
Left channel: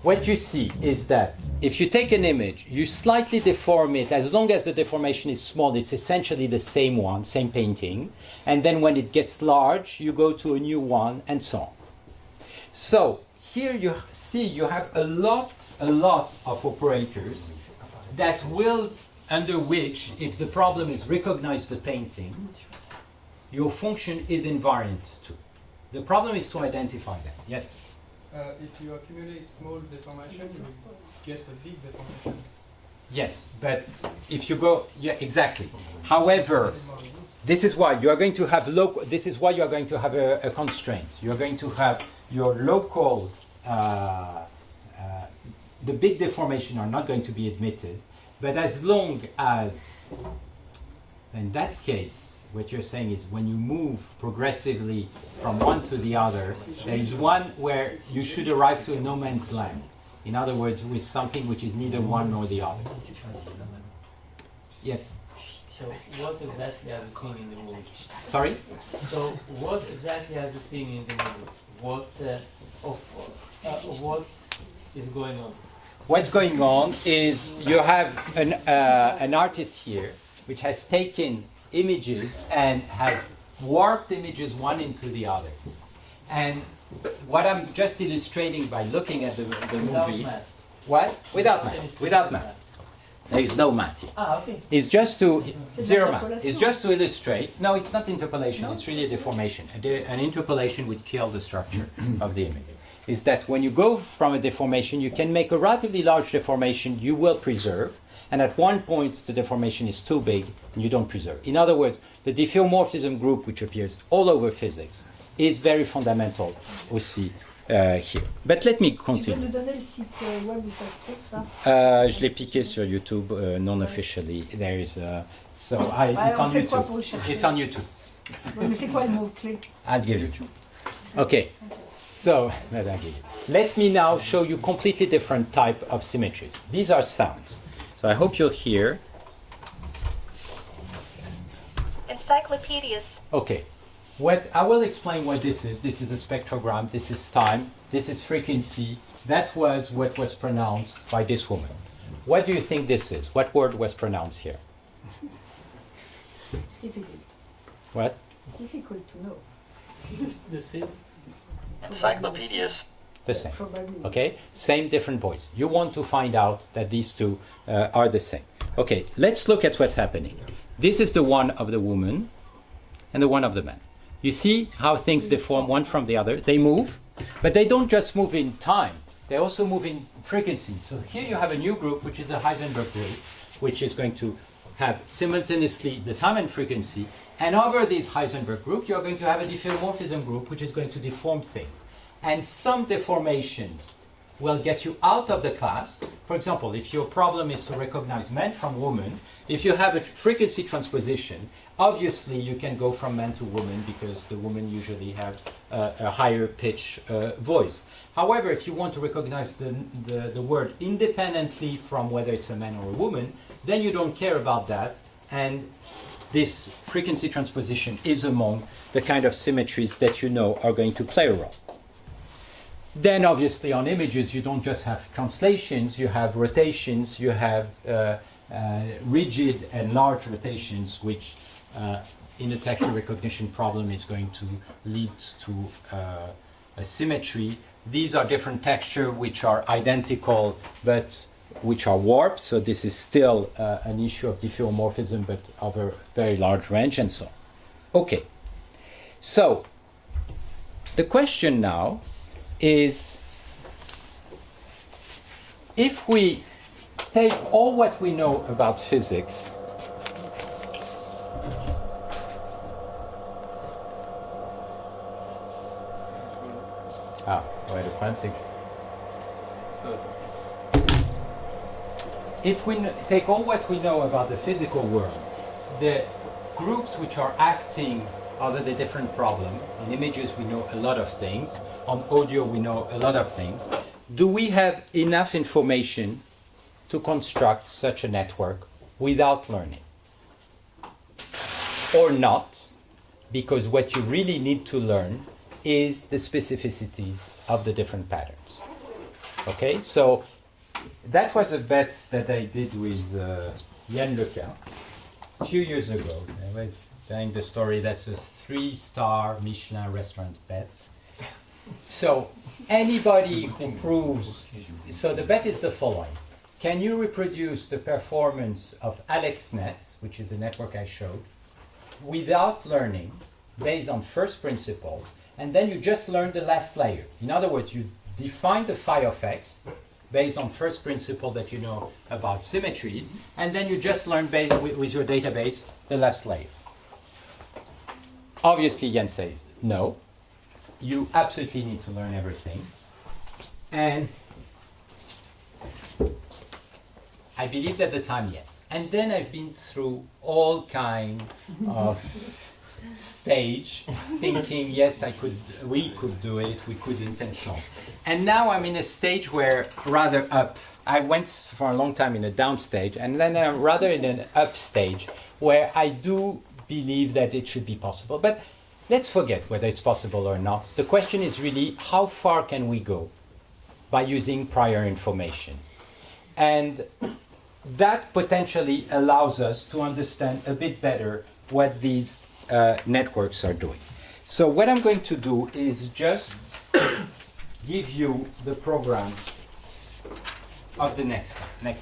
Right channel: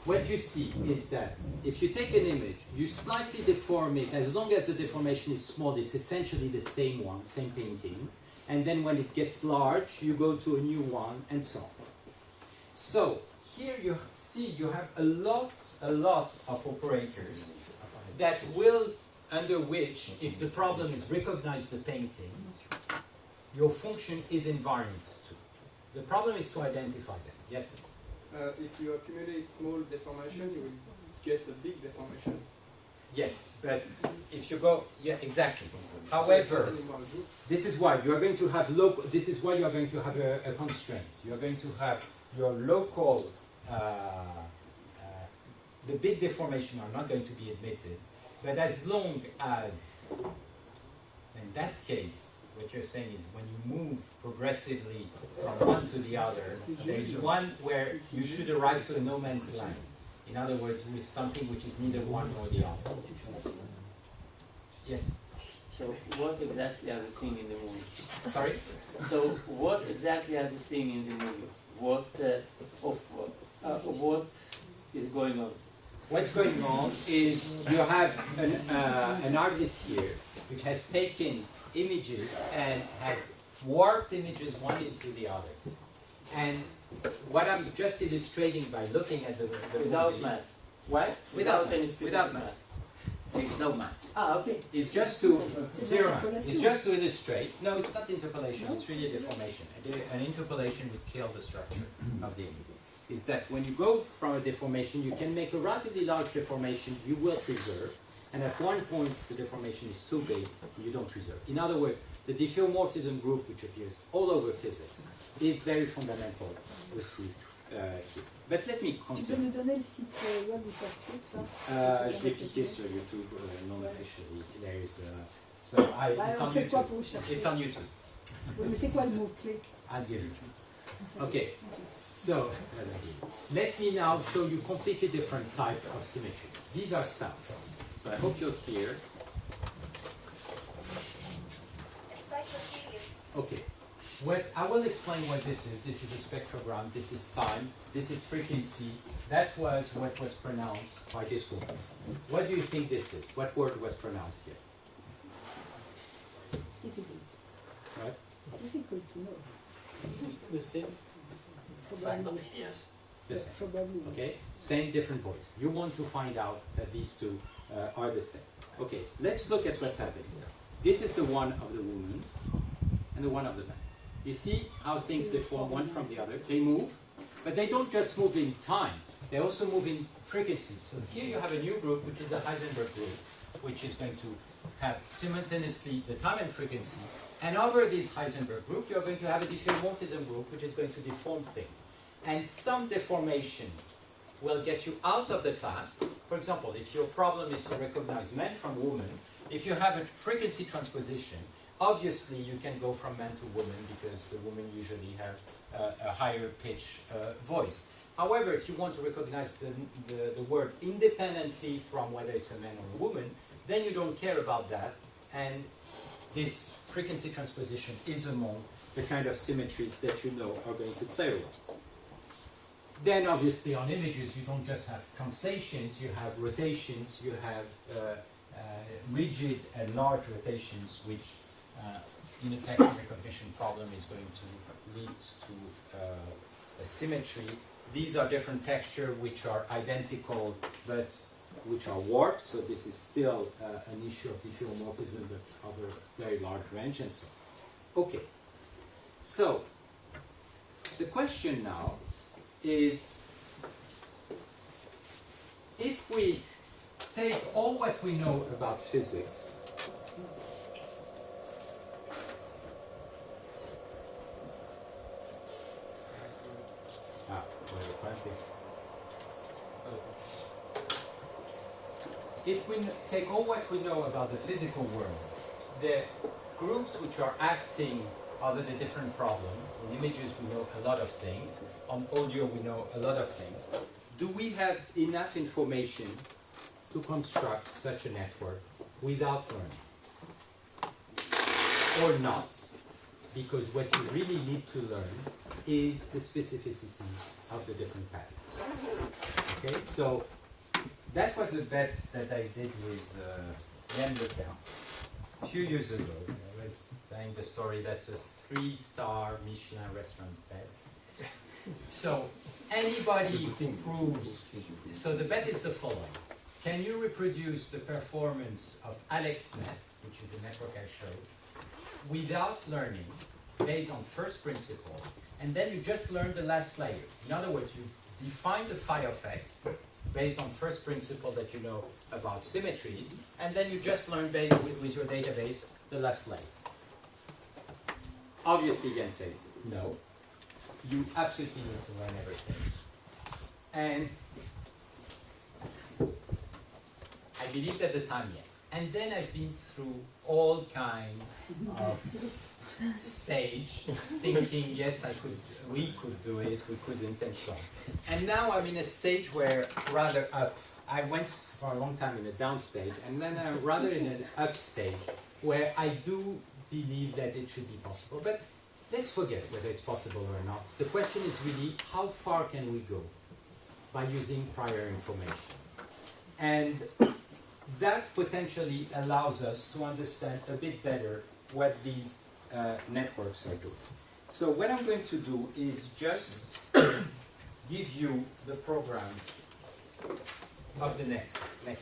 What you see is that if you take an image, you slightly deform it. As long as the deformation is small, it's essentially the same one, same painting. And then when it gets large, you go to a new one, and so on. So here you see you have a lot of operators that will, under which, if the problem is recognize the painting, your function is invariant too. The problem is to identify them. Yes? If you accumulate small deformation, you will get a big deformation. Yes, but if you go, yeah, exactly. However, this is why you are going to have local. This is why you are going to have a constraint. You are going to have your local. The big deformation are not going to be admitted, but as long as, in that case, what you're saying is when you move progressively from one to the other, there is one where you should arrive to a no man's land. In other words, with something which is neither one nor the other. Yes? So what exactly are we seeing in the movie? Sorry? So what exactly are we seeing in the movie? What is going on? What's going on is you have an artist here which has taken images and has warped images one into the other. And what I'm just illustrating by looking at the Without movie. math. What? Without math. Without math. There is no math. Okay. It's just to zero math. It's just to illustrate. No, it's not interpolation. It's really a deformation. An interpolation would kill the structure of the image. Is that when you go from a deformation, you can make a relatively large deformation you will preserve, and at one point the deformation is too big and you don't preserve. In other words, the diffeomorphism group, which appears all over physics, is very fundamental aussi here. But let me continue. Tu peux nous donner le site web où ça se trouve, ça? Je l'ai piqué sur YouTube non-officially. There is so Ouais, it's on on fait quoi YouTube. pour le chercher? It's on YouTube. Oui, mais c'est quoi le mot-clé? I'll give you. Okay. So let me now show you completely different type of symmetries. These are sounds. So I hope you'll hear. Encyclopedias. Okay. What I will explain what this is. This is a spectrogram. This is time. This is frequency. That was what was pronounced by this woman. What do you think this is? What word was pronounced here? Difficult. What? Difficult to know. The same. Encyclopedias. The same. Probably. Okay? Same, different voice. You want to find out that these two are the same. Okay, let's look at what's happening. This is the one of the woman and the one of the man. You see how things deform one from the other? They move, but they don't just move in time. They also move in frequency. So here you have a new group, which is a Heisenberg group, which is going to have simultaneously the time and frequency. And over this Heisenberg group, you're going to have a diffeomorphism group, which is going to deform things. And some deformations will get you out of the class. For example, if your problem is to recognize man from woman, if you have a frequency transposition, obviously you can go from man to woman because the women usually have a higher pitch voice. However, if you want to recognize the word independently from whether it's a man or a woman, then you don't care about that. And this frequency transposition is among the kind of symmetries that you know are going to play a role. Then obviously on images you don't just have translations, you have rotations, you have rigid and large rotations, which in a texture recognition problem is going to lead to a symmetry. These are different textures which are identical but which are warped, so this is still an issue of diffeomorphism but of a very large range and so on. Okay, so the question now is, if we take all what we know about physics wait a quantic. If we take all what we know about the physical world, the groups which are acting under the different problem, in images we know a lot of things, on audio we know a lot of things, do we have enough information to construct such a network without learning? Or not, because what you really need to learn is the specificities of the different patterns. Okay, so that was a bet that I did with Yann Lequin a few years ago. I was telling the story, that's a 3-star Michelin restaurant bet. So anybody who proves, so the bet is the following. Can you reproduce the performance of AlexNet, which is a network I showed, without learning, based on first principles, and then you just learn the last layer? In other words, you define the phi of x based on first principle that you know about symmetries, and then you just learn with your database the last layer. Obviously, Jan says, no, you absolutely need to learn everything. And I believed at the time, yes. And then I've been through all kinds of stage, thinking, yes, we could do it, we couldn't, and so on. And now I'm in a stage where, rather up, I went for a long time in a down stage, and then I'm rather in an up stage, where I do believe that it should be possible. But let's forget whether it's possible or not. The question is really, how far can we go by using prior information? And that potentially allows us to understand a bit better what these networks are doing. So what I'm going to do is just give you the program of the next time.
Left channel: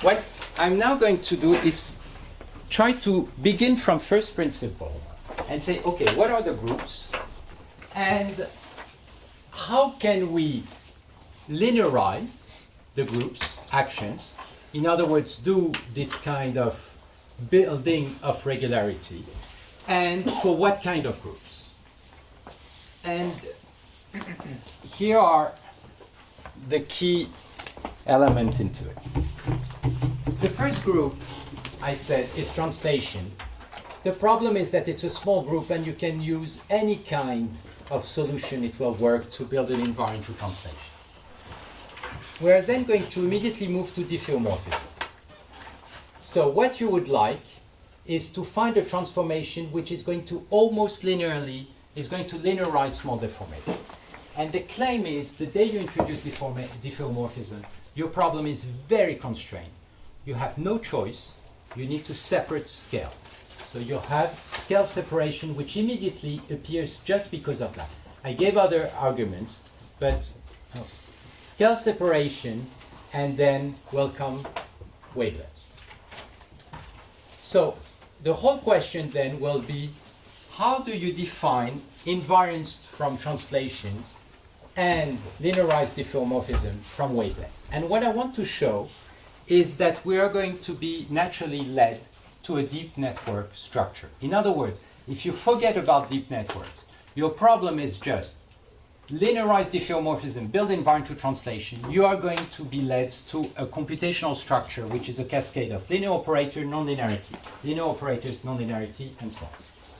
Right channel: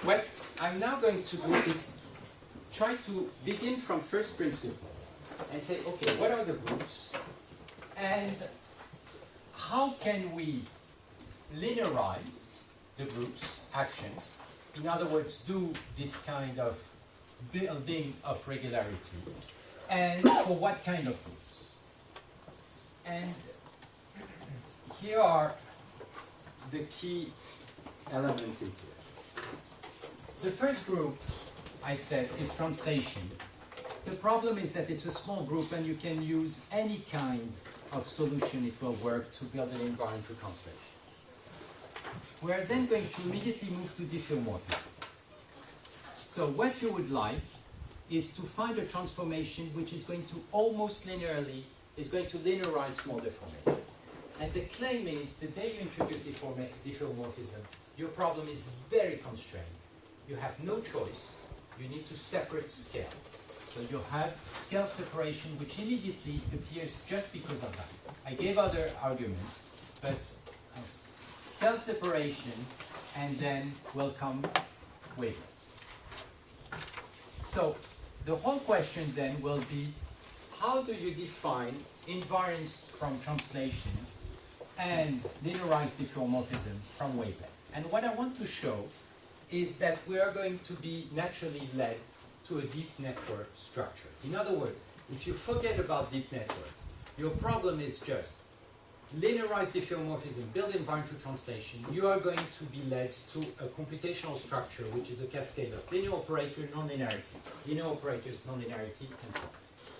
What I'm now going to do is try to begin from first principle and say, okay, what are the groups and how can we linearize the groups' actions? In other words, do this kind of building of regularity, and for what kind of groups? And here are the key elements into it. The first group, I said, is translation. The problem is that it's a small group and you can use any kind of solution, it will work to build an invariant to translation. We are then going to immediately move to diffeomorphism. So what you would like is to find a transformation which is going to almost linearly, is going to linearize small deformation. And the claim is the day you introduce diffeomorphism, your problem is very constrained. You have no choice, you need to separate scale. So you have scale separation which immediately appears just because of that. I gave other arguments, but scale separation and then welcome wavelets. So the whole question then will be, how do you define invariance from translations and linearized diffeomorphism from wavelets? And what I want to show is that we are going to be naturally led to a deep network structure. In other words, if you forget about deep networks, your problem is just linearized diffeomorphism, build invariant to translation, you are going to be led to a computational structure which is a cascade of linear operator, nonlinearity, linear operators, nonlinearity, and so on.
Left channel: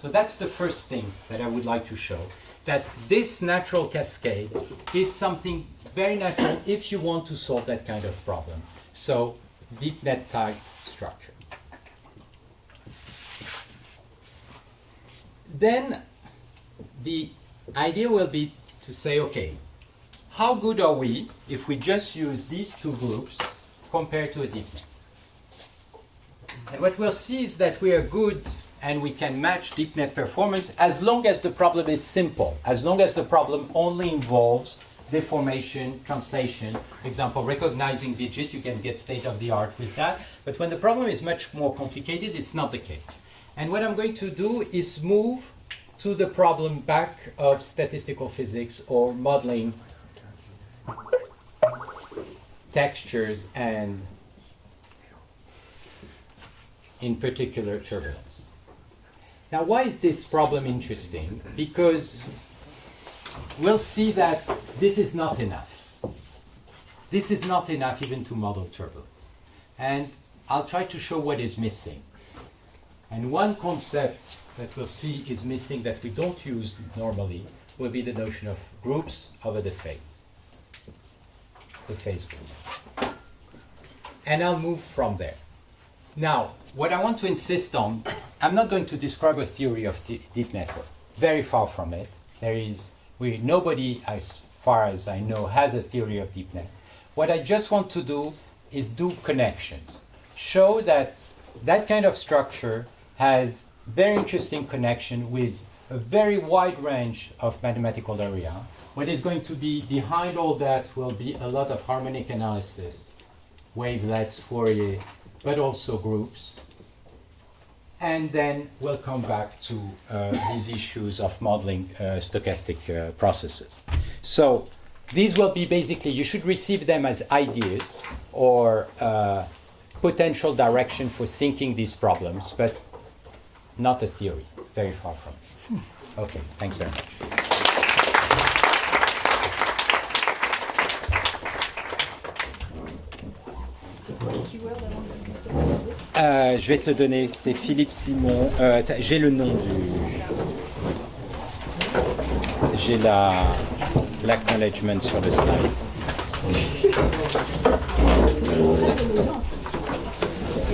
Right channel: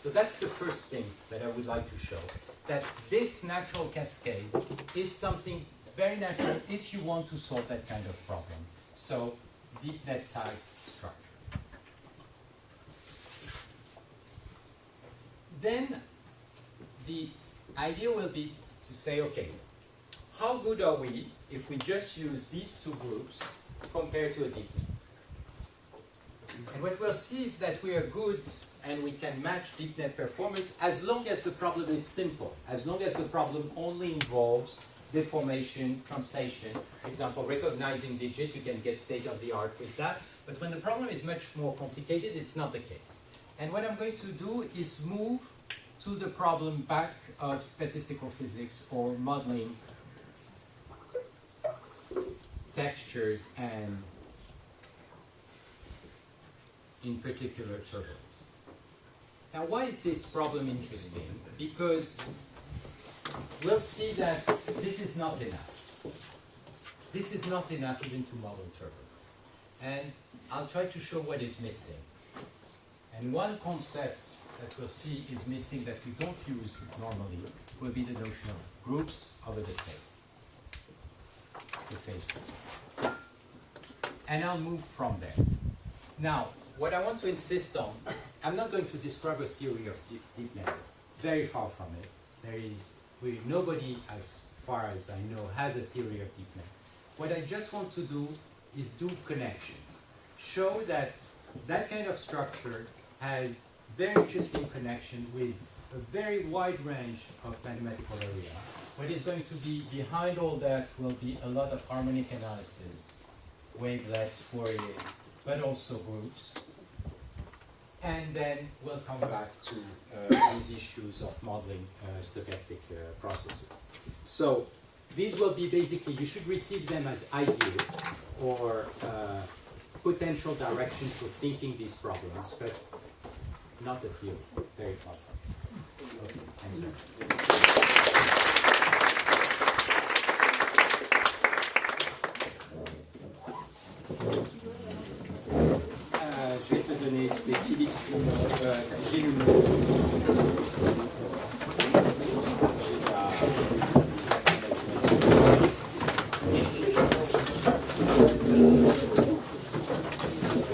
So that's the first thing that I would like to show, that this natural cascade is something very natural if you want to solve that kind of problem. So deep net tag structure. Then the idea will be to say, okay, how good are we if we just use these two groups compared to a deep net? And what we'll see is that we are good and we can match deep net performance as long as the problem is simple, as long as the problem only involves deformation, translation. For example, recognizing digit, you can get state of the art with that. But when the problem is much more complicated, it's not the case. And what I'm going to do is move to the problem back of statistical physics or modeling textures and in particular turbulence. Now, why is this problem interesting? Because we'll see that this is not enough. This is not enough even to model turbulence. And I'll try to show what is missing. And one concept that we'll see is missing that we don't use normally will be the notion of groups over the phase group. And I'll move from there. Now, what I want to insist on, I'm not going to describe a theory of deep network. Very far from it. Nobody, as far as I know, has a theory of deep net. What I just want to do is do connections. Show that that kind of structure has very interesting connection with a very wide range of mathematical area. What is going to be behind all that will be a lot of harmonic analysis, wavelets, Fourier, but also groups. And then we'll come back to these issues of modeling stochastic processes. So these will be basically, you should receive them as ideas or potential direction for thinking these problems, but not a theory, very far from it. Okay, thanks very much. Je vais te le donner, c'est Philippe Simon. J'ai le nom. J'ai l'acknowledgement sur le slide.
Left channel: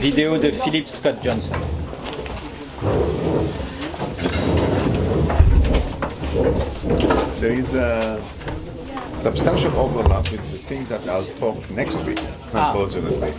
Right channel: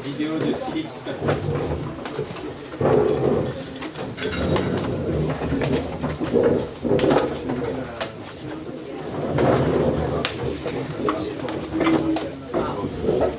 Vidéo de Philip Scott Johnson. There is a substantial overlap. It's things that I'll talk next week. We'll go to the